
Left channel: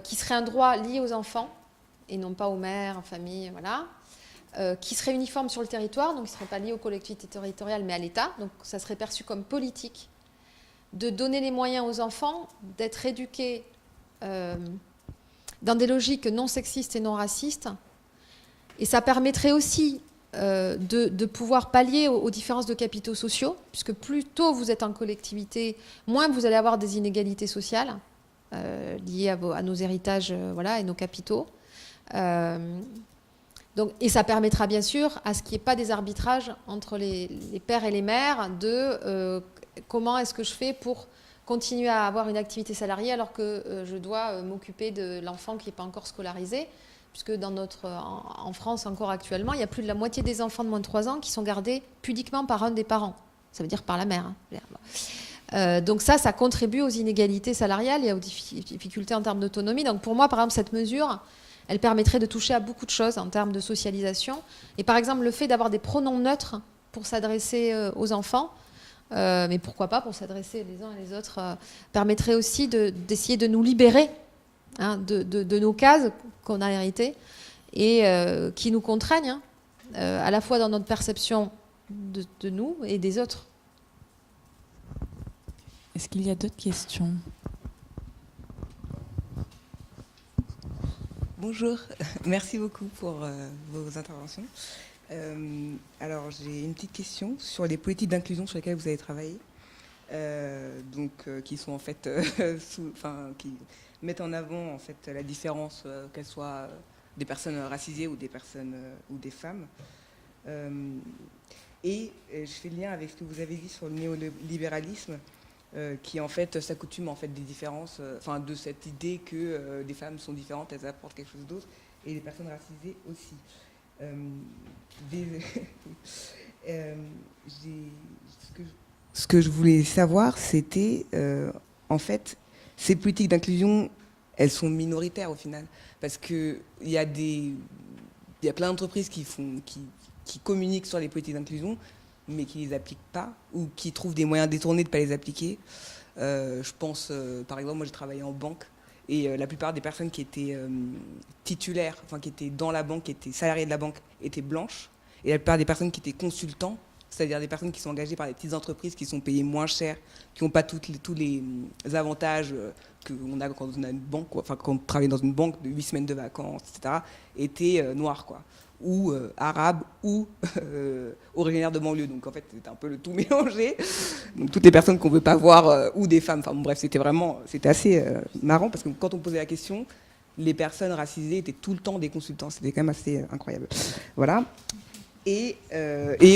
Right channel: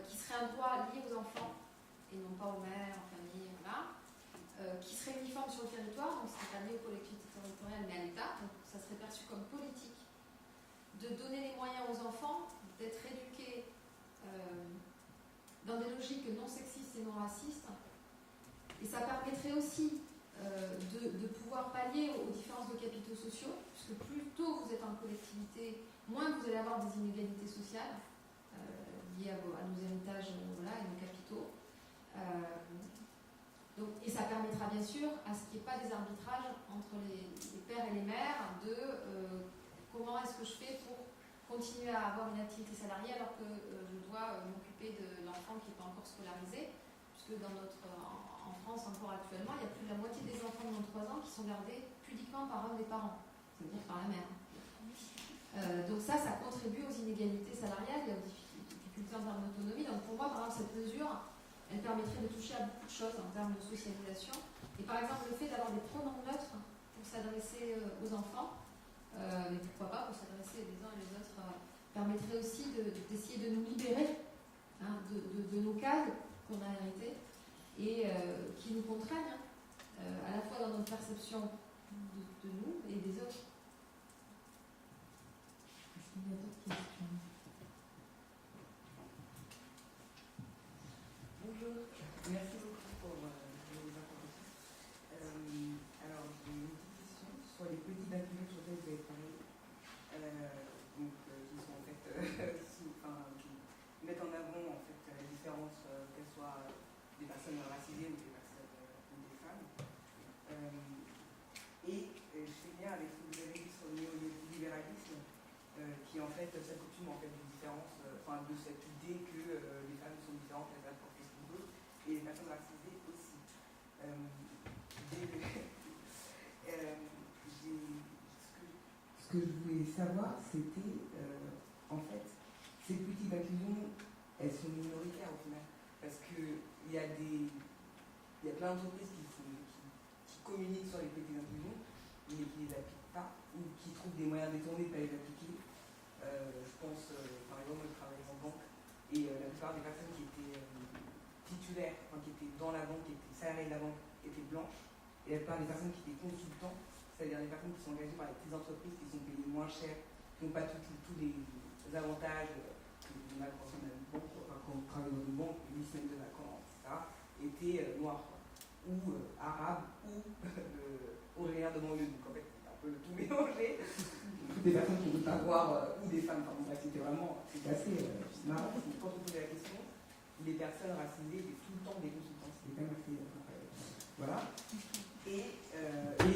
qui serait un droit lié aux enfants, et non pas aux mères, aux familles, voilà. Qui serait uniforme sur le territoire, donc il ne serait pas lié aux collectivités territoriales, mais à l'État. Donc ça serait perçu comme politique, de donner les moyens aux enfants d'être éduqués dans des logiques non sexistes et non racistes. Et ça permettrait aussi de pouvoir pallier aux différences de capitaux sociaux, puisque plus tôt vous êtes en collectivité, moins vous allez avoir des inégalités sociales liées à nos héritages voilà, et nos capitaux. Donc, et ça permettra bien sûr à ce qu'il n'y ait pas des arbitrages entre les pères et les mères de comment est-ce que je fais pour continuer à avoir une activité salariée alors que je dois m'occuper de l'enfant qui n'est pas encore scolarisé, puisque en France encore actuellement, il y a plus de la moitié des enfants de moins de 3 ans qui sont gardés pudiquement par un des parents, ça veut dire par la mère. Donc ça contribue aux inégalités salariales et aux difficultés en termes d'autonomie. Donc pour moi, par exemple, cette mesure, elle permettrait de toucher à beaucoup de choses en termes de socialisation. Et par exemple, le fait d'avoir des pronoms neutres pour s'adresser aux enfants, mais pourquoi pas pour s'adresser les uns et les autres, permettrait aussi d'essayer de nous libérer de nos cases qu'on a héritées et qui nous contraignent à la fois dans notre perception de nous et des autres. Est-ce qu'il y a d'autres questions ? Bonjour, merci beaucoup pour vos interventions. Alors, j'ai une petite question sur les politiques d'inclusion sur lesquelles vous avez travaillé, qui sont en fait, qui mettent en avant en fait la différence, qu'elles soient des personnes racisées ou des personnes ou des femmes. Et je fais le lien avec ce que vous avez dit sur le néolibéralisme, qui en fait s'accoutume en fait des différences, de cette idée que des femmes sont différentes, elles apportent quelque chose d'autre, et les personnes racisées aussi. Ce que je voulais savoir, c'était en fait ces politiques d'inclusion, elles sont minoritaires au final, parce que il y a plein d'entreprises qui communiquent sur les politiques d'inclusion, mais qui ne les appliquent pas, ou qui trouvent des moyens détournés de ne pas les appliquer. Je pense, par exemple, moi j'ai travaillé en banque, Et la plupart des personnes qui étaient titulaires, enfin qui étaient dans la banque, qui étaient salariés de la banque, étaient blanches. Et la plupart des personnes qui étaient consultants, c'est-à-dire des personnes qui sont engagées par des petites entreprises, qui sont payées moins cher, qui n'ont pas tous les avantages qu'on a quand on a une banque, quoi. Enfin quand on travaille dans une banque de 8 semaines de vacances, etc., étaient noirs, quoi, ou arabes, ou originaires de banlieue. Donc en fait, c'était un peu le tout mélangé. Donc toutes les personnes qu'on ne veut pas voir, ou des femmes. Enfin bon, bref, c'était assez marrant, parce que quand on posait la question, les personnes racisées étaient tout le temps des consultants. C'était quand même assez incroyable. Voilà. Et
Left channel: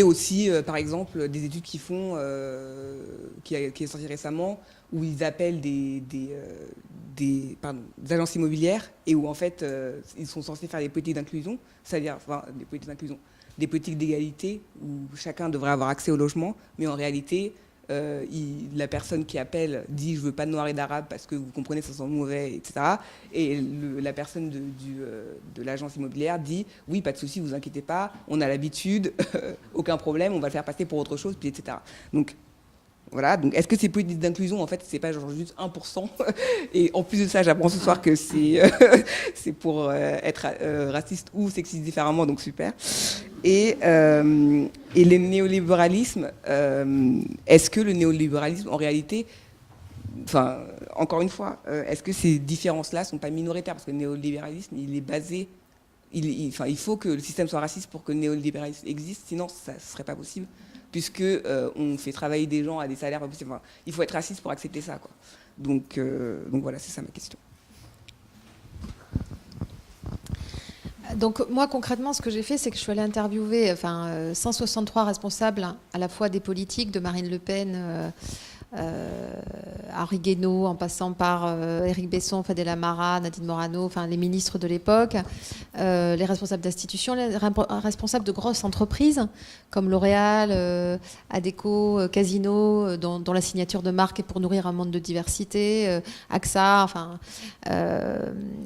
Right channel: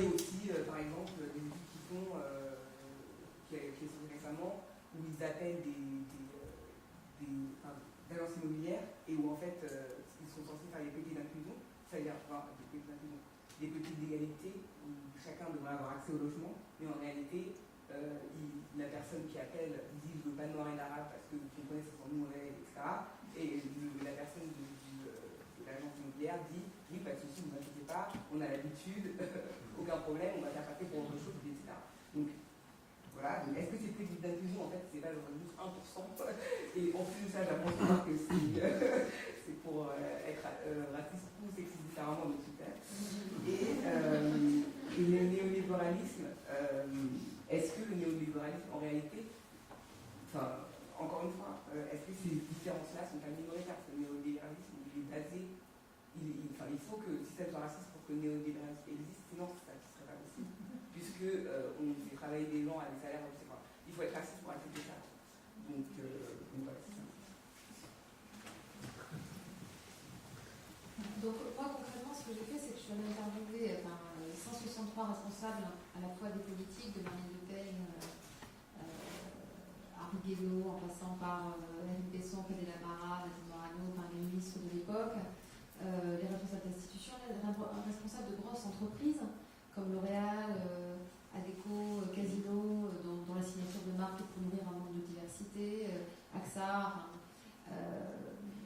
aussi, par exemple, des études qui est sortie récemment, où ils appellent des agences immobilières, et où en fait, ils sont censés faire des politiques d'inclusion, c'est-à-dire des politiques d'égalité, où chacun devrait avoir accès au logement, mais en réalité, la personne qui appelle dit « je veux pas de noirs et d'arabes parce que vous comprenez, ça sent mauvais », etc. Et la personne de l'agence immobilière dit « oui, pas de souci, vous inquiétez pas, on a l'habitude, aucun problème, on va le faire passer pour autre chose, puis etc. » Donc voilà, donc est-ce que ces politiques d'inclusion, en fait, c'est pas genre juste 1%? Et en plus de ça, j'apprends ce soir que c'est pour être raciste ou sexiste différemment, donc super. Et le néolibéralisme, est-ce que le néolibéralisme, en réalité, enfin, encore une fois, est-ce que ces différences-là sont pas minoritaires? Parce que le néolibéralisme, il est basé... il faut que le système soit raciste pour que le néolibéralisme existe, sinon ça ne serait pas possible, puisque on fait travailler des gens à des salaires pas possibles. Enfin, il faut être raciste pour accepter ça, quoi. Donc voilà, c'est ça ma question. Donc moi concrètement, ce que j'ai fait, c'est que je suis allée interviewer 163 responsables, à la fois des politiques, de Marine Le Pen, Henri Guénaud, en passant par Éric Besson, Fadela Mara, Nadine Morano, enfin les ministres de l'époque, les responsables d'institutions, les responsables de grosses entreprises comme L'Oréal, Adecco, Casino, dont la signature de marque est pour nourrir un monde de diversité, AXA,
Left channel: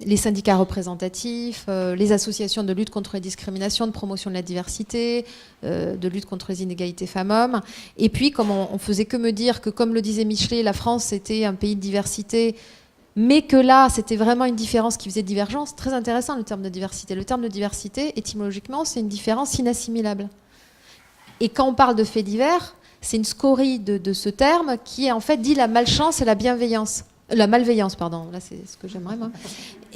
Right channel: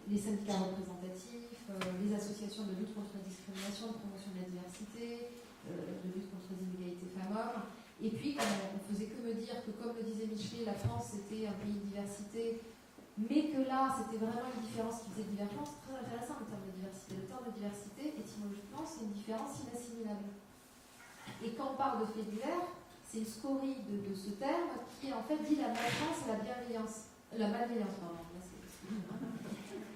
les syndicats représentatifs, les associations de lutte contre les discriminations, de promotion de la diversité, de lutte contre les inégalités femmes-hommes. Et puis, comme on faisait que me dire que, comme le disait Michelet, la France était un pays de diversité, mais que là, c'était vraiment une différence qui faisait divergence. Très intéressant, le terme de diversité. Le terme de diversité, étymologiquement, c'est une différence inassimilable. Et quand on parle de faits divers, c'est une scorie de ce terme qui, en fait, dit la malchance et la bienveillance. La malveillance, pardon. Là, c'est ce que j'aimerais, moi.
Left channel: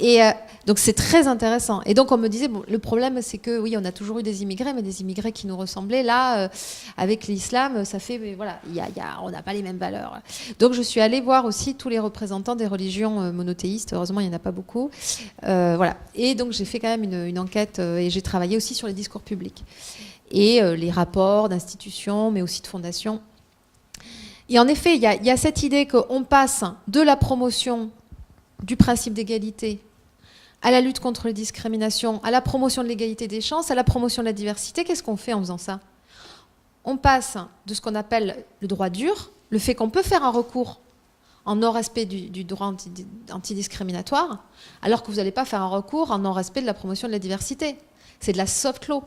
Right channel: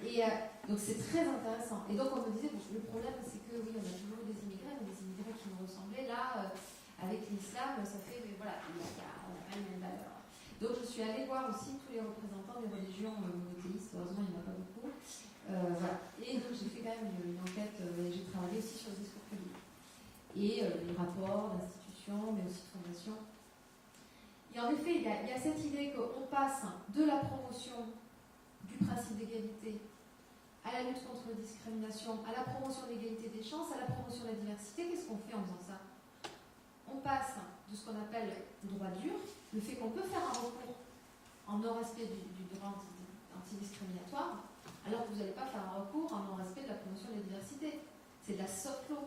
Et donc, c'est très intéressant. Et donc, on me disait, bon, le problème, c'est que, oui, on a toujours eu des immigrés, mais des immigrés qui nous ressemblaient. Là, avec l'islam, ça fait, mais voilà, on n'a pas les mêmes valeurs. Donc, je suis allée voir aussi tous les représentants des religions monothéistes. Heureusement, il n'y en a pas beaucoup. Voilà. Et donc, j'ai fait quand même une enquête et j'ai travaillé aussi sur les discours publics. Et les rapports d'institutions, mais aussi de fondations. Et en effet, il y a cette idée qu'on passe de la promotion du principe d'égalité à la lutte contre les discriminations, à la promotion de l'égalité des chances, à la promotion de la diversité. Qu'est-ce qu'on fait en faisant ça? On passe de ce qu'on appelle le droit dur, le fait qu'on peut faire un recours en non-respect du droit antidiscriminatoire, alors que vous n'allez pas faire un recours en non-respect de la promotion de la diversité. C'est de la soft law.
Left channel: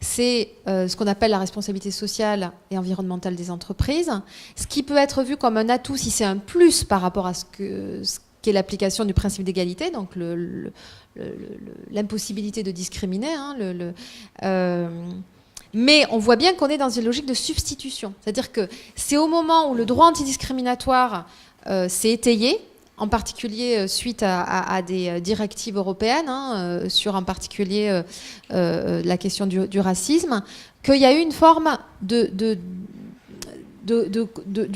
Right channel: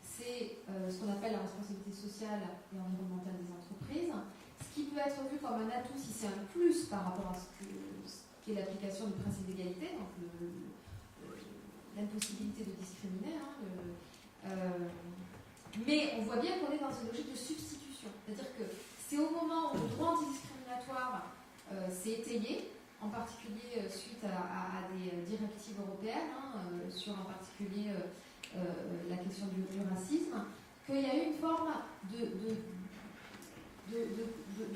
C'est ce qu'on appelle la responsabilité sociale et environnementale des entreprises, ce qui peut être vu comme un atout si c'est un plus par rapport à ce qu'est l'application du principe d'égalité, donc l'impossibilité de discriminer. Mais on voit bien qu'on est dans une logique de substitution. C'est-à-dire que c'est au moment où le droit antidiscriminatoire s'est étayé, en particulier suite à des directives européennes, sur en particulier la question du racisme, qu'il y a eu une forme du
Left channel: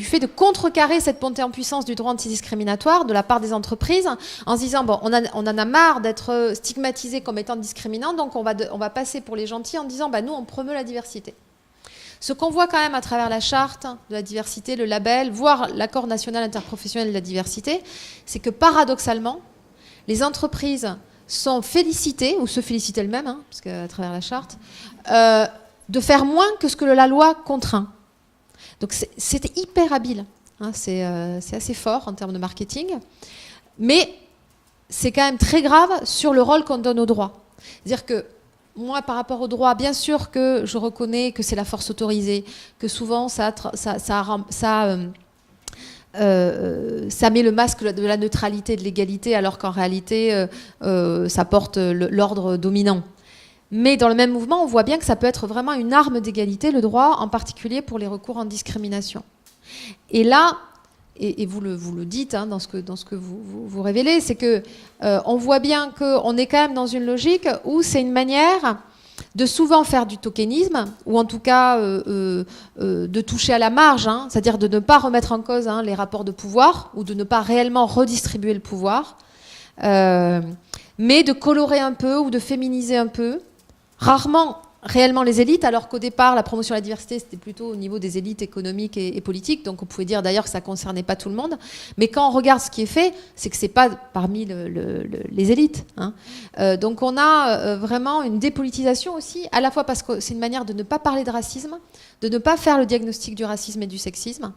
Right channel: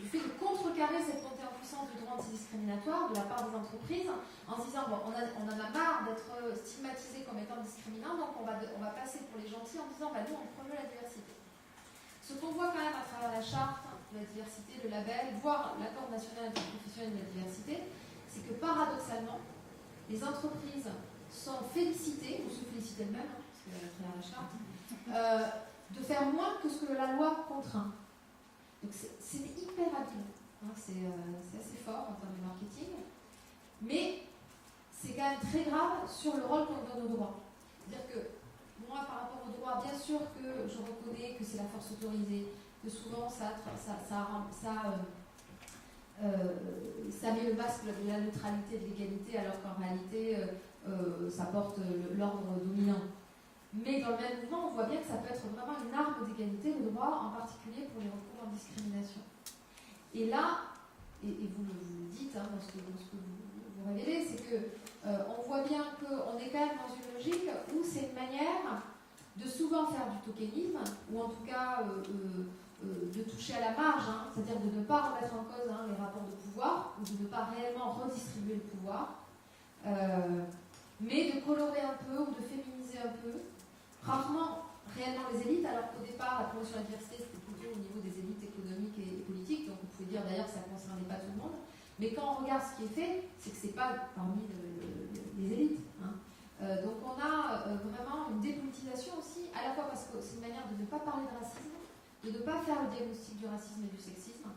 fait de contrecarrer cette montée en puissance du droit antidiscriminatoire de la part des entreprises, en se disant, bon, on en a marre d'être stigmatisés comme étant discriminants, donc on va passer pour les gentils en disant, nous, on promeut la diversité. Ce qu'on voit quand même à travers la charte de la diversité, le label, voire l'accord national interprofessionnel de la diversité, c'est que paradoxalement, les entreprises sont félicitées, ou se félicitent elles-mêmes, parce qu'à travers la charte, de faire moins que ce que la loi contraint. Donc c'était hyper habile, c'est assez fort en termes de marketing, mais c'est quand même très grave sur le rôle qu'on donne au droit. C'est-à-dire que moi, par rapport au droit, bien sûr que je reconnais que c'est la force autorisée, que souvent ça ça met le masque de la neutralité et de l'égalité, alors qu'en réalité, ça porte l'ordre dominant. Mais dans le même mouvement, on voit bien que ça peut être vraiment une arme d'égalité, le droit, en particulier pour les recours en discrimination. Et là, et vous le dites dans ce que vous révélez, c'est que on voit bien qu'on est quand même dans une logique où c'est une manière de souvent faire du tokenisme, ou en tout cas de toucher à la marge, c'est-à-dire de ne pas remettre en cause les rapports de pouvoir, ou de ne pas réellement redistribuer le pouvoir, mais de colorer un peu ou de féminiser un peu, rarement réellement les élites, alors qu'au départ, la promotion de la diversité, c'était plutôt au niveau des élites économiques et politiques, donc on pouvait dire d'ailleurs que ça ne concernait pas tout le monde. Mais quand on regarde ce qui est fait, c'est que ce n'est pas parmi les élites. Donc on a vraiment une dépolitisation aussi, à la fois parce que c'est une manière de ne pas parler de racisme, de ne pas faire le diagnostic du racisme et du sexisme,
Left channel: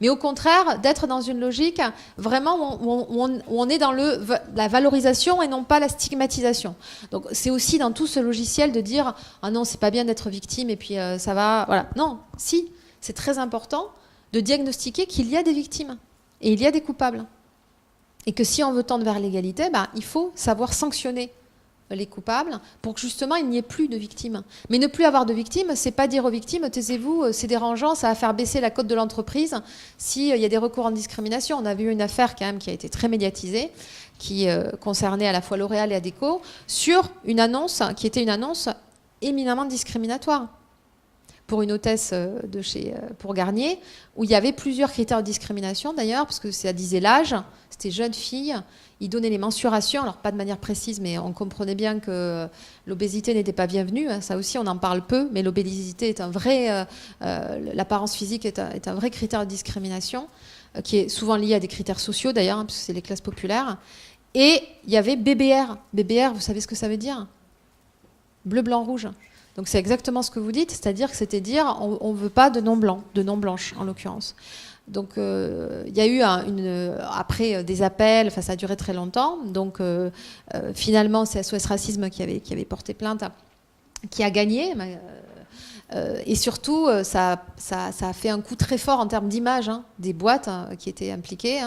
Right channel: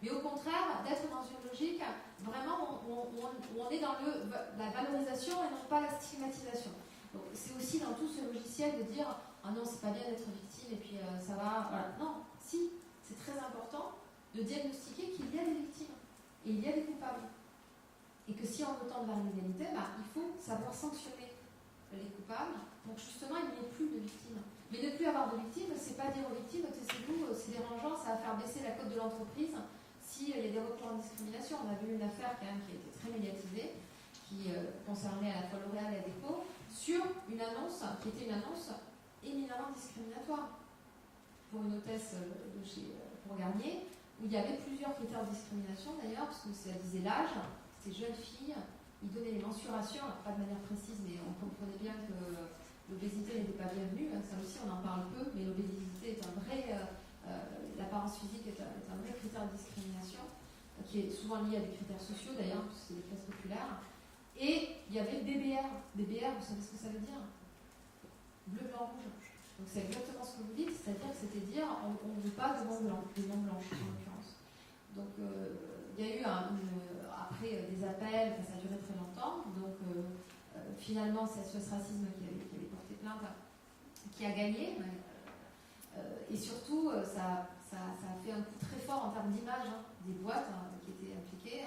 mais au contraire, d'être dans une logique vraiment où on est dans la valorisation et non pas la stigmatisation. Donc c'est aussi dans tout ce logiciel de dire « Ah non, c'est pas bien d'être victime et puis ça va... » Voilà. Non, si, c'est très important de diagnostiquer qu'il y a des victimes et il y a des coupables. Et que si on veut tendre vers l'égalité, il faut savoir sanctionner les coupables pour que justement il n'y ait plus de victimes. Mais ne plus avoir de victimes, c'est pas dire aux victimes taisez-vous, c'est dérangeant, ça va faire baisser la cote de l'entreprise s'il y a des recours en discrimination. On a vu une affaire quand même qui a été très médiatisée, qui concernait à la fois L'Oréal et Adecco, sur une annonce qui était une annonce éminemment discriminatoire pour une hôtesse pour Garnier, où il y avait plusieurs critères de discrimination d'ailleurs, parce que ça disait l'âge, c'était jeune fille. Il donnait les mensurations, alors pas de manière précise, mais on comprenait bien que l'obésité n'était pas bienvenue. Ça aussi, on en parle peu, mais l'obésité est un vrai... l'apparence physique est un vrai critère de discrimination, qui est souvent lié à des critères sociaux d'ailleurs, parce que c'est les classes populaires. Et il y avait BBR. BBR, vous savez ce que ça veut dire? Bleu, blanc, rouge. Donc c'est exactement ce que vous dites, c'est-à-dire que c'était dire on ne veut pas de non blanc, de non blanche en l'occurrence. Donc il y a eu après des appels, ça a duré très longtemps. Donc finalement c'est SOS Racisme qui avait porté plainte, qui a gagné. Et surtout ça a fait un coup très fort en termes d'image des boîtes qui étaient impliquées,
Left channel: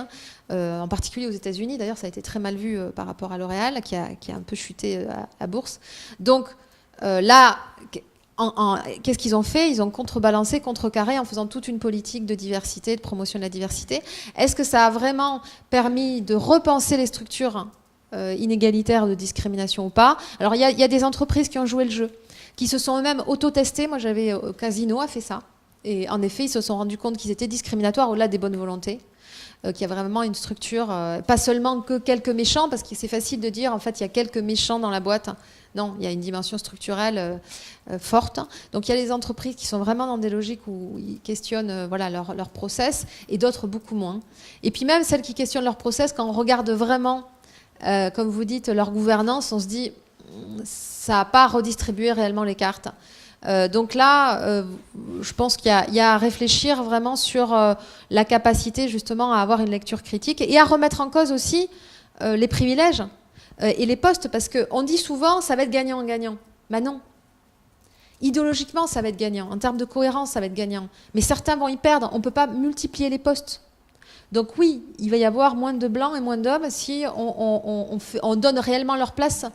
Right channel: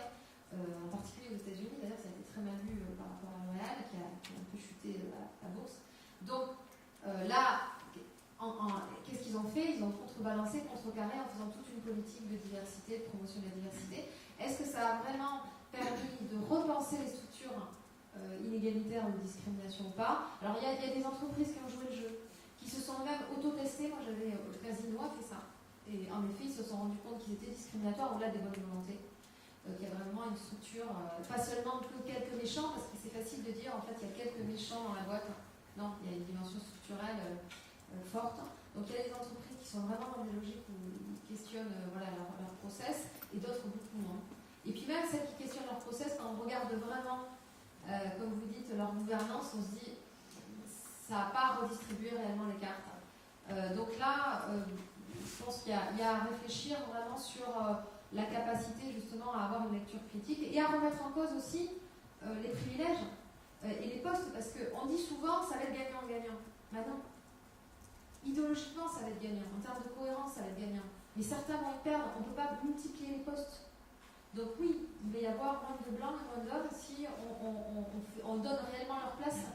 en particulier aux États-Unis. D'ailleurs ça a été très mal vu par rapport à L'Oréal qui a un peu chuté à bourse. Donc là... Qu'est-ce qu'ils ont fait? Ils ont contrebalancé, contrecarré en faisant toute une politique de diversité, de promotion de la diversité. Est-ce que ça a vraiment permis de repenser les structures inégalitaires de discrimination ou pas? Alors il y a des entreprises qui ont joué le jeu, qui se sont eux-mêmes auto-testées. Moi j'avais Casino a fait ça. Et en effet ils se sont rendus compte qu'ils étaient discriminatoires au-delà des bonnes volontés. Qu'il y a vraiment une structure, pas seulement que quelques méchants, parce que c'est facile de dire en fait il y a quelques méchants dans la boîte. Non, il y a une dimension structurelle forte. Donc il y a des entreprises qui sont vraiment dans des logiques où ils questionnent leur process, et d'autres beaucoup moins. Et puis même celles qui questionnent leur process, quand on regarde vraiment, comme vous dites, leur gouvernance, on se dit ça n'a pas redistribué réellement les cartes. Donc là, je pense qu'il y a à réfléchir vraiment sur la capacité justement à avoir une lecture critique et à remettre en cause aussi les privilèges et les postes, parce qu'on dit souvent ça va être gagnant-gagnant. Ben non. Idéologiquement, ça va être gagnant. En termes de cohérence, ça va être gagnant. Mais certains vont y perdre. On ne peut pas multiplier les postes. Donc oui, il va y avoir moins de blancs et moins d'hommes si on donne réellement leur place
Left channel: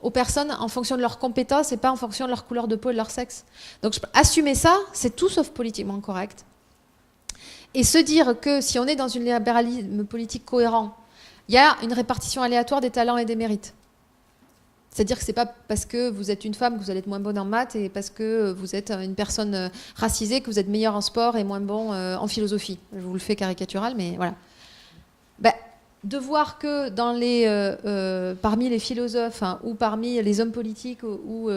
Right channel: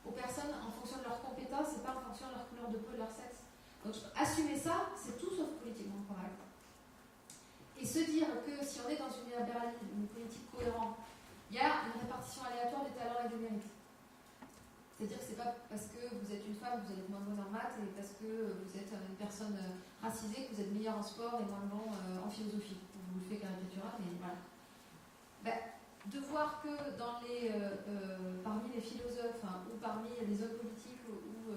aux personnes en fonction de leurs compétences et pas en fonction de leur couleur de peau et de leur sexe. Donc assumer ça, c'est tout sauf politiquement correct. Et se dire que si on est dans un libéralisme politique cohérent, il y a une répartition aléatoire des talents et des mérites. C'est-à-dire que ce n'est pas parce que vous êtes une femme que vous allez être moins bonne en maths, et parce que vous êtes une personne racisée que vous êtes meilleur en sport et moins bon en philosophie. Je vous le fais caricatural, mais voilà. De voir que parmi les philosophes ou parmi les hommes politiques ou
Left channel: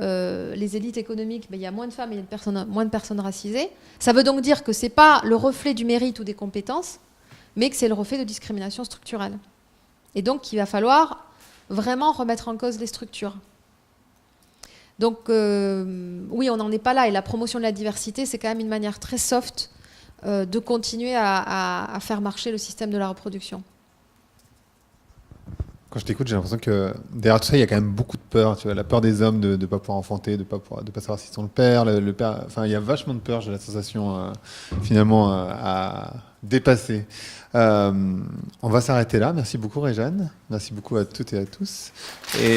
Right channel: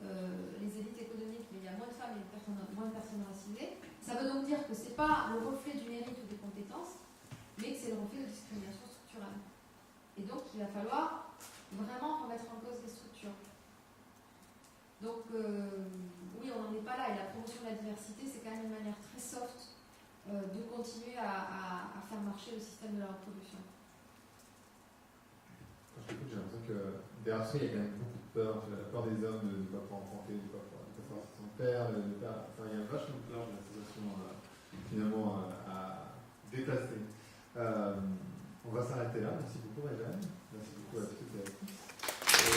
les élites économiques, il y a moins de femmes et moins de personnes racisées, ça veut donc dire que ce n'est pas le reflet du mérite ou des compétences, mais que c'est le reflet de discrimination structurelle. Et donc, il va falloir vraiment remettre en cause les structures. Donc, oui, on n'en est pas là. Et la promotion de la diversité, c'est quand même une manière très soft de continuer à faire marcher le système de la reproduction. Quand je t'écoute, j'ai l'impression que derrière tout ça, il y a quand même beaucoup de peur. Tu vois, la peur des hommes de ne pas pouvoir enfanter, de ne pas savoir s'ils sont le père. Enfin, il y a vachement de peur, j'ai la sensation, finalement, dépassé. On va s'arrêter là. Merci beaucoup Réjeanne. Merci beaucoup à toutes et à tous. Et